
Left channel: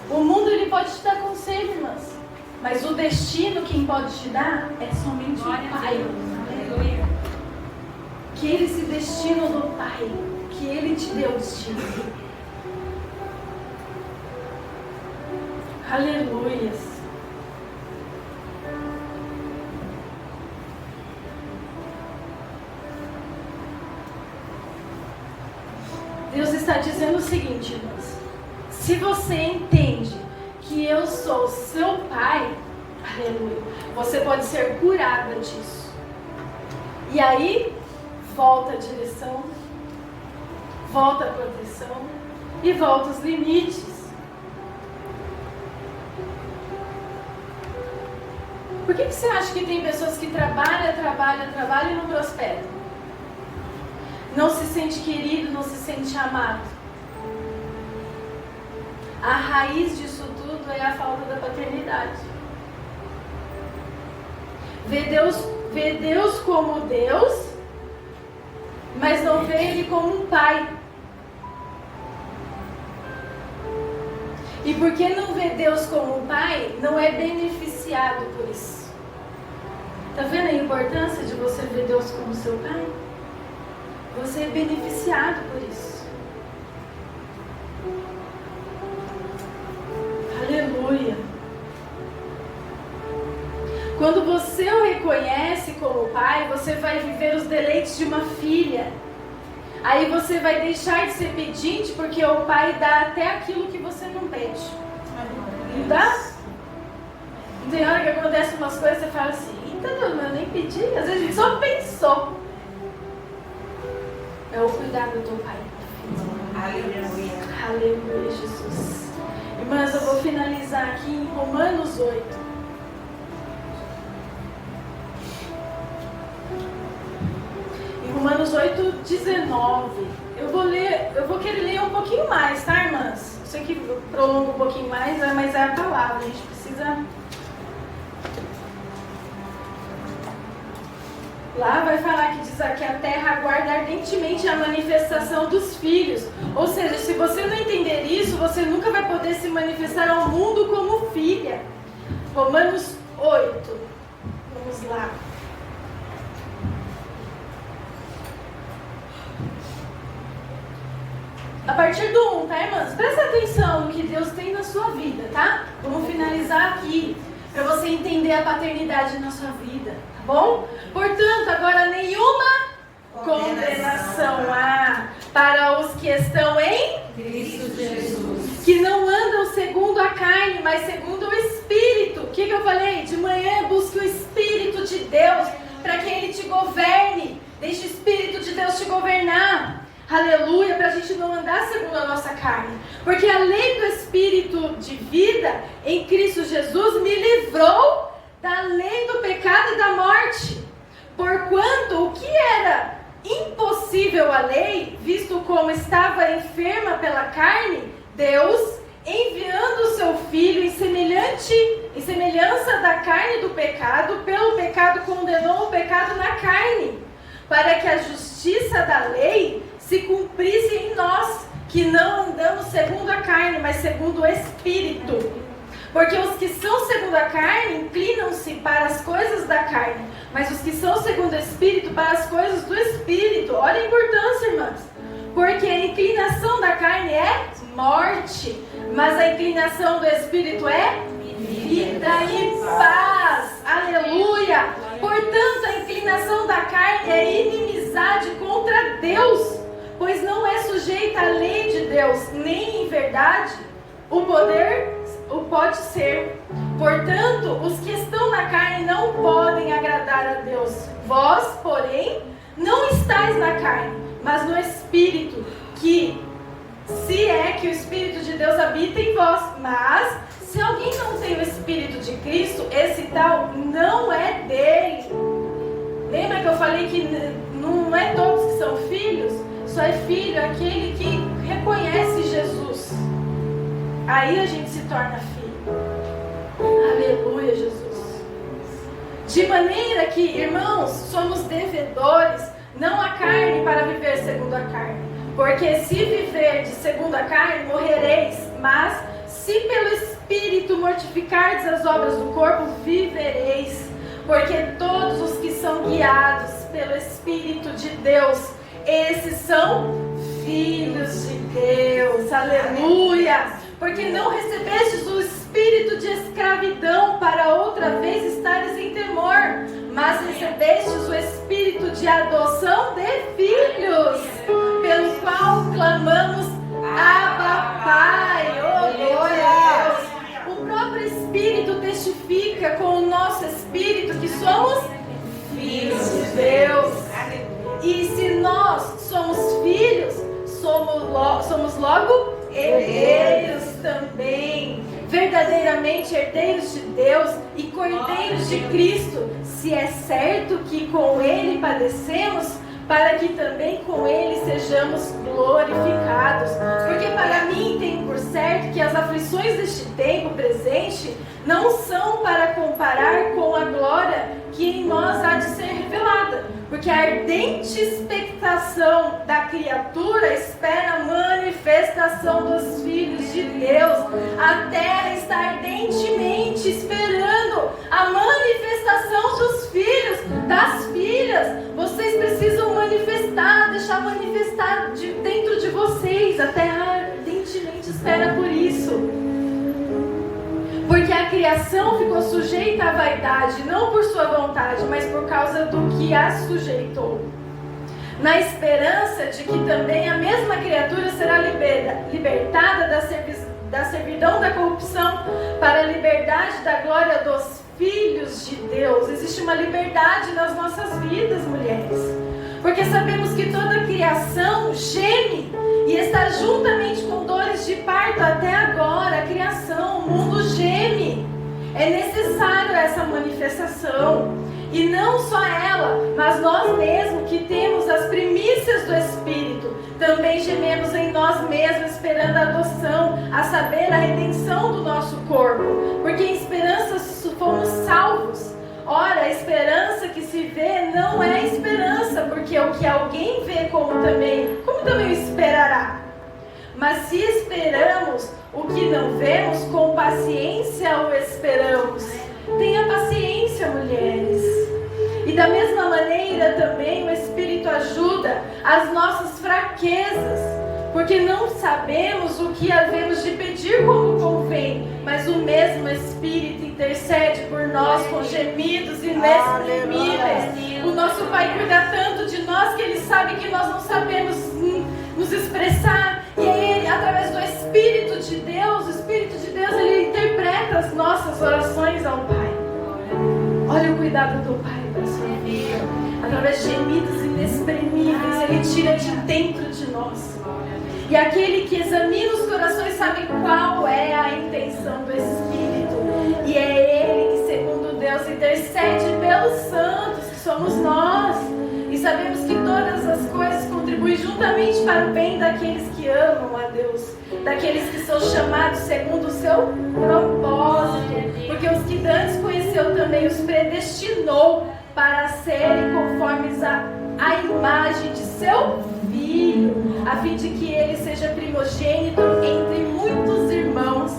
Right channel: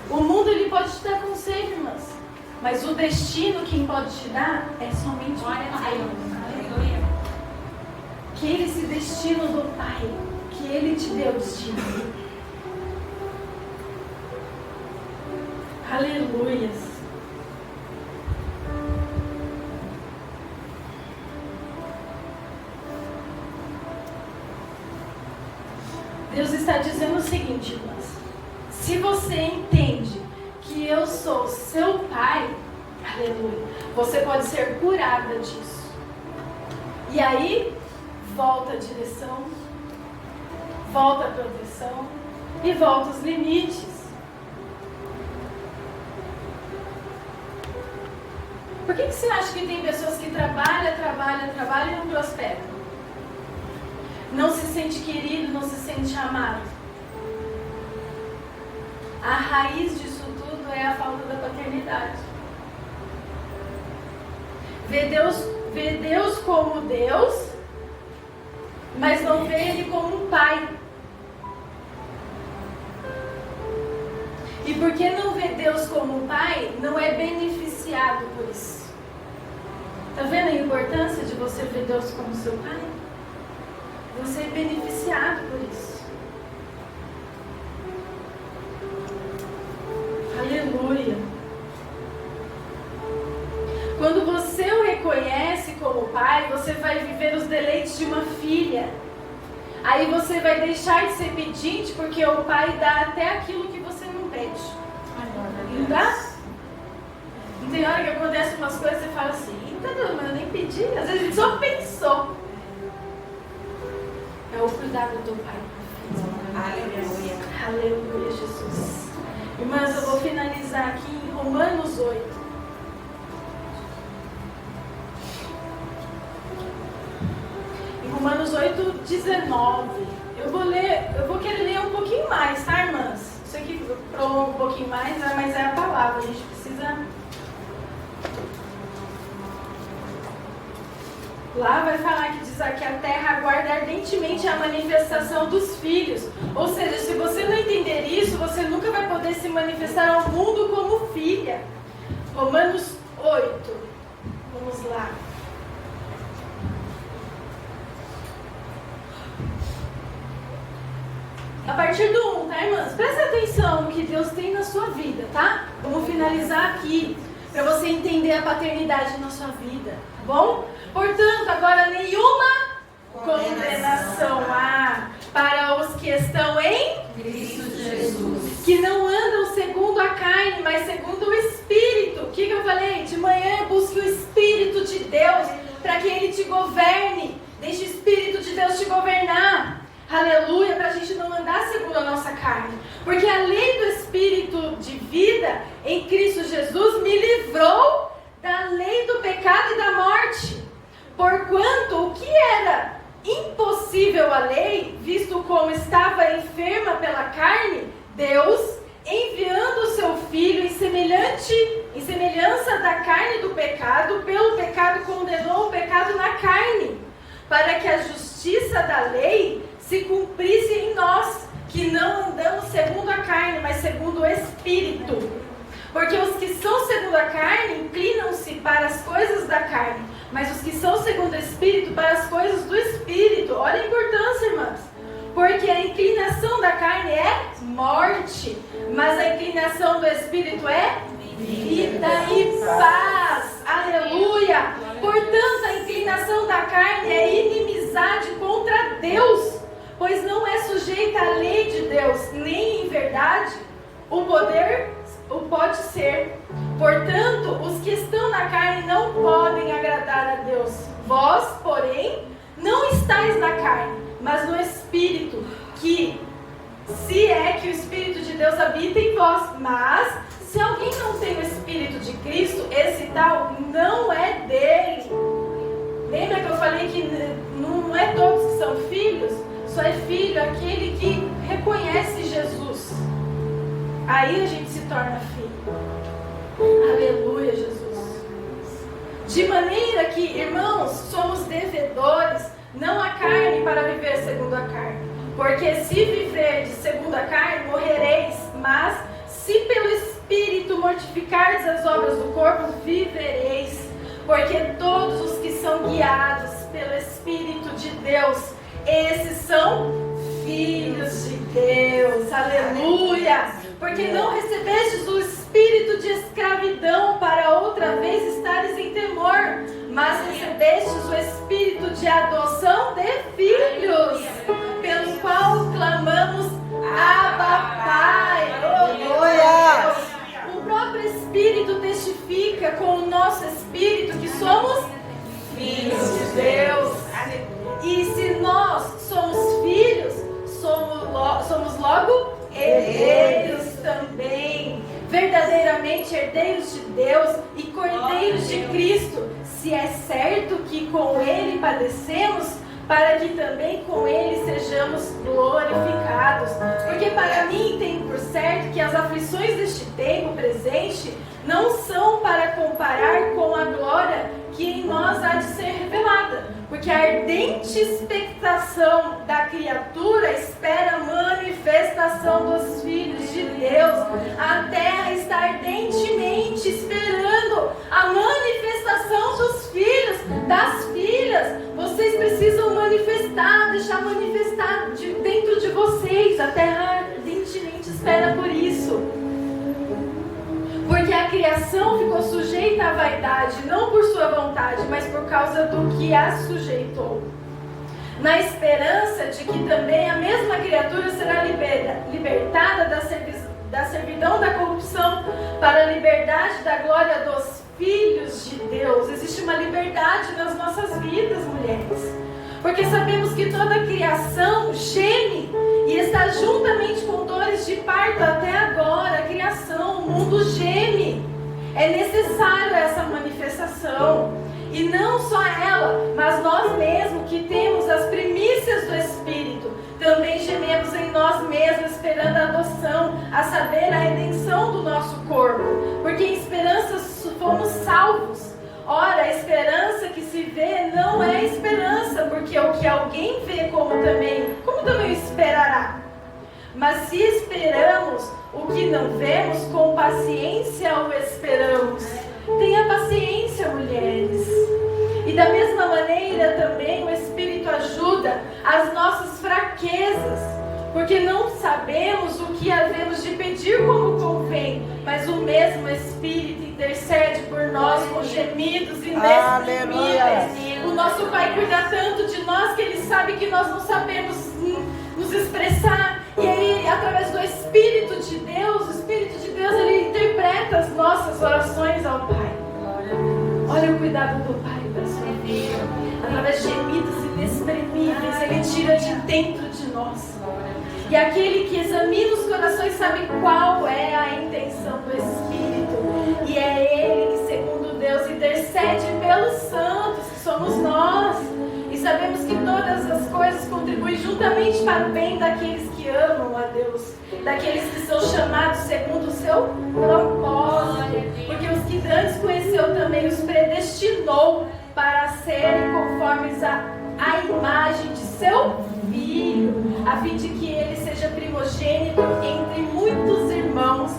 O mundo ele pode te dar conselho, irmãs, mas o destino quem pode te dar é somente o Pai. Aleluia. Que Ele se destina do Pai, que Ele te deu o destino. Aleluias. Deus está dizendo o seguinte, irmãs. Se você entende que eu sou seu pai, Aleluia. Você pode ser curada disso. E aí, volta a direção, volta a proteção e volta os limites. Por que você acha que tem pessoas que trabalham e não prosperam? Não se sente querido, não se sente amado. A raiz disso tudo é a falta da paternidade. Vê Deus como Deus, mas não vê Ele como um pai. E porque não vê Deus como um pai, não é beneficiado por isso. Está vendo a importância de você ver Deus como seu pai? Você é beneficiado por isso. Aleluia. Quando você o reconhece como pai, você vai viver os deleites de uma filha. Aí você vai deixar de ser pedinte, porque o pai dá até aquilo que você não pede. Não dá? Não tem hora que acontece umas coisas e você fala assim, eita, eu nem pedi, às vezes a gente só pensou. É o cuidado do pai. Aleluia. Aleluia, Jesus. Irmãs, eu vou finalizar aqui em Romanos 8. Em Romanos 8, 19. Eu vou querer ler um pouquinho mais, tá, irmãs? Isso aqui prolonga um pouquinho mais, mas é a palavra, a gente precisa... Lá vai falar que diz que a terra aguarda ardentemente a manifestação dos filhos. Ou seja, se você não entender isso, você nunca vai poder se manifestar ao mundo como filha. Romanos 8. Vamos lá. A partir do 1, tá, irmãs? Presta atenção no que Deus tem na sua vida, tá? Vamos finalizar aqui, para você entender a paternidade na sua vida, tá bom? Portanto, agora nenhuma condenação há para os que estão em Cristo Jesus. que não andam segundo a carne, mas segundo o Espírito. O que eu falei? De manhã busque o Espírito de Deus para que Ele te governe. Deixe o Espírito de Deus te governar. Aleluia, para a gente não andar segundo a nossa carne. Porque a lei do Espírito de vida em Cristo Jesus me livrou da lei do pecado e da morte. Porquanto o que era impossível à lei, visto como estava enferma pela carne, Deus, enviando o seu Filho em semelhança da carne do pecado, pelo pecado condenou o pecado na carne, para que a justiça da lei se cumprisse em nós, que não andamos segundo a carne, mas segundo o Espírito. Porque os que são segundo a carne inclinam-se para as coisas da carne, mas os que são segundo o Espírito para as coisas do Espírito. Olha a importância, irmãs. Porque a inclinação da carne é morte, mas a inclinação do Espírito é vida e paz. Aleluia! Portanto, a inclinação da carne é inimizade contra Deus, pois não é sujeita à lei de Deus, nem em verdade o pode ser. Portanto, os que estão na carne não podem agradar a Deus. Vós, porém, não estáis na carne, mas no Espírito, que se é que o Espírito de Deus habita em vós. Mas, se alguém não tem o Espírito de Cristo, esse tal não é dele. Lembra que eu falei que não é todos que são filhos? Só é filho aquele que reconhece Jesus. Aí a gente se torna filho. Aleluia, Jesus. De maneira que, irmãos, somos devedores, não a carne, para viver segundo a carne. Porque se viverdes segundo a carne, morrereis. Mas se pelo Espírito mortificardes as obras do corpo, vivereis. Porque todos os que são guiados pelo Espírito de Deus, esses são filhos de Deus. Aleluia! Porque não recebestes o espírito de escravidão para outra vez estares em temor, mas recebestes o espírito de adoção de filhos, pelo qual clamamos Abba, Pai. Oh, glória a Deus! O próprio Espírito testifica identifica com o nosso espírito que somos filhos de Deus. E se nós somos filhos, somos logo herdeiros também. Verdadeiramente herdeiros de Deus e cordeiros de Cristo, se é certo que com Ele padecemos, para que também com Ele sejamos glorificados. Porque para mim tem por certo que as aflições deste tempo presente não são para comparar com a glória que em nós há de ser revelada. Porque a ardente expectação da criatura espera a manifestação dos filhos de Deus. A terra está ardentemente esperando a manifestação dos filhos, das filhas. Vocês precisam manifestar, deixar manifestar dentro de vocês. A terra ardentemente espera por isso. Porque a criação ficou sujeita à vaidade, não por sua vontade, mas por causa do que a sujeitou. Na esperança de que também a mesma criatura será libertada da servidão da corrupção para a liberdade da glória dos filhos de Deus. Existe uma liberdade nas nossas vidas, mulheres. Porque sabemos que toda a criação geme e está juntamente com dores de parto até agora. A criação, o mundo geme. É necessário essa manifestação. E não só ela, mas nós mesmos que temos as primícias do Espírito, também gememos em nós mesmos, esperando a adoção, a saber, a redenção do nosso corpo. Porque em esperança fomos salvos. Ora, a esperança que se vê não é esperança, porque o que alguém vê como também esperará. Mas se esperamos o que não vemos, com paciência o esperamos. Tenha paciência, mulheres. E da mesma maneira também o Espírito ajuda as nossas fraquezas, porque não sabemos o que havemos de pedir como convém, mas o mesmo Espírito intercede por nós com gemidos inexprimíveis. O nosso Pai cuida tanto de nós que Ele sabe que nós não sabemos nos expressar, e Ele, através do Espírito de Deus, o Espírito de Deus, Ele interpreta as nossas orações ao Pai. Olha o cuidado do Pai da sua vida. Através de gemidos inexprimíveis, Ele tira de dentro de nós. E aquele que examina os corações sabe qual é a intenção do Espírito. E é Ele que, segundo Deus, intercede pelos santos, que somos nós. E sabemos que todas as coisas contribuem juntamente para o bem daqueles que amam a Deus, daqueles que são chamados segundo o seu propósito. Porque os que antes conheceu também os predestinou para serem conformes à imagem de seu Filho, a fim de que ele seja primogênito entre muitos irmãos.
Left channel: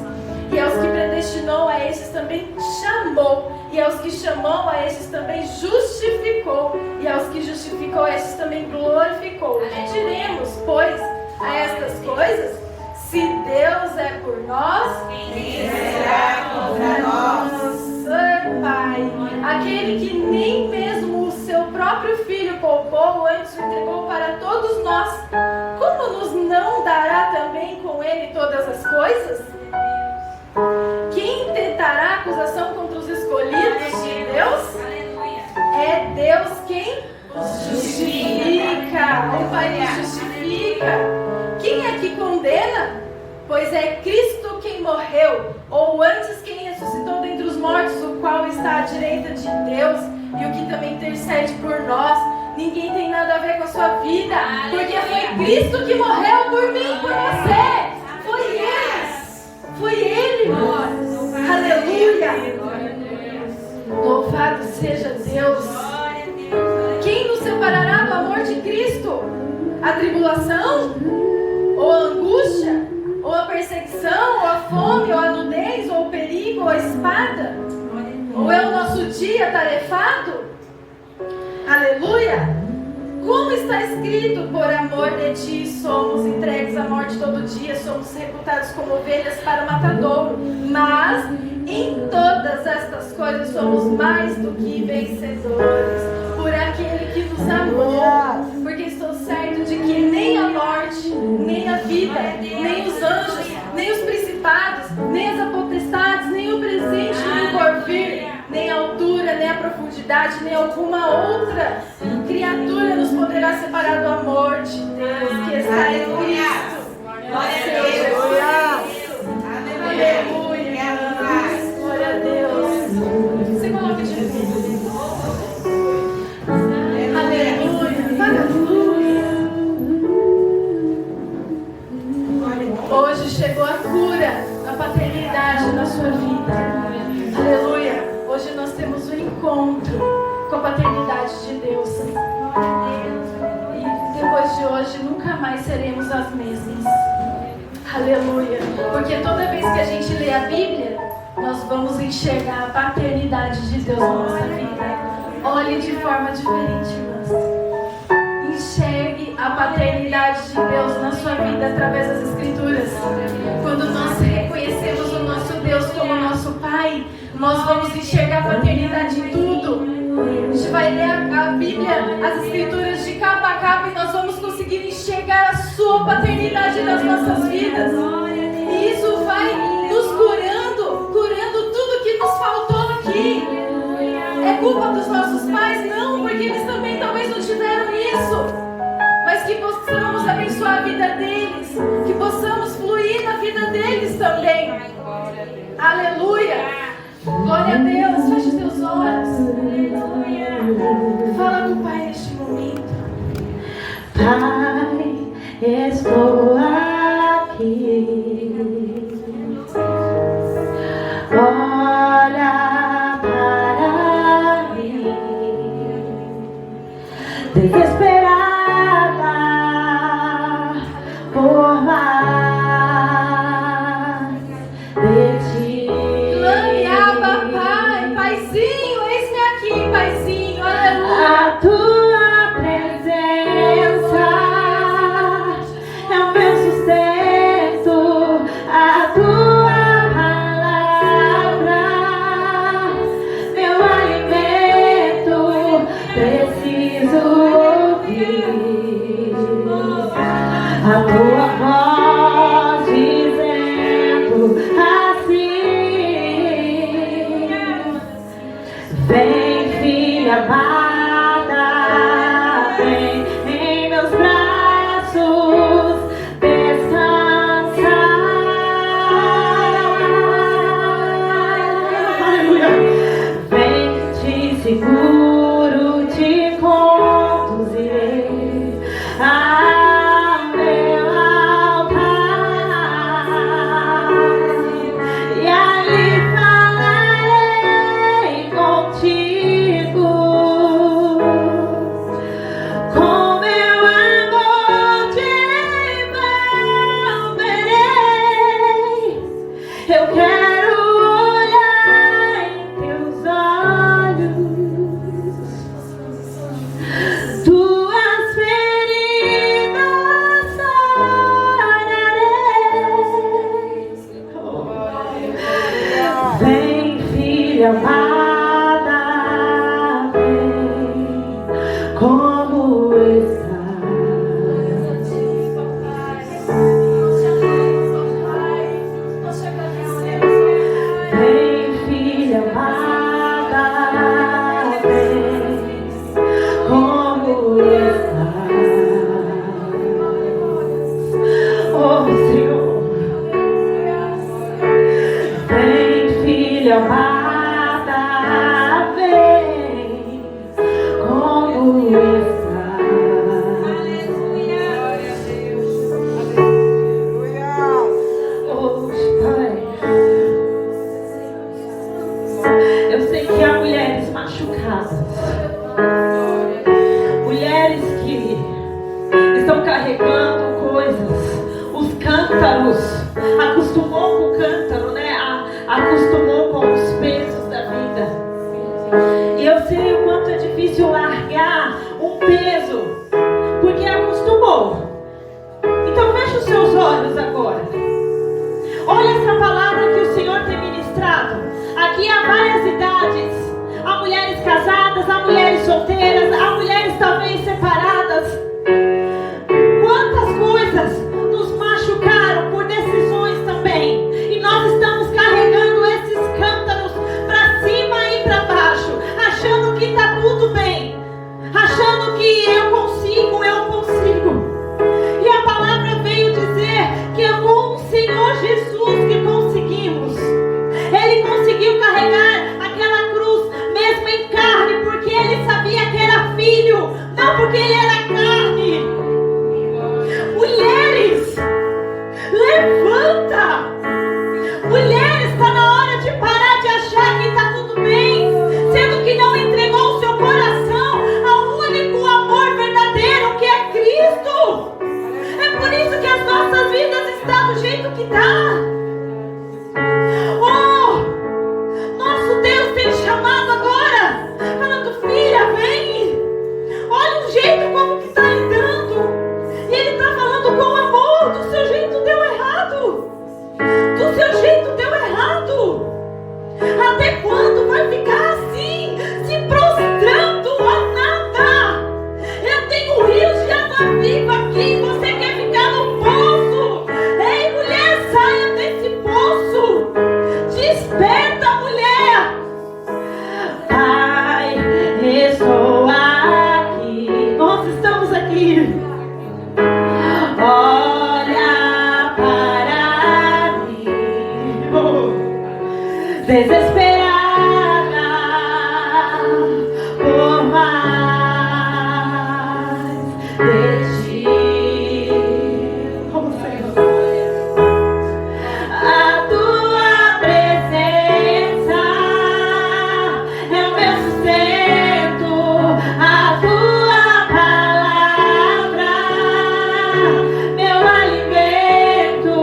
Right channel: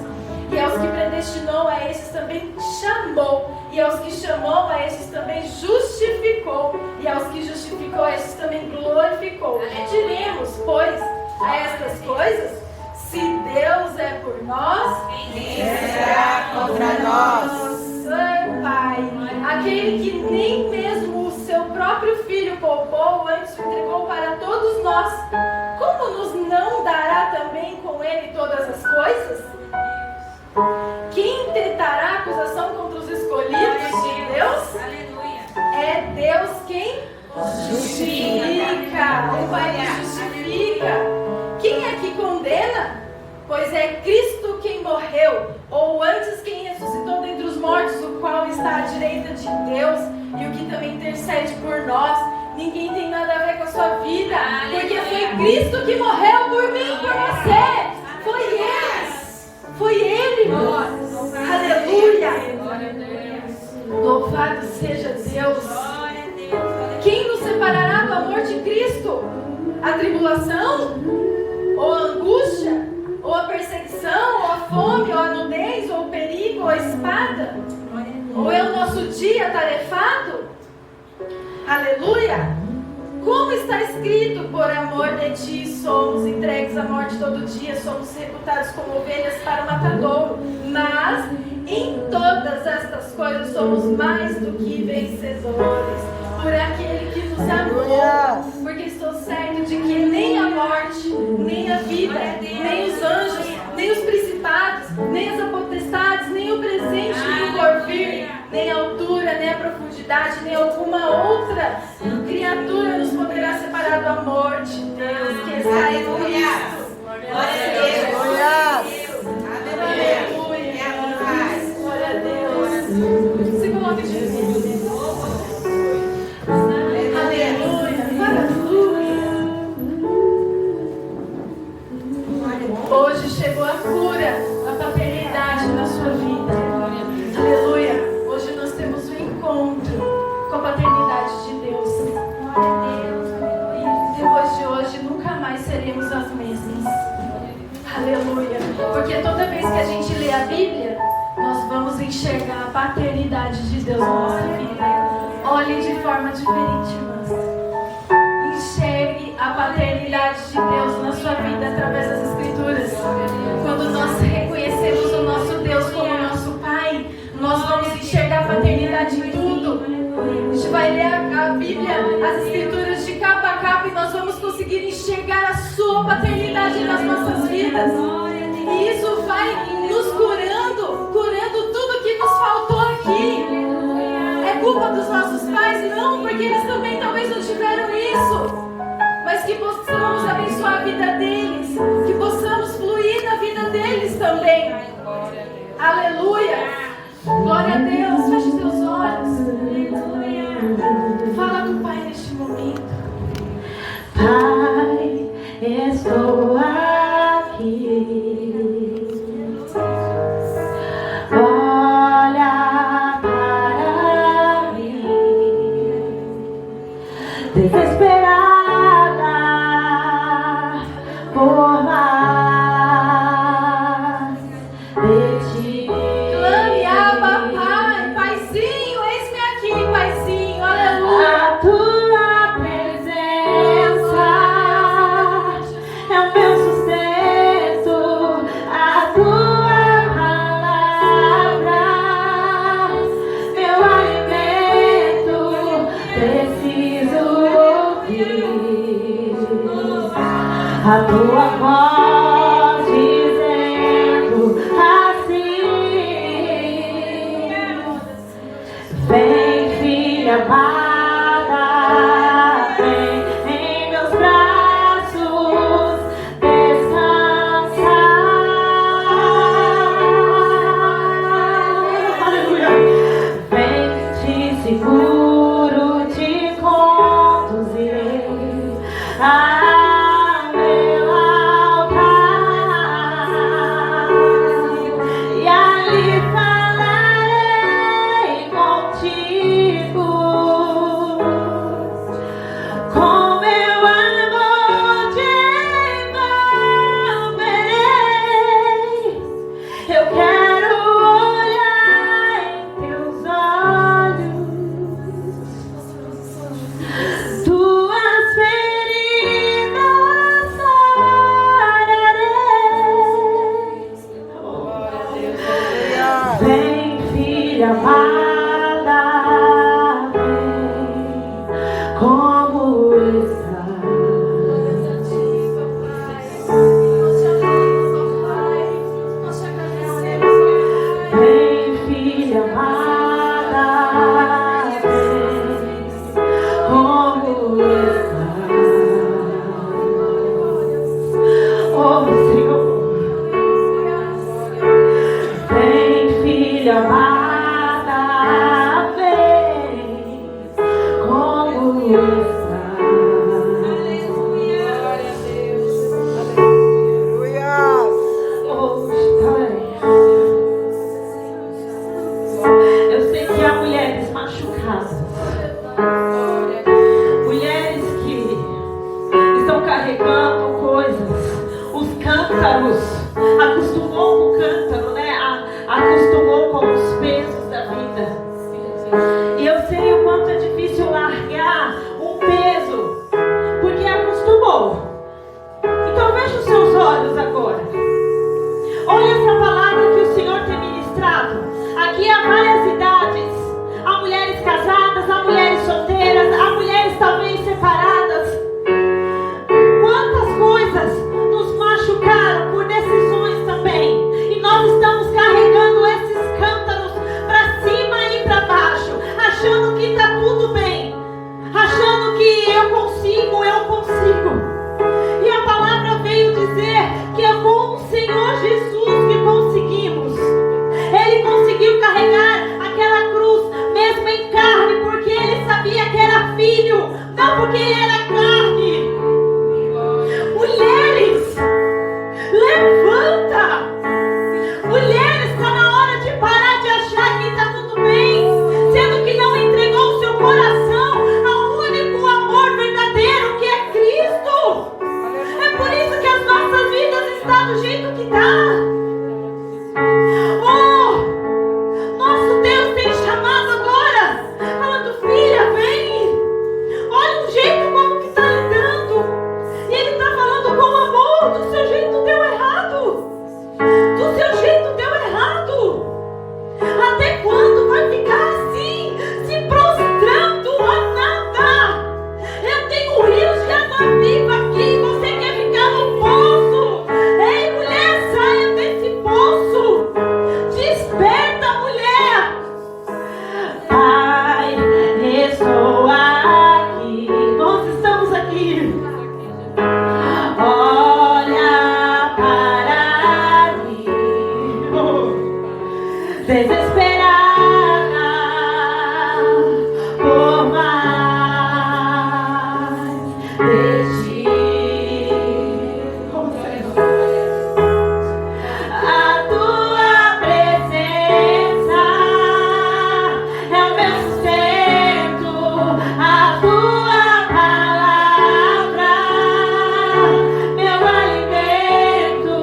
E aos que predestinou, a estes também chamou. E aos que chamou, a estes também justificou. E aos que justificou, a estes também glorificou. Diremos, pois, a estas coisas: se Deus é por nós, quem será contra nós? Pai, aquele que nem mesmo o seu próprio Filho poupou, antes o entregou para todos nós, como nos não dará também com Ele todas as coisas? Quem tentará acusação contra os escolhidos de Deus? Aleluia. É Deus quem justifica. O Pai que justifica. Quem é que condena? Pois é Cristo quem morreu, ou antes quem ressuscitou dentre os mortos, o qual está à direita de Deus, e o que também intercede por nós. Ninguém tem nada a ver com a sua vida, porque foi Cristo que morreu por mim e por você. Foi Ele. Foi Ele, irmãos. Aleluia. Louvado seja Deus. Quem nos separará do amor de Cristo? A tribulação? Ou a angústia? Ou a perseguição? Ou a fome? Ou a nudez? Ou o perigo? Ou a espada? Ou é o nosso dia tarefado? Aleluia. Como está escrito: por amor de ti somos entregues à morte todo dia, somos reputados como ovelhas para o matadouro. Mas em todas estas coisas somos mais do que vencedores por aquele que nos amou. Porque estou certo de que nem a morte, nem a vida, nem os anjos, nem os principados, nem as potestades, nem o presente, nem o porvir, idade, nem alguma outra criatura nos poderá separar do amor de Deus que está em Cristo. Glória a Deus. Aleluia. Glória a Deus. Se coloque de pé. Aleluia. Aleluia. Hoje chegou a cura da paternidade na sua vida. Aleluia. Hoje nós temos um encontro com a paternidade de Deus. E depois de hoje nunca mais seremos as mesmas. Aleluia. Porque toda vez que a gente lê a Bíblia, nós vamos enxergar a paternidade de Deus na nossa vida. Olhe de forma diferente, irmãs. Enxergue a paternidade de Deus na sua vida através das Escrituras. Quando nós reconhecemos o nosso Deus como nosso Pai, nós vamos enxergar a paternidade em tudo. A gente vai ler a Bíblia, as Escrituras de capa a capa, e nós vamos conseguir enxergar a sua paternidade nas nossas vidas. E isso vai nos curando tudo que nos faltou aqui. É culpa dos nossos pais? Não, porque eles também talvez não tiveram isso. Mas que possamos abençoar a vida deles, que possamos fluir na vida deles também. Aleluia. Glória a Deus. Feche seus olhos. Fala com o Pai neste momento. Pai, estou aqui. Olha para mim, desesperada por mais de ti. Clame, Abba, Pai. Paizinho, eis-me aqui, Paizinho. Aleluia. A tua presença é o meu sustento, a tua palavra, meu alimento, preciso ouvir a tua voz dizendo assim: vem, filha amada, vem em meus braços descansar. Aleluia. Vem, te seguro, te conduzirei ao meu altar, e ali falarei contigo, com meu amor te envolverei. Eu quero olhar em teus olhos, tuas feridas sararei. Vem, filha amada, vem como estás. Vem, filha amada, vem como estás. Oh, Senhor. Vem, filha amada, vem como estás. Oh, Pai. Eu sei que há mulheres machucadas, mulheres que estão carregando coisas. Os cântaros, acostumou com o cântaro, né? Acostumou com os pesos da vida. E eu sei o quanto é difícil largar um peso, porque acostumou. Então feche os seus olhos agora. Olha essa palavra que o Senhor tem ministrado. Aqui há várias idades. Há mulheres casadas, há mulheres solteiras, há mulheres talvez separadas. Quantas coisas nos machucaram por decisões também. E nós estamos carregando esses cântaros para cima e para baixo, achando que está não consigo. E a palavra veio dizer que é com o Senhor Jesus que conseguimos. Ele conseguiu carregar aquela cruz, mesmo em carne, porque ele sabia que era filho, não porque ele era carne. Mulheres, levanta! Mulheres, está na hora de parar de achar que está tudo bem, sendo que não entregou o seu coração ao único amor verdadeiro, que é Cristo. É por isso que as nossas vidas estão do jeito que está. Oh, nosso Deus tem chamado agora, falando: filha, vem. Olha o jeito como que está lidando. E Ele está falando com amor. Do seu jeito deu errado. Do seu jeito deu errado. Até quando vai ficar assim, se prostrando a nada? Eu tenho rios de água viva aqui. Você quer ficar no poço? Ei, mulher, saia desse poço. Desperta, mulher. Pai, estou aqui. Nós estamos aqui. Olha para mim, desesperada por mais de ti. Oh, Senhor. A tua presença é o meu sustento, a tua palavra, meu alimento.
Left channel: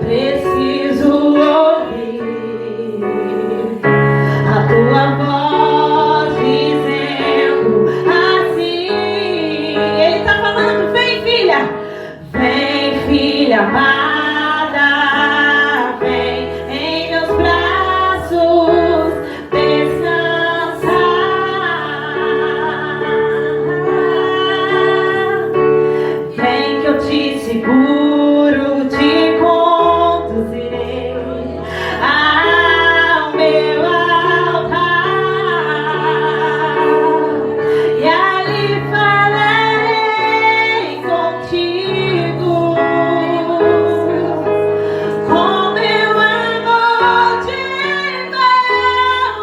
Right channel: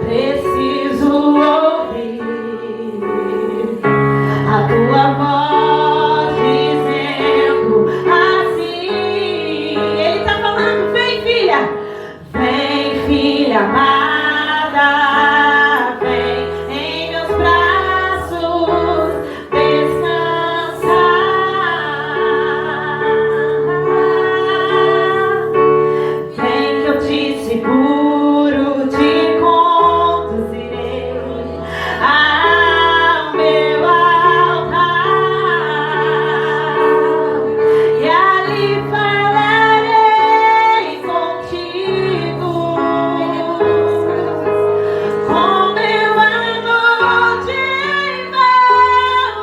Preciso ouvir a tua voz dizendo assim. Ele está falando: vem, filha. Vem, filha amada, vem em meus braços descansar. Vem que eu te seguro, te conduzirei ao meu altar e ali falarei contigo. Com meu amor te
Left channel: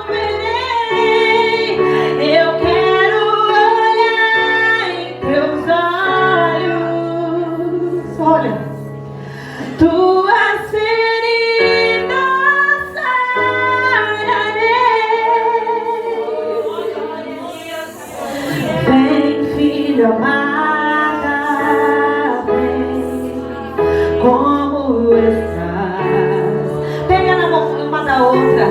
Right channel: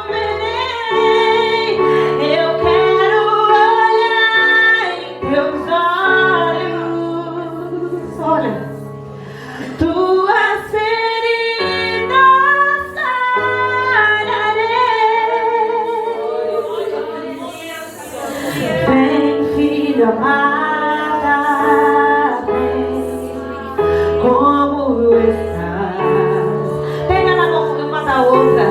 envolverei. Eu quero olhar em teus olhos. Olha, tuas feridas sararei. Vem, filho amada, vem, como estás? Pega na mão uma da outra.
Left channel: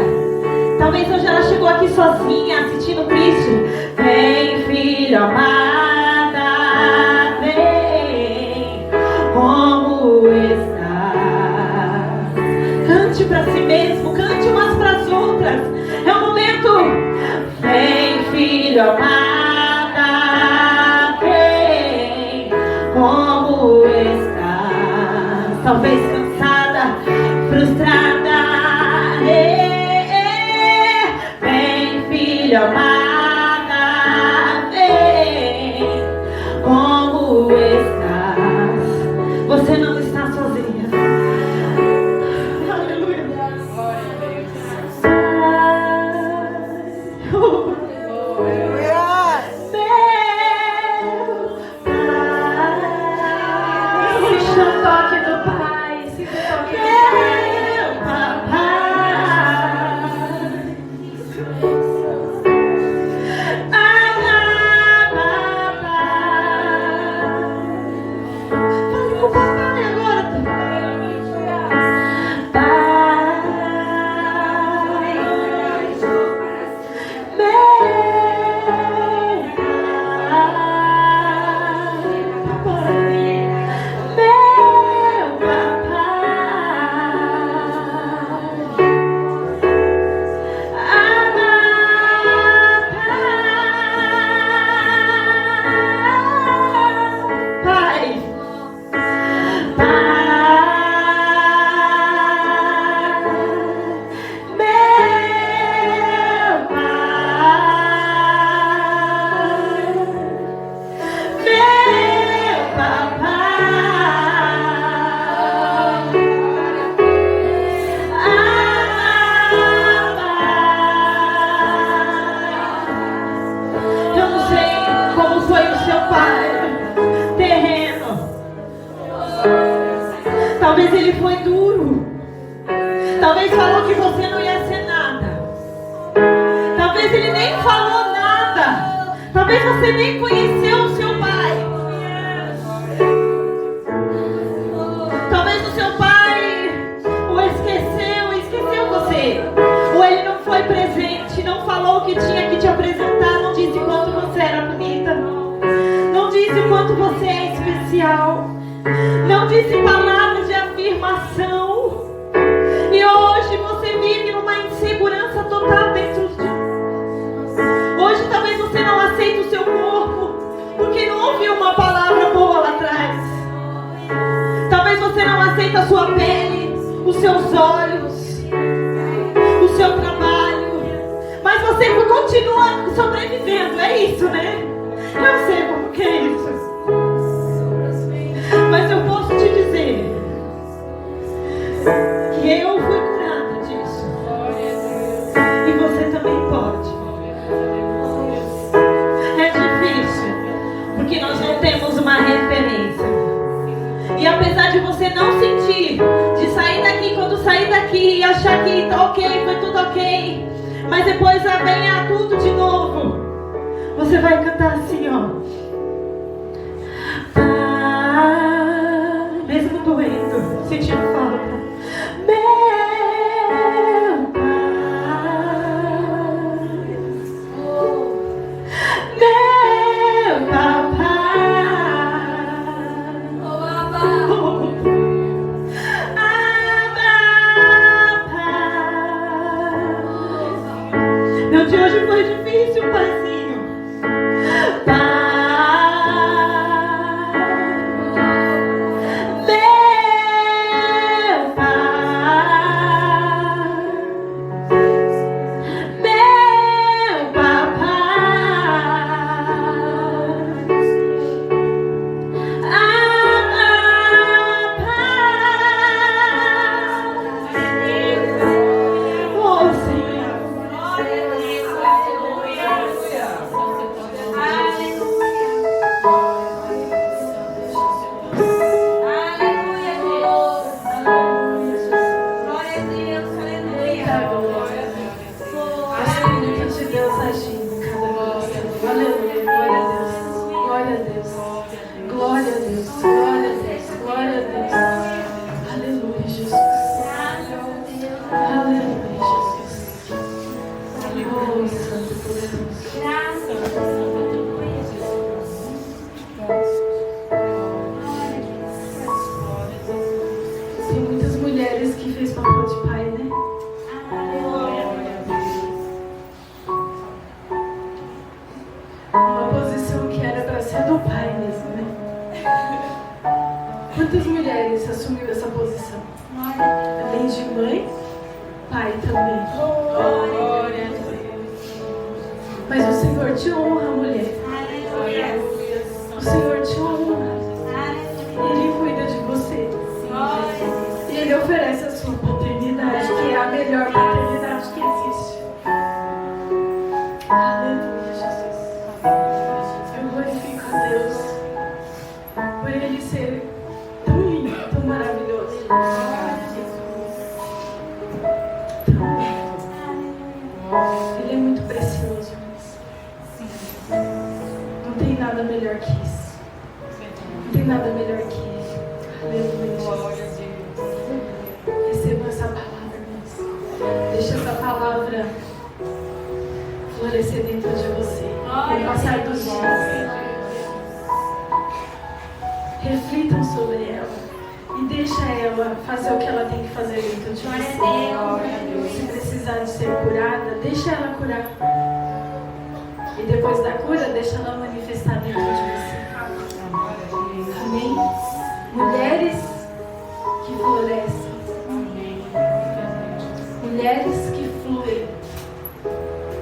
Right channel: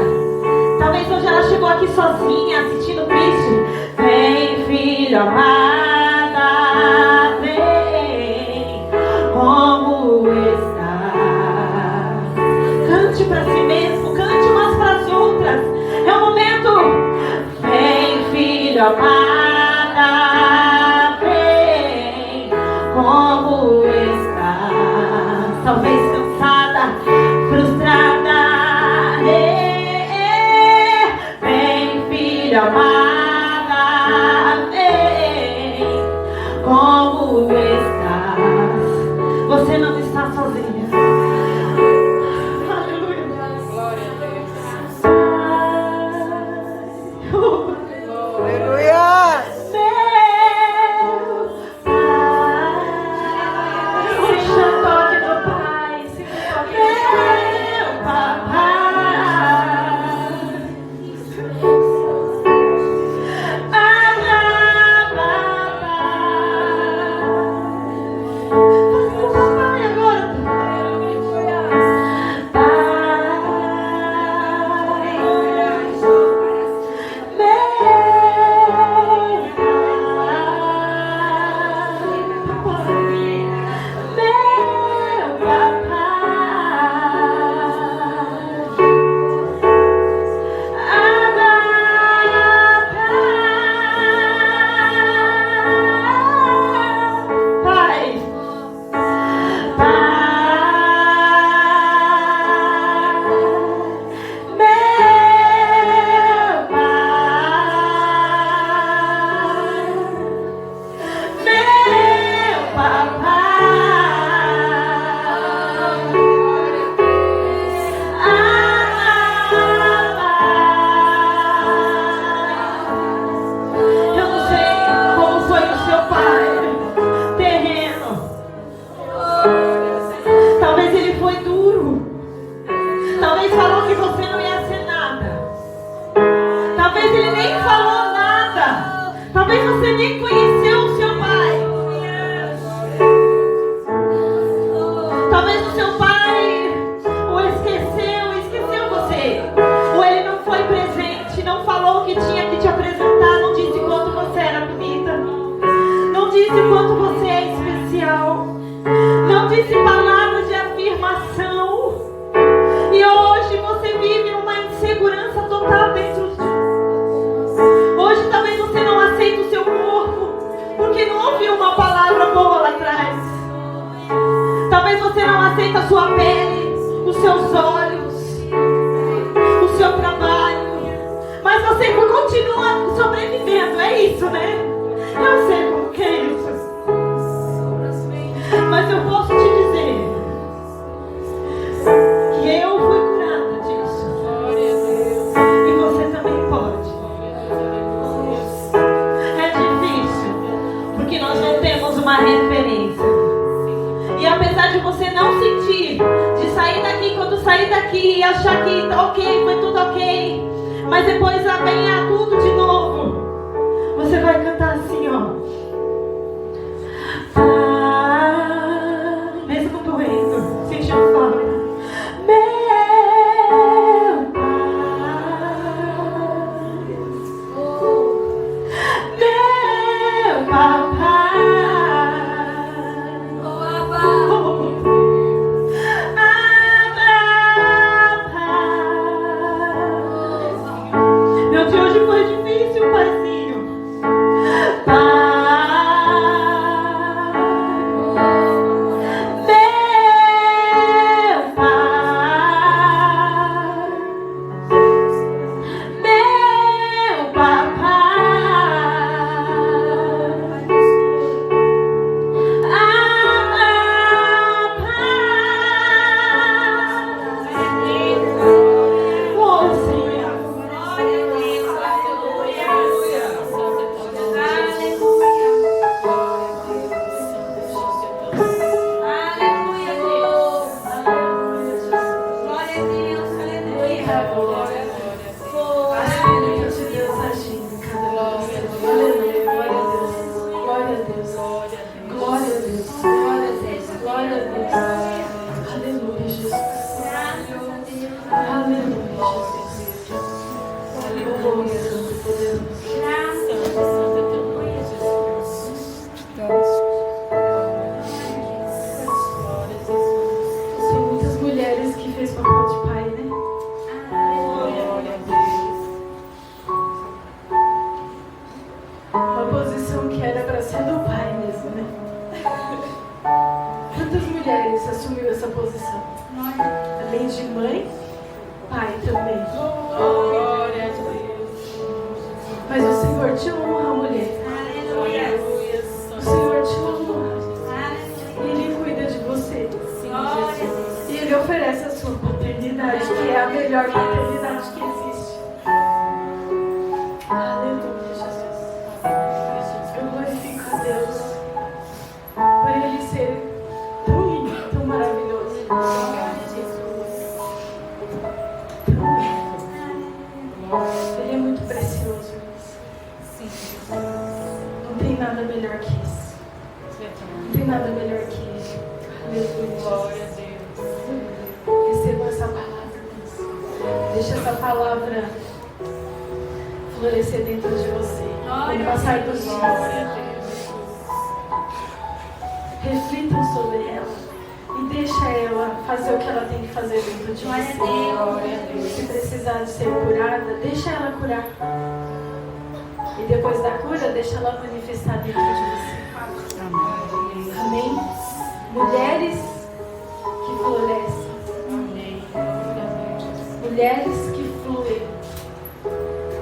Talvez hoje ela chegou aqui sozinha, assistindo triste. Vem, filho amada, vem, como estás? Cante pra si mesmo, cante umas pras outras. É o momento. Vem, filho amada, vem, como estás? Talvez cansada, frustrada. Vem, filho amada, vem, como estás? Você não está sozinha. Aleluia. Glória a Deus. Sente o toque do Pai. você nem conheceu o seu pai. Talvez o seu pai o esqueceu você. Ou ele não foi presente, não falou o que tinha que te apresentar, não disse quanto você era bonita, não disse quanto você é especial, não disse palavras de afirmação. E hoje você vive uma insegurança total dentro de você. Hoje talvez você não aceite o seu corpo, porque não ouviu uma palavra boa lá atrás. Talvez você não aceite a sua pele, os seus olhos, o seu trabalho, mas você continua sobrevivendo, é isso, né? Eu sei como que é isso. Mas eu posso te dizer que eu fui curada disso. E você também pode. É difícil, porque nós não temos uma referência. E apesar de você não sentir, de sair daqui, quando sair daqui e achar que ok, foi tudo ok, mas depois venha tudo de novo, você vai cantar assim, ó. Mesmo doendo, sentindo falta. Meu papai. Meu dia hoje foi difícil, paizinho. Quantas mulheres assumiu essa posição? Além de mãe, pai também. Glória a Deus. Mas o Senhor te honra, mulher. O Senhor te honra. Ele cuida de você. E Ele oferece a sua paternidade, que é a melhor paternidade que existe. Aleluia, Jesus. Eu glorifico a Deus por Ele ser tão lindo, tão maravilhoso. Tão lindo. Ele é muito precioso. Não tem nada melhor que isso. Não tem nada melhor que isso. Aleluia, Jesus. Receba essa palavra, irmãos. Deixa essa palavra florescer dentro de você. Com o passar dos dias. Reflitam sobre ela e deixa ela fazer o que ela tem que fazer dentro de você. Se precisar de ser curada, deixa ela curar. E depois da cura, deixa ela manifestar dentro de você. Amém? Mulheres que florescem. Mulheres que fluem.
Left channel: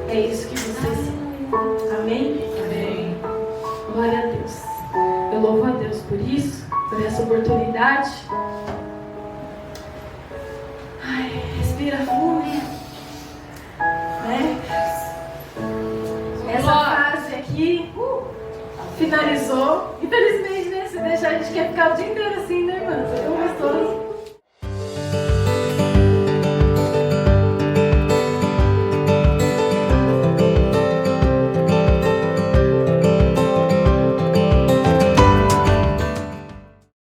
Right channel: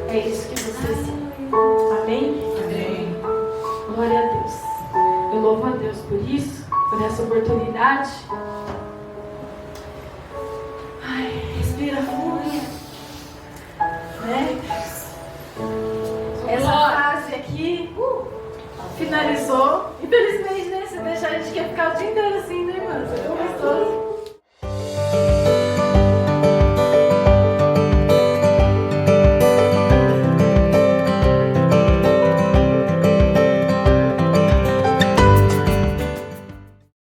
É isso que vocês são. Amém? Amém. Glória a Deus. Eu louvo a Deus por isso, por essa oportunidade. Ai, respira fundo. Né? Essa fase aqui finalizou. Infelizmente, né? Se deixar, a gente quer ficar o dia inteiro assim, né, irmã? Você viu gostoso?